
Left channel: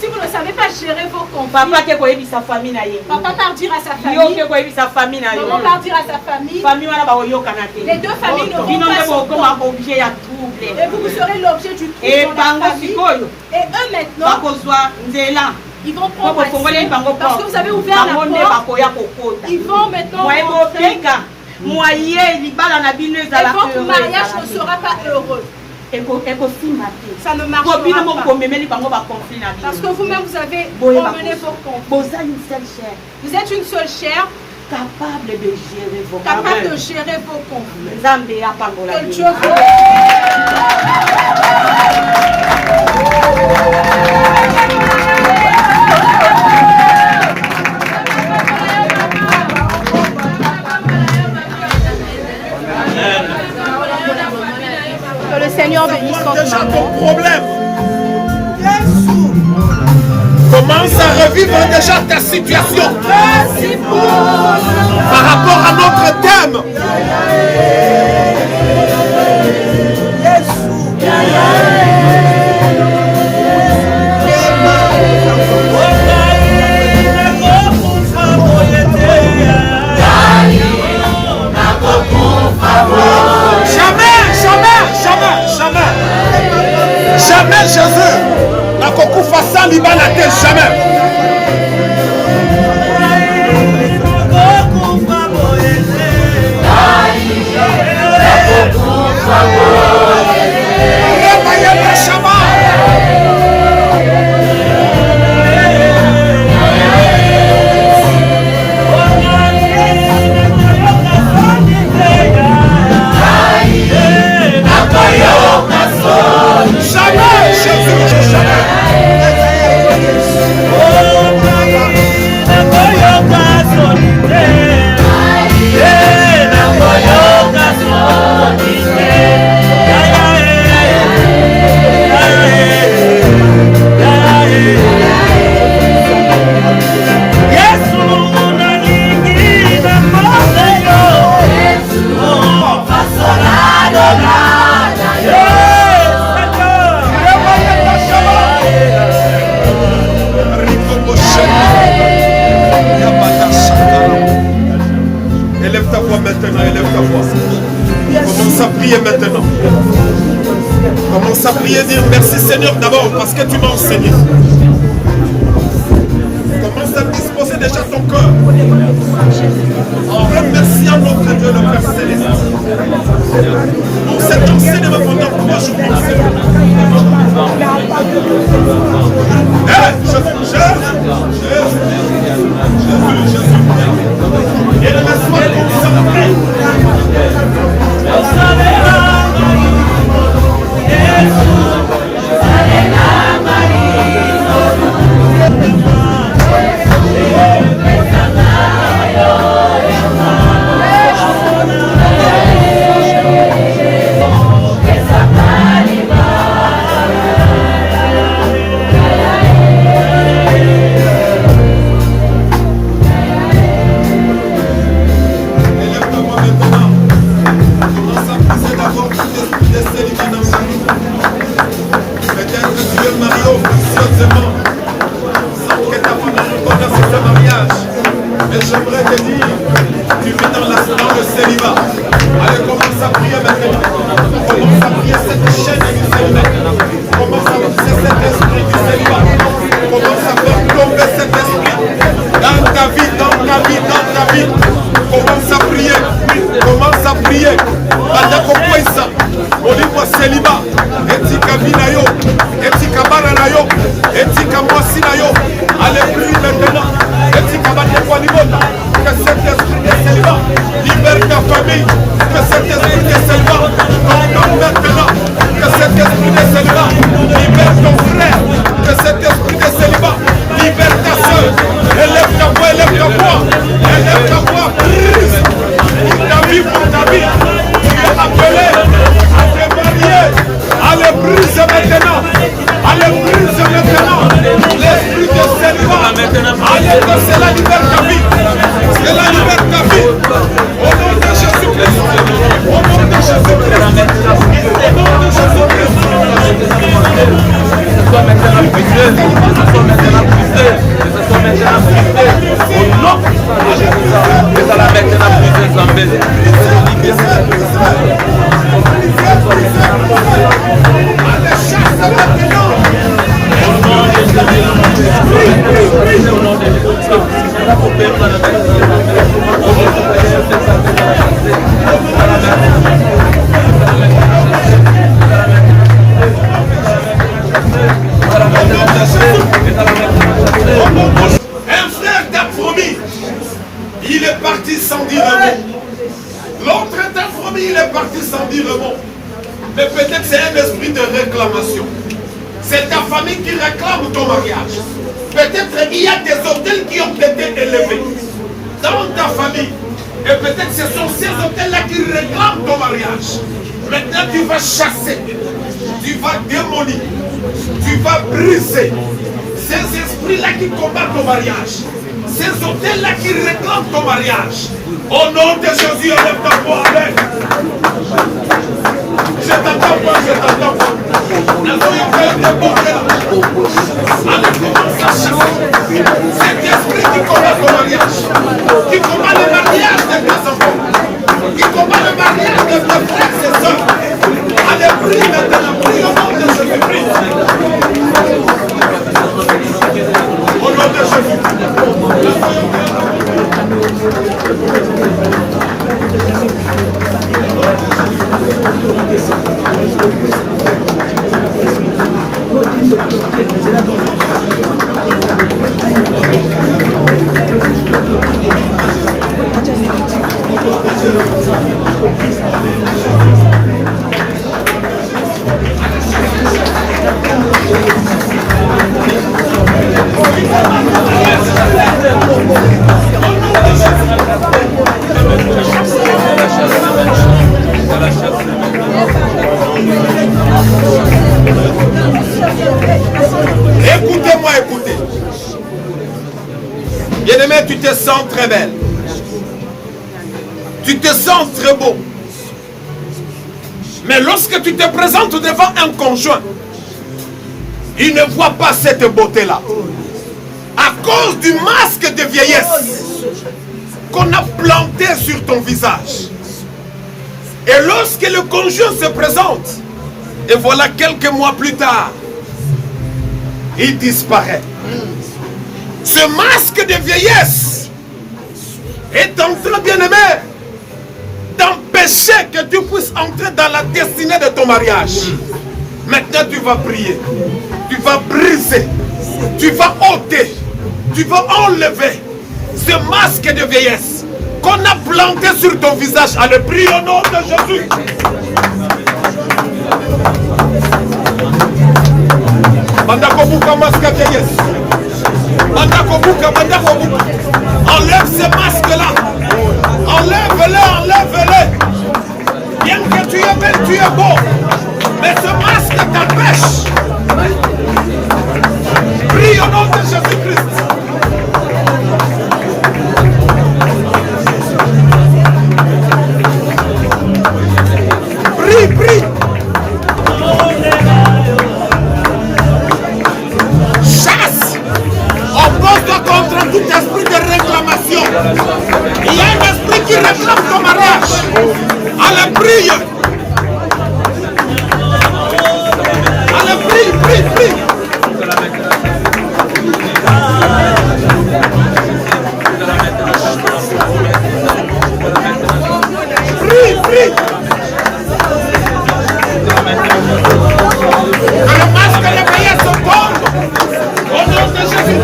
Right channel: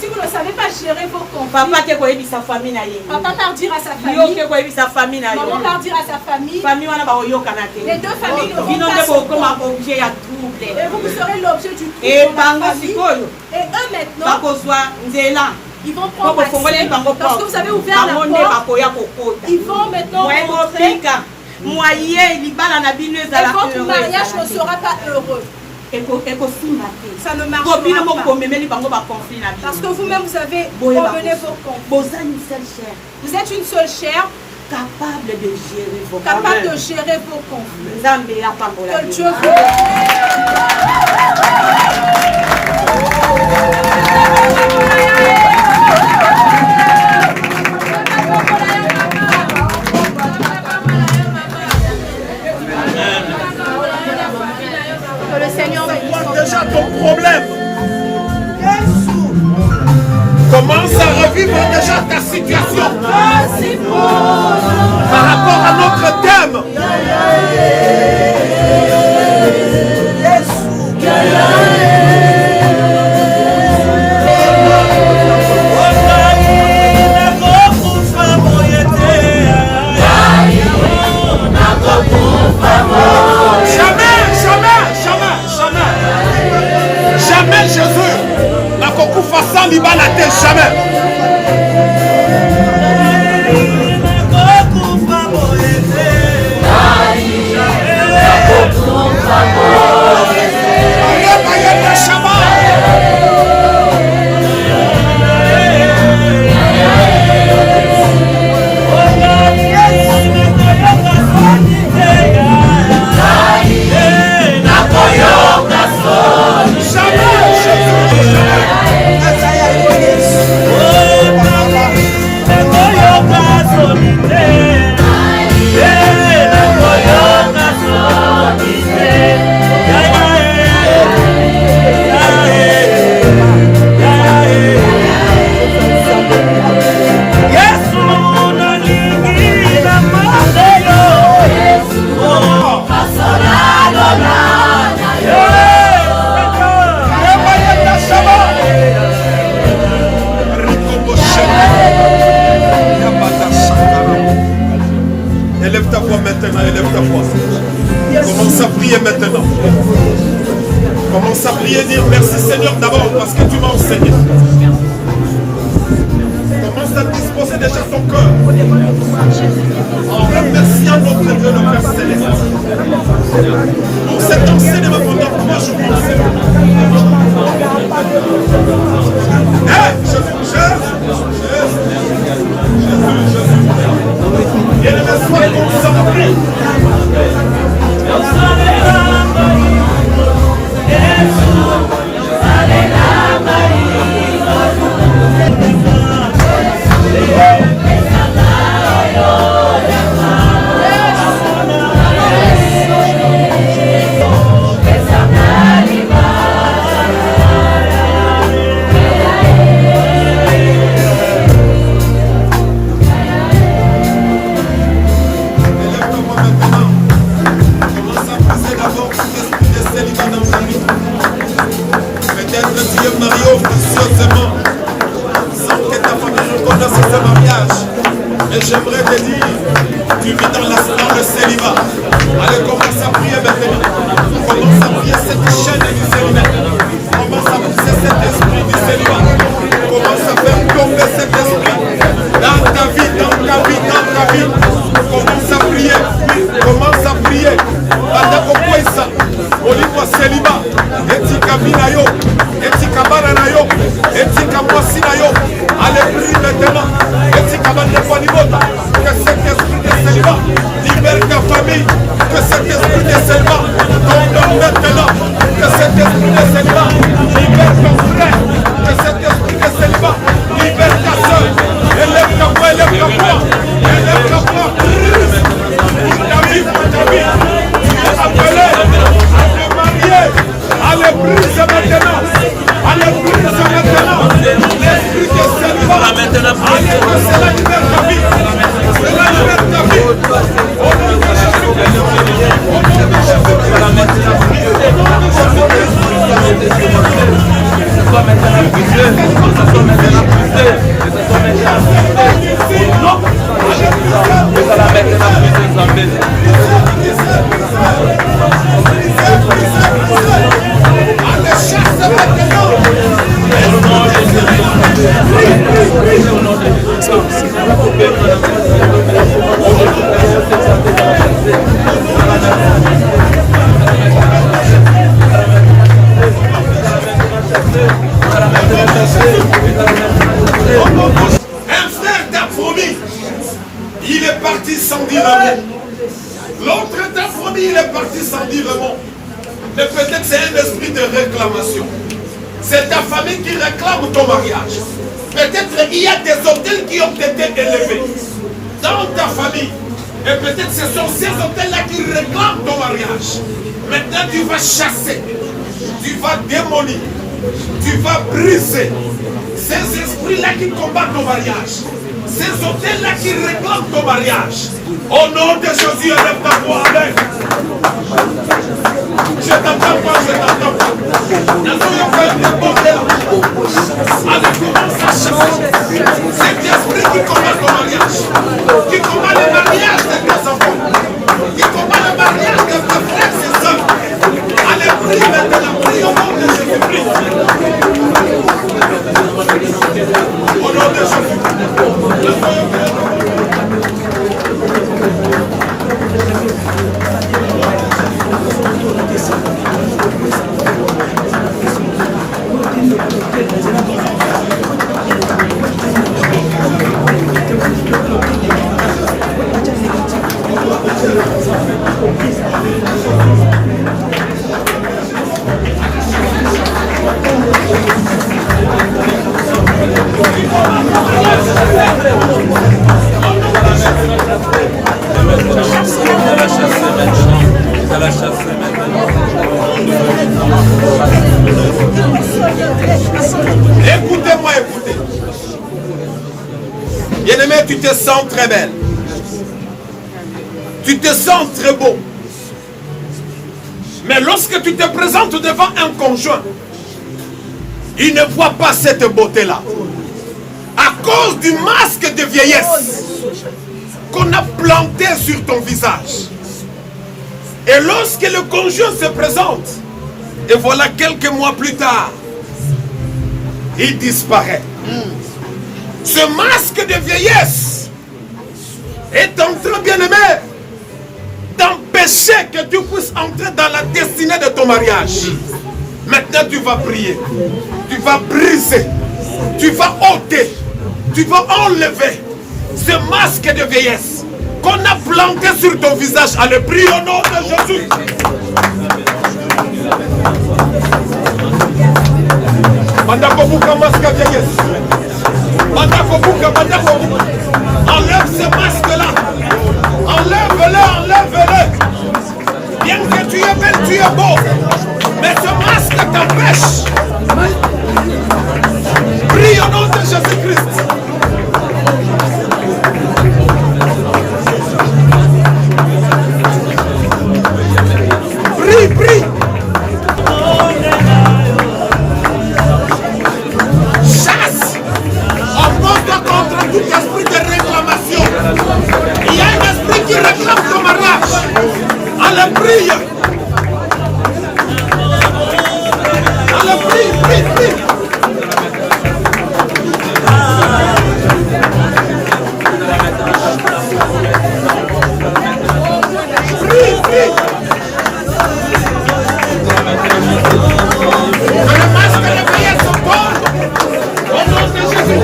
Si vous ne savez pas gérer vos conflits, papa sa famille papa part dire à sa famille, maman part dire à sa famille, les deux familles ne vont pas s'entendre. Et vous serez l'objet du trouble. Et eux maintenant, ils vont prendre accès, parce que vous avez ouvert la porte. Ils vont maintenant rentrer. Et votre mariage ne sera pas heureux. Ça ne marchera pas. Parce que vous-même, vous avez emmené vos conflits. Vous êtes une seule chair capable de gérer vos conflits. Que Dieu vous Seigneur, c'est quoi déjà ton problème? Commence à revivre déjà ta situation par rapport à notre thème. Jamais Jésus n'a beaucoup fait ça, Liban jamais. Commence à prier maintenant. Commence à prier, dire merci Seigneur d'abord parce que tu m'as enseigné. Commence à disposer déjà ton cœur en remerciant notre Dieu, le Père Céleste. Pour cet enseignement pendant 3 jours. Et le soir consacré. C'est ta famille qui réclame ton mariage. Peut-être il y a des hôtels qui ont été élevés dans ta famille. Et peut-être ce sont ces hôtels-là qui réclament ton mariage. Maintenant tu vas chasser, tu vas démolir, tu vas briser ces esprits-là qui combattent ton mariage. Ces hôtels-là qui réclament ton mariage. Au nom de Jésus, lève ta voix avec. Je t'entends pas, je t'entends pas. Nous allons faire des bordels. Allez, commence à chasser cet esprit qui combat ton mariage, qui combat le mariage de tes enfants, qui combat le mariage de tes frères et sœurs. Allez, prie maintenant, prie au nom de Jésus-Christ. Au nom de Jésus. Écoutez-moi, écoutez. Bien-aimé, tu te sens très belle. Tu te sens très beau. Mais lorsque tu te présentes devant un conjoint, il ne voit pas cette beauté-là. À cause du masque de vieillesse qu'on a planté sur ton visage. Et lorsque le conjoint se présente, et voilà quelques mois plus tard, il disparaît. Ce masque de vieillesse est en train, bien-aimé, d'empêcher que tu puisses entrer dans la destinée de ton mariage. Maintenant, tu vas prier, tu vas briser, tu vas ôter, tu vas enlever ce masque de vieillesse qu'on a planté sur ton visage. Allez, prie au nom de Jésus. Bandakobuka masque de vieillesse. Bandakobuka. Enlève ce masque-là. Enlève-le, enlève-le. Bien que tu es belle, tu es beau. Mais ce masque t'empêche. Prie au nom de Jésus-Christ. Prie. Chasse. On pose contre tout esprit de réclamation. Il y a un esprit qui réclame ton mariage. Allez, prie. Allez, prie. Prie. Le masque de vieillesse tombe au nom de Jésus.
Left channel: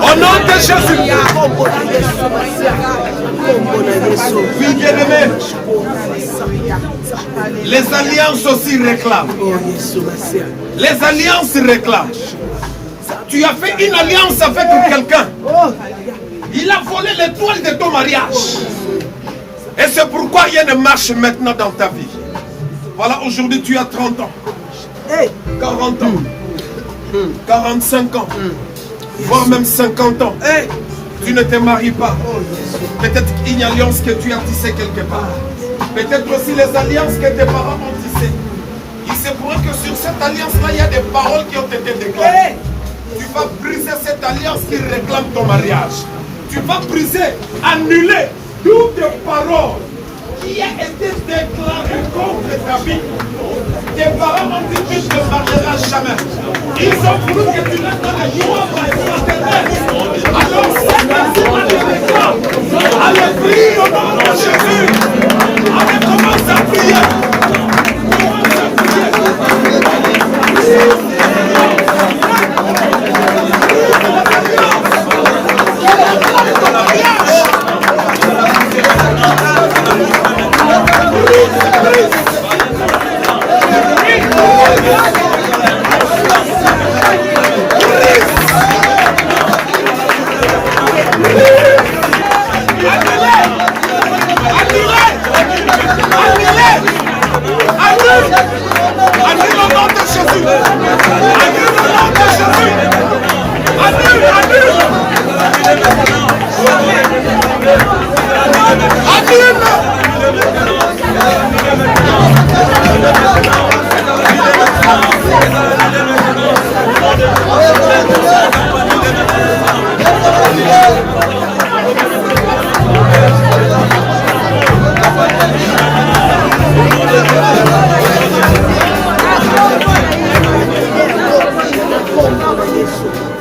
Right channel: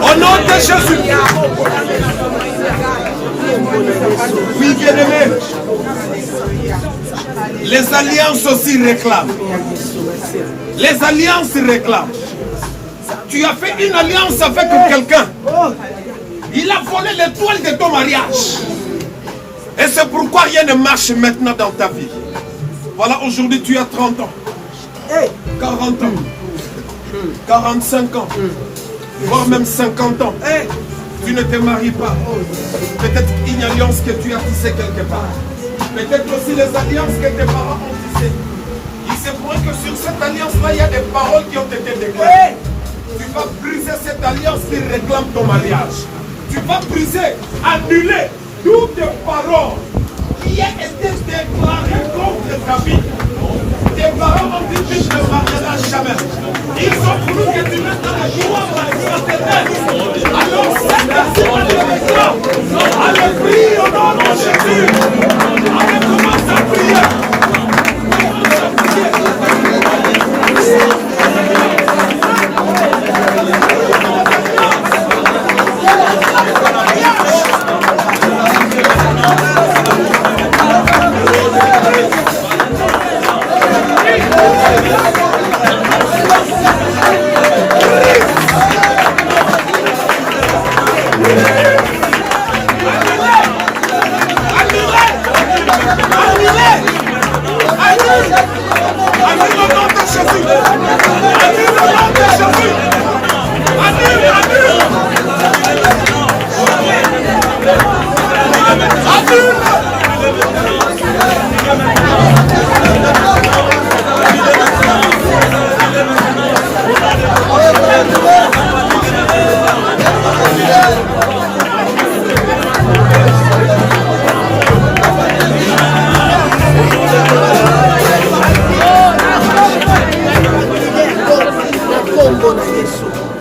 Au nom de Jésus. Oui, bien-aimé. Les alliances aussi réclament. Les alliances réclament. Tu as fait une alliance avec quelqu'un. Il a volé l'étoile de ton mariage. Et c'est pourquoi rien ne marche maintenant dans ta vie. Voilà, aujourd'hui tu as 30 ans. 40 ans. 45 ans. Voire même 50 ans. Tu ne te maries pas. Peut-être une alliance que tu as tissée quelque part. Peut-être aussi les alliances que tes parents ont tissées. Il se pourrait que sur cette alliance-là, il y a des paroles qui ont été déclarées. Tu vas briser cette alliance qui réclame ton mariage. Tu vas briser, annuler toutes les paroles qui ont été déclarées contre ta vie. Tes parents ont dit que tu ne te marieras jamais. Ils ont voulu que tu n'aies pas la joie de alors c'est merci avec toi. Allez, prie au nom de Jésus. Allez, commence à prier.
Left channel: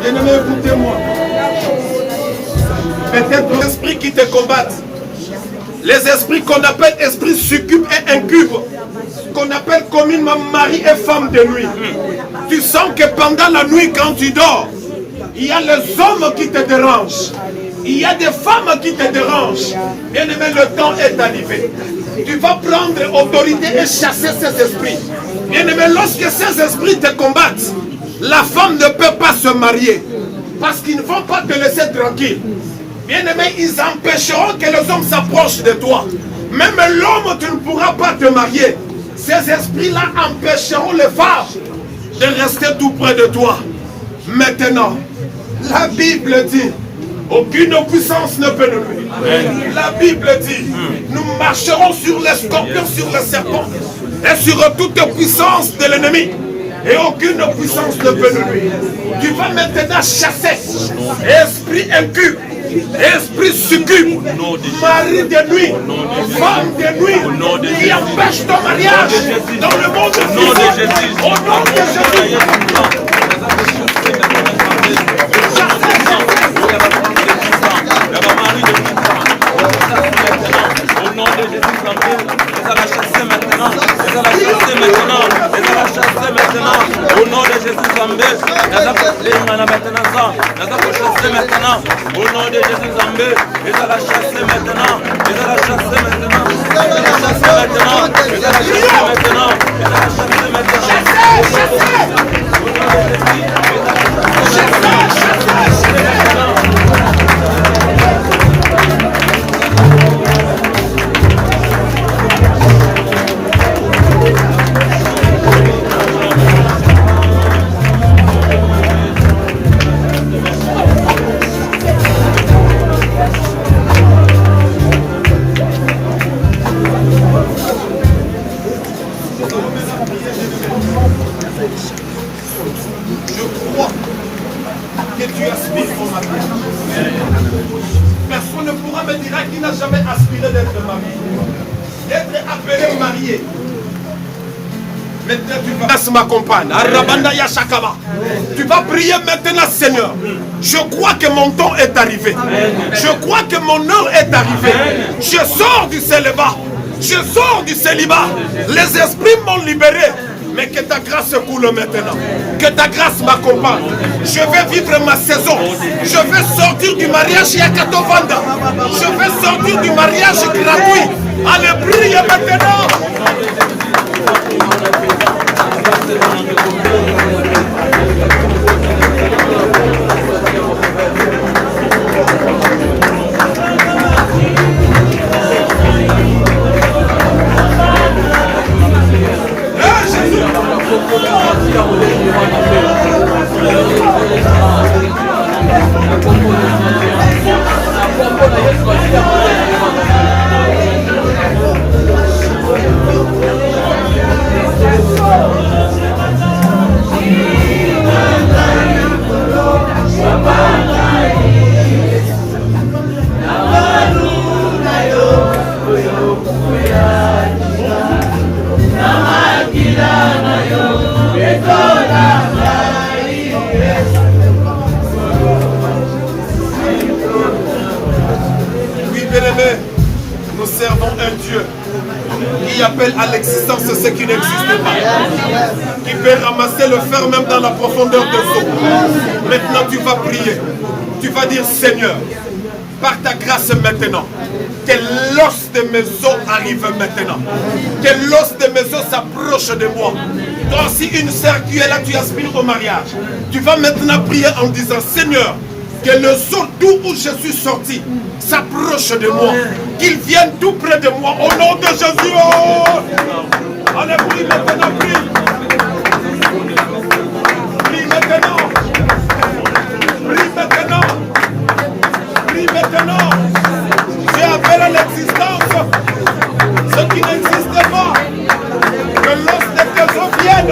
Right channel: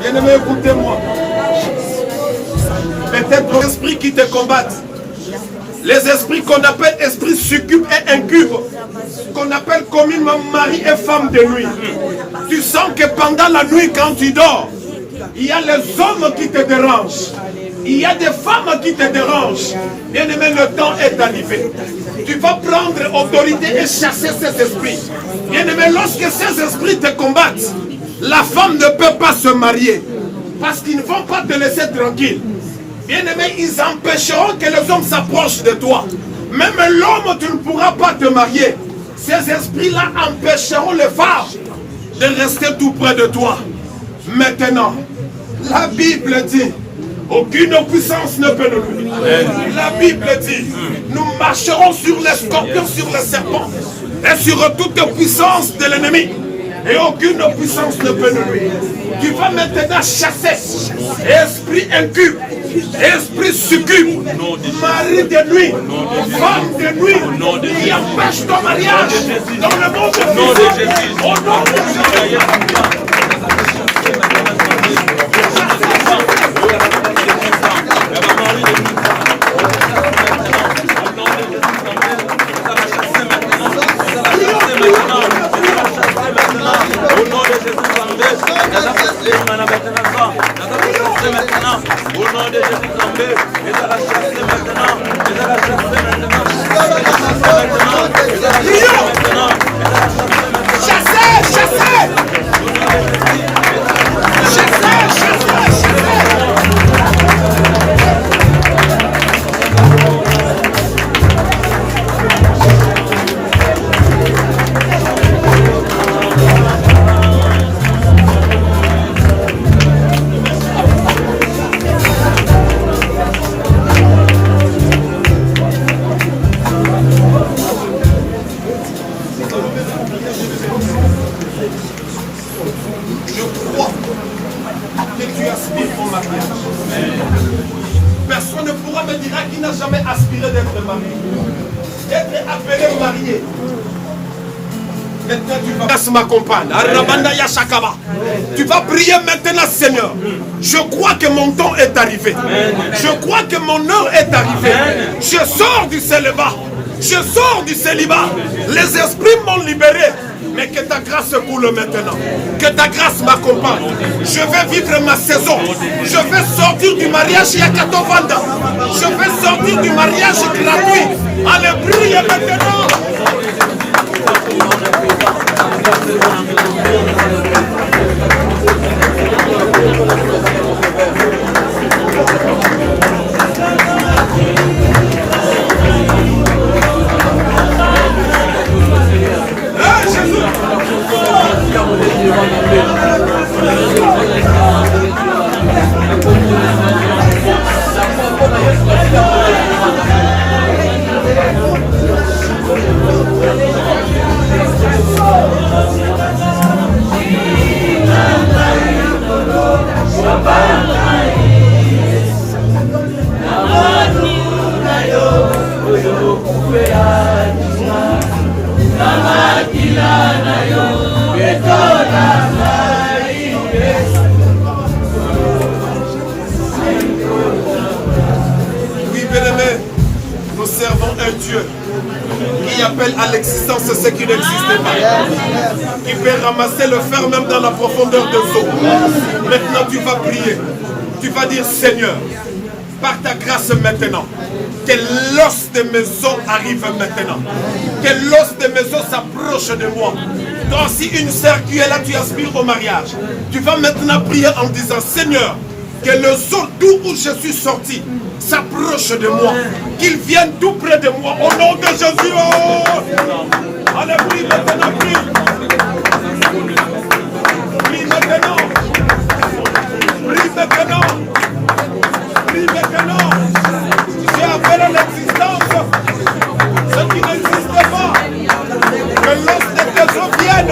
Bien-aimé, écoutez-moi. Peut-être les esprits qui te combattent, les esprits qu'on appelle esprits succubes et incubes, qu'on appelle communément mari et femme de nuit. Tu sens que pendant la nuit, quand tu dors, il y a les hommes qui te dérangent. Il y a des femmes qui te dérangent. Bien-aimé, le temps est arrivé. Tu vas prendre autorité et chasser ces esprits. Bien-aimé, lorsque ces esprits te combattent, la femme ne peut pas se marier. Parce qu'ils ne vont pas te laisser tranquille. Bien-aimé, ils empêcheront que les hommes s'approchent de toi. Même l'homme, tu ne pourras pas te marier. Ces esprits-là empêcheront les femmes de rester tout près de toi. Maintenant, la Bible dit, aucune puissance ne peut nous nuire. La Bible dit, nous marcherons sur les scorpions, sur les serpents et sur toute puissance de l'ennemi. Et aucune puissance ne peut nous nuire. Tu vas maintenant chasser esprit incube, esprit succube, mari de nuit, femme de nuit, qui empêche ton mariage dans le monde de Jésus. Au nom de Jésus. M'accompagne. Tu vas prier maintenant, Seigneur. Je crois que mon temps est arrivé. Je crois que mon heure est arrivée. Je sors du célibat. Je sors du célibat. Les esprits m'ont libéré. Mais que ta grâce coule maintenant. Que ta grâce m'accompagne. Je vais vivre ma saison. Je vais sortir du mariage Yakato Vanda. Je vais sortir du mariage gratuit. Allez, priez maintenant. Nous servons un Dieu qui appelle à l'existence ce qui n'existe pas, qui peut ramasser le fer même dans la profondeur des eaux. Maintenant tu vas prier, tu vas dire Seigneur, par ta grâce maintenant, que l'os de mes os arrive maintenant, que l'os de mes os s'approche de moi. Toi aussi une sœur qui est là, tu aspires au mariage. Tu vas maintenant prier en disant Seigneur, que le sort d'où je suis sorti s'approche de moi, qu'il vienne tout près de moi au nom de Jésus. Oh! Allez, prie maintenant, prie. Prie maintenant. Prie maintenant. Prie maintenant. J'ai appelé à l'existence ce qui n'existe pas. Que l'os de tes os vienne.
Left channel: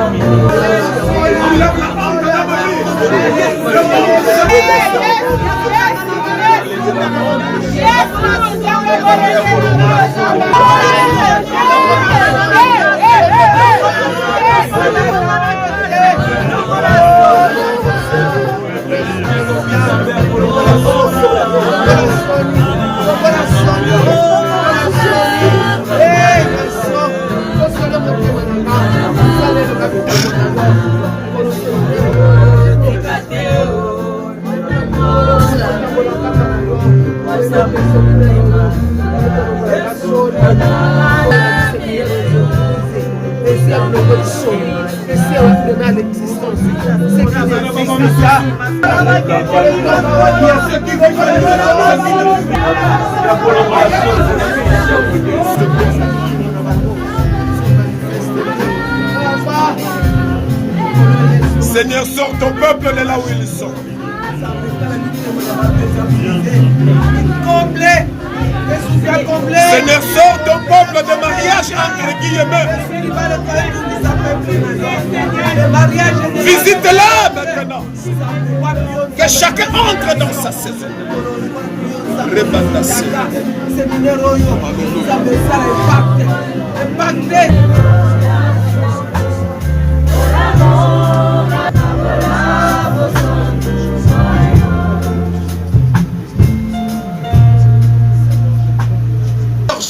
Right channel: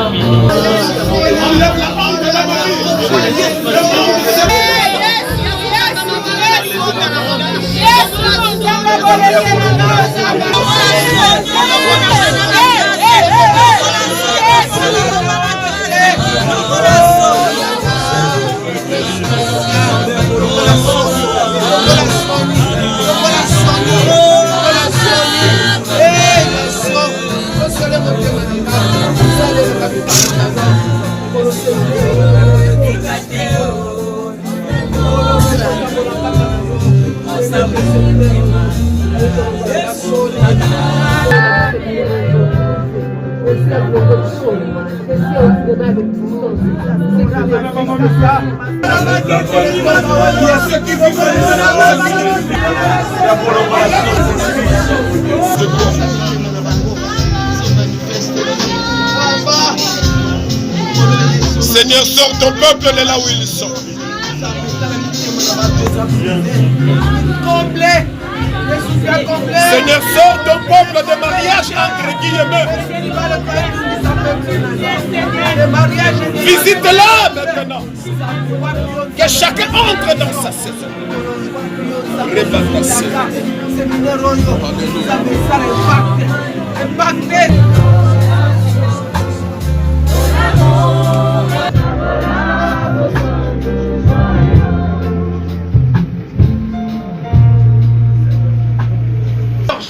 Enlève la honte de la Seigneur, sors ton peuple de là où ils sont. Seigneur, sors ton peuple de mariage entre guillemets. Visite-la maintenant. Que chacun entre dans sa saison.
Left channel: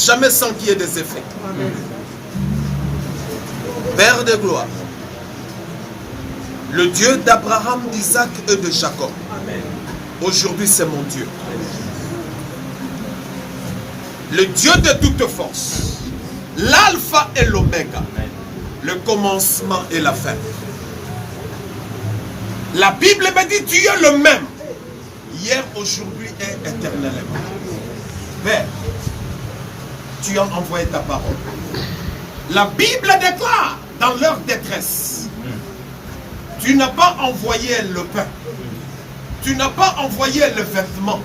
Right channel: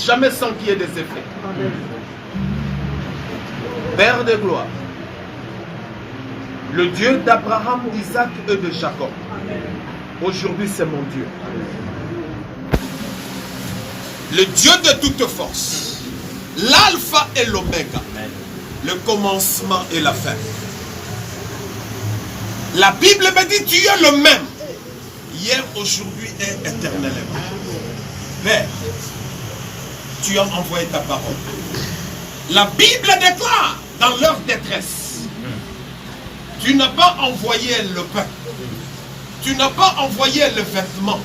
Jamais sans qu'il y ait des effets. Père de gloire, le Dieu d'Abraham, d'Isaac et de Jacob, aujourd'hui c'est mon Dieu. Le Dieu de toute force, l'alpha et l'oméga, le commencement et la fin. La Bible me dit tu es le même, hier, aujourd'hui et éternellement. Père, tu as envoyé ta parole. La Bible déclare dans leur détresse, tu n'as pas envoyé le pain, tu n'as pas envoyé le vêtement,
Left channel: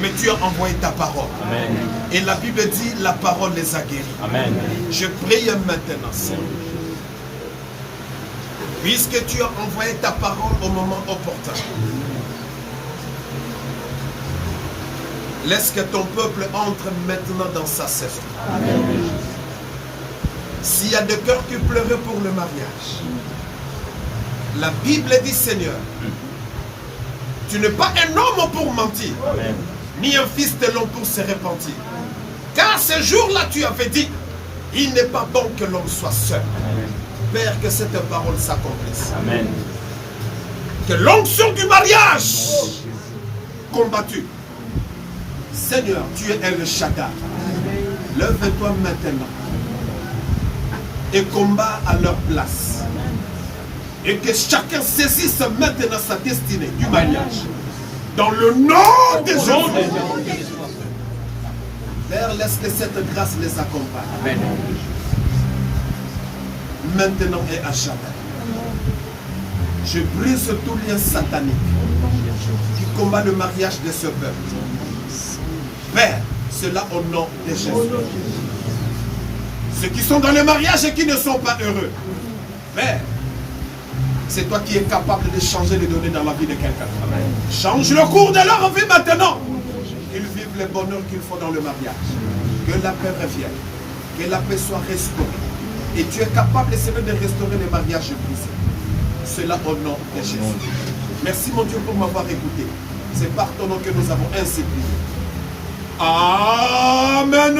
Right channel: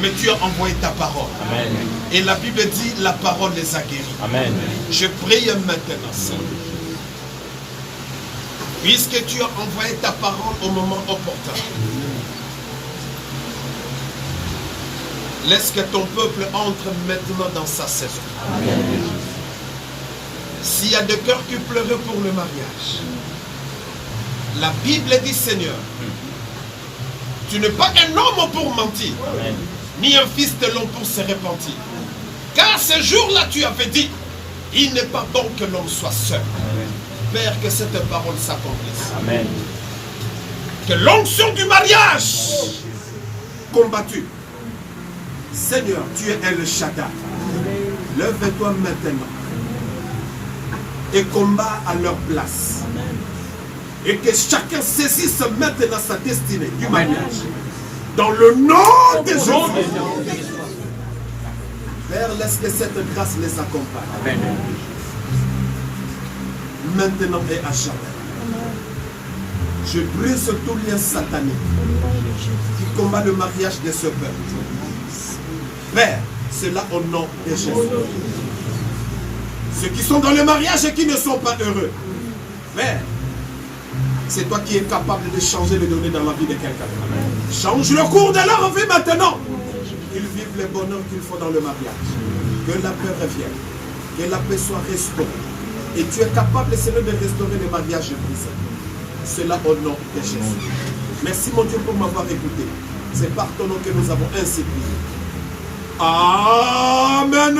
mais tu as envoyé ta parole. Amen. Et la Bible dit, la parole les a guéris. Amen. Je prie maintenant, Seigneur, puisque tu as envoyé ta parole au moment opportun, laisse que ton peuple entre maintenant dans sa saison. S'il y a des cœurs qui pleuraient pour le mariage, la Bible dit, Seigneur, tu n'es pas un homme pour mentir, Amen, ni un fils de l'homme pour se repentir. Car ce jour-là, tu avais dit, il n'est pas bon que l'homme soit seul. Amen. Père, que cette parole s'accomplisse. Amen. Que l'onction du mariage combattue. Seigneur, tu es El Shaddai. Lève-toi maintenant et combat à leur place. Et que chacun saisisse maintenant sa destinée du mariage. Dans le nom de Jésus. Père, laisse que cette grâce les accompagne. Amen. Maintenant et à jamais. Je brise tout lien satanique qui combat le mariage de ce peuple. Père, cela au nom de Jésus. Ceux qui sont dans le mariage et qui ne sont pas heureux. Père, c'est toi qui es capable de changer les données dans la vie de quelqu'un. Change le cours de leur vie maintenant. Qu'ils vivent le bonheur qu'il faut dans le mariage. Que la paix revienne. Que la paix soit restaurée. Et tu es capable, Seigneur, de restaurer les mariages brisés. Cela au nom de Jésus. Merci mon Dieu pour m'avoir écouté. C'est par ton nom que nous avons ainsi prié. Amen.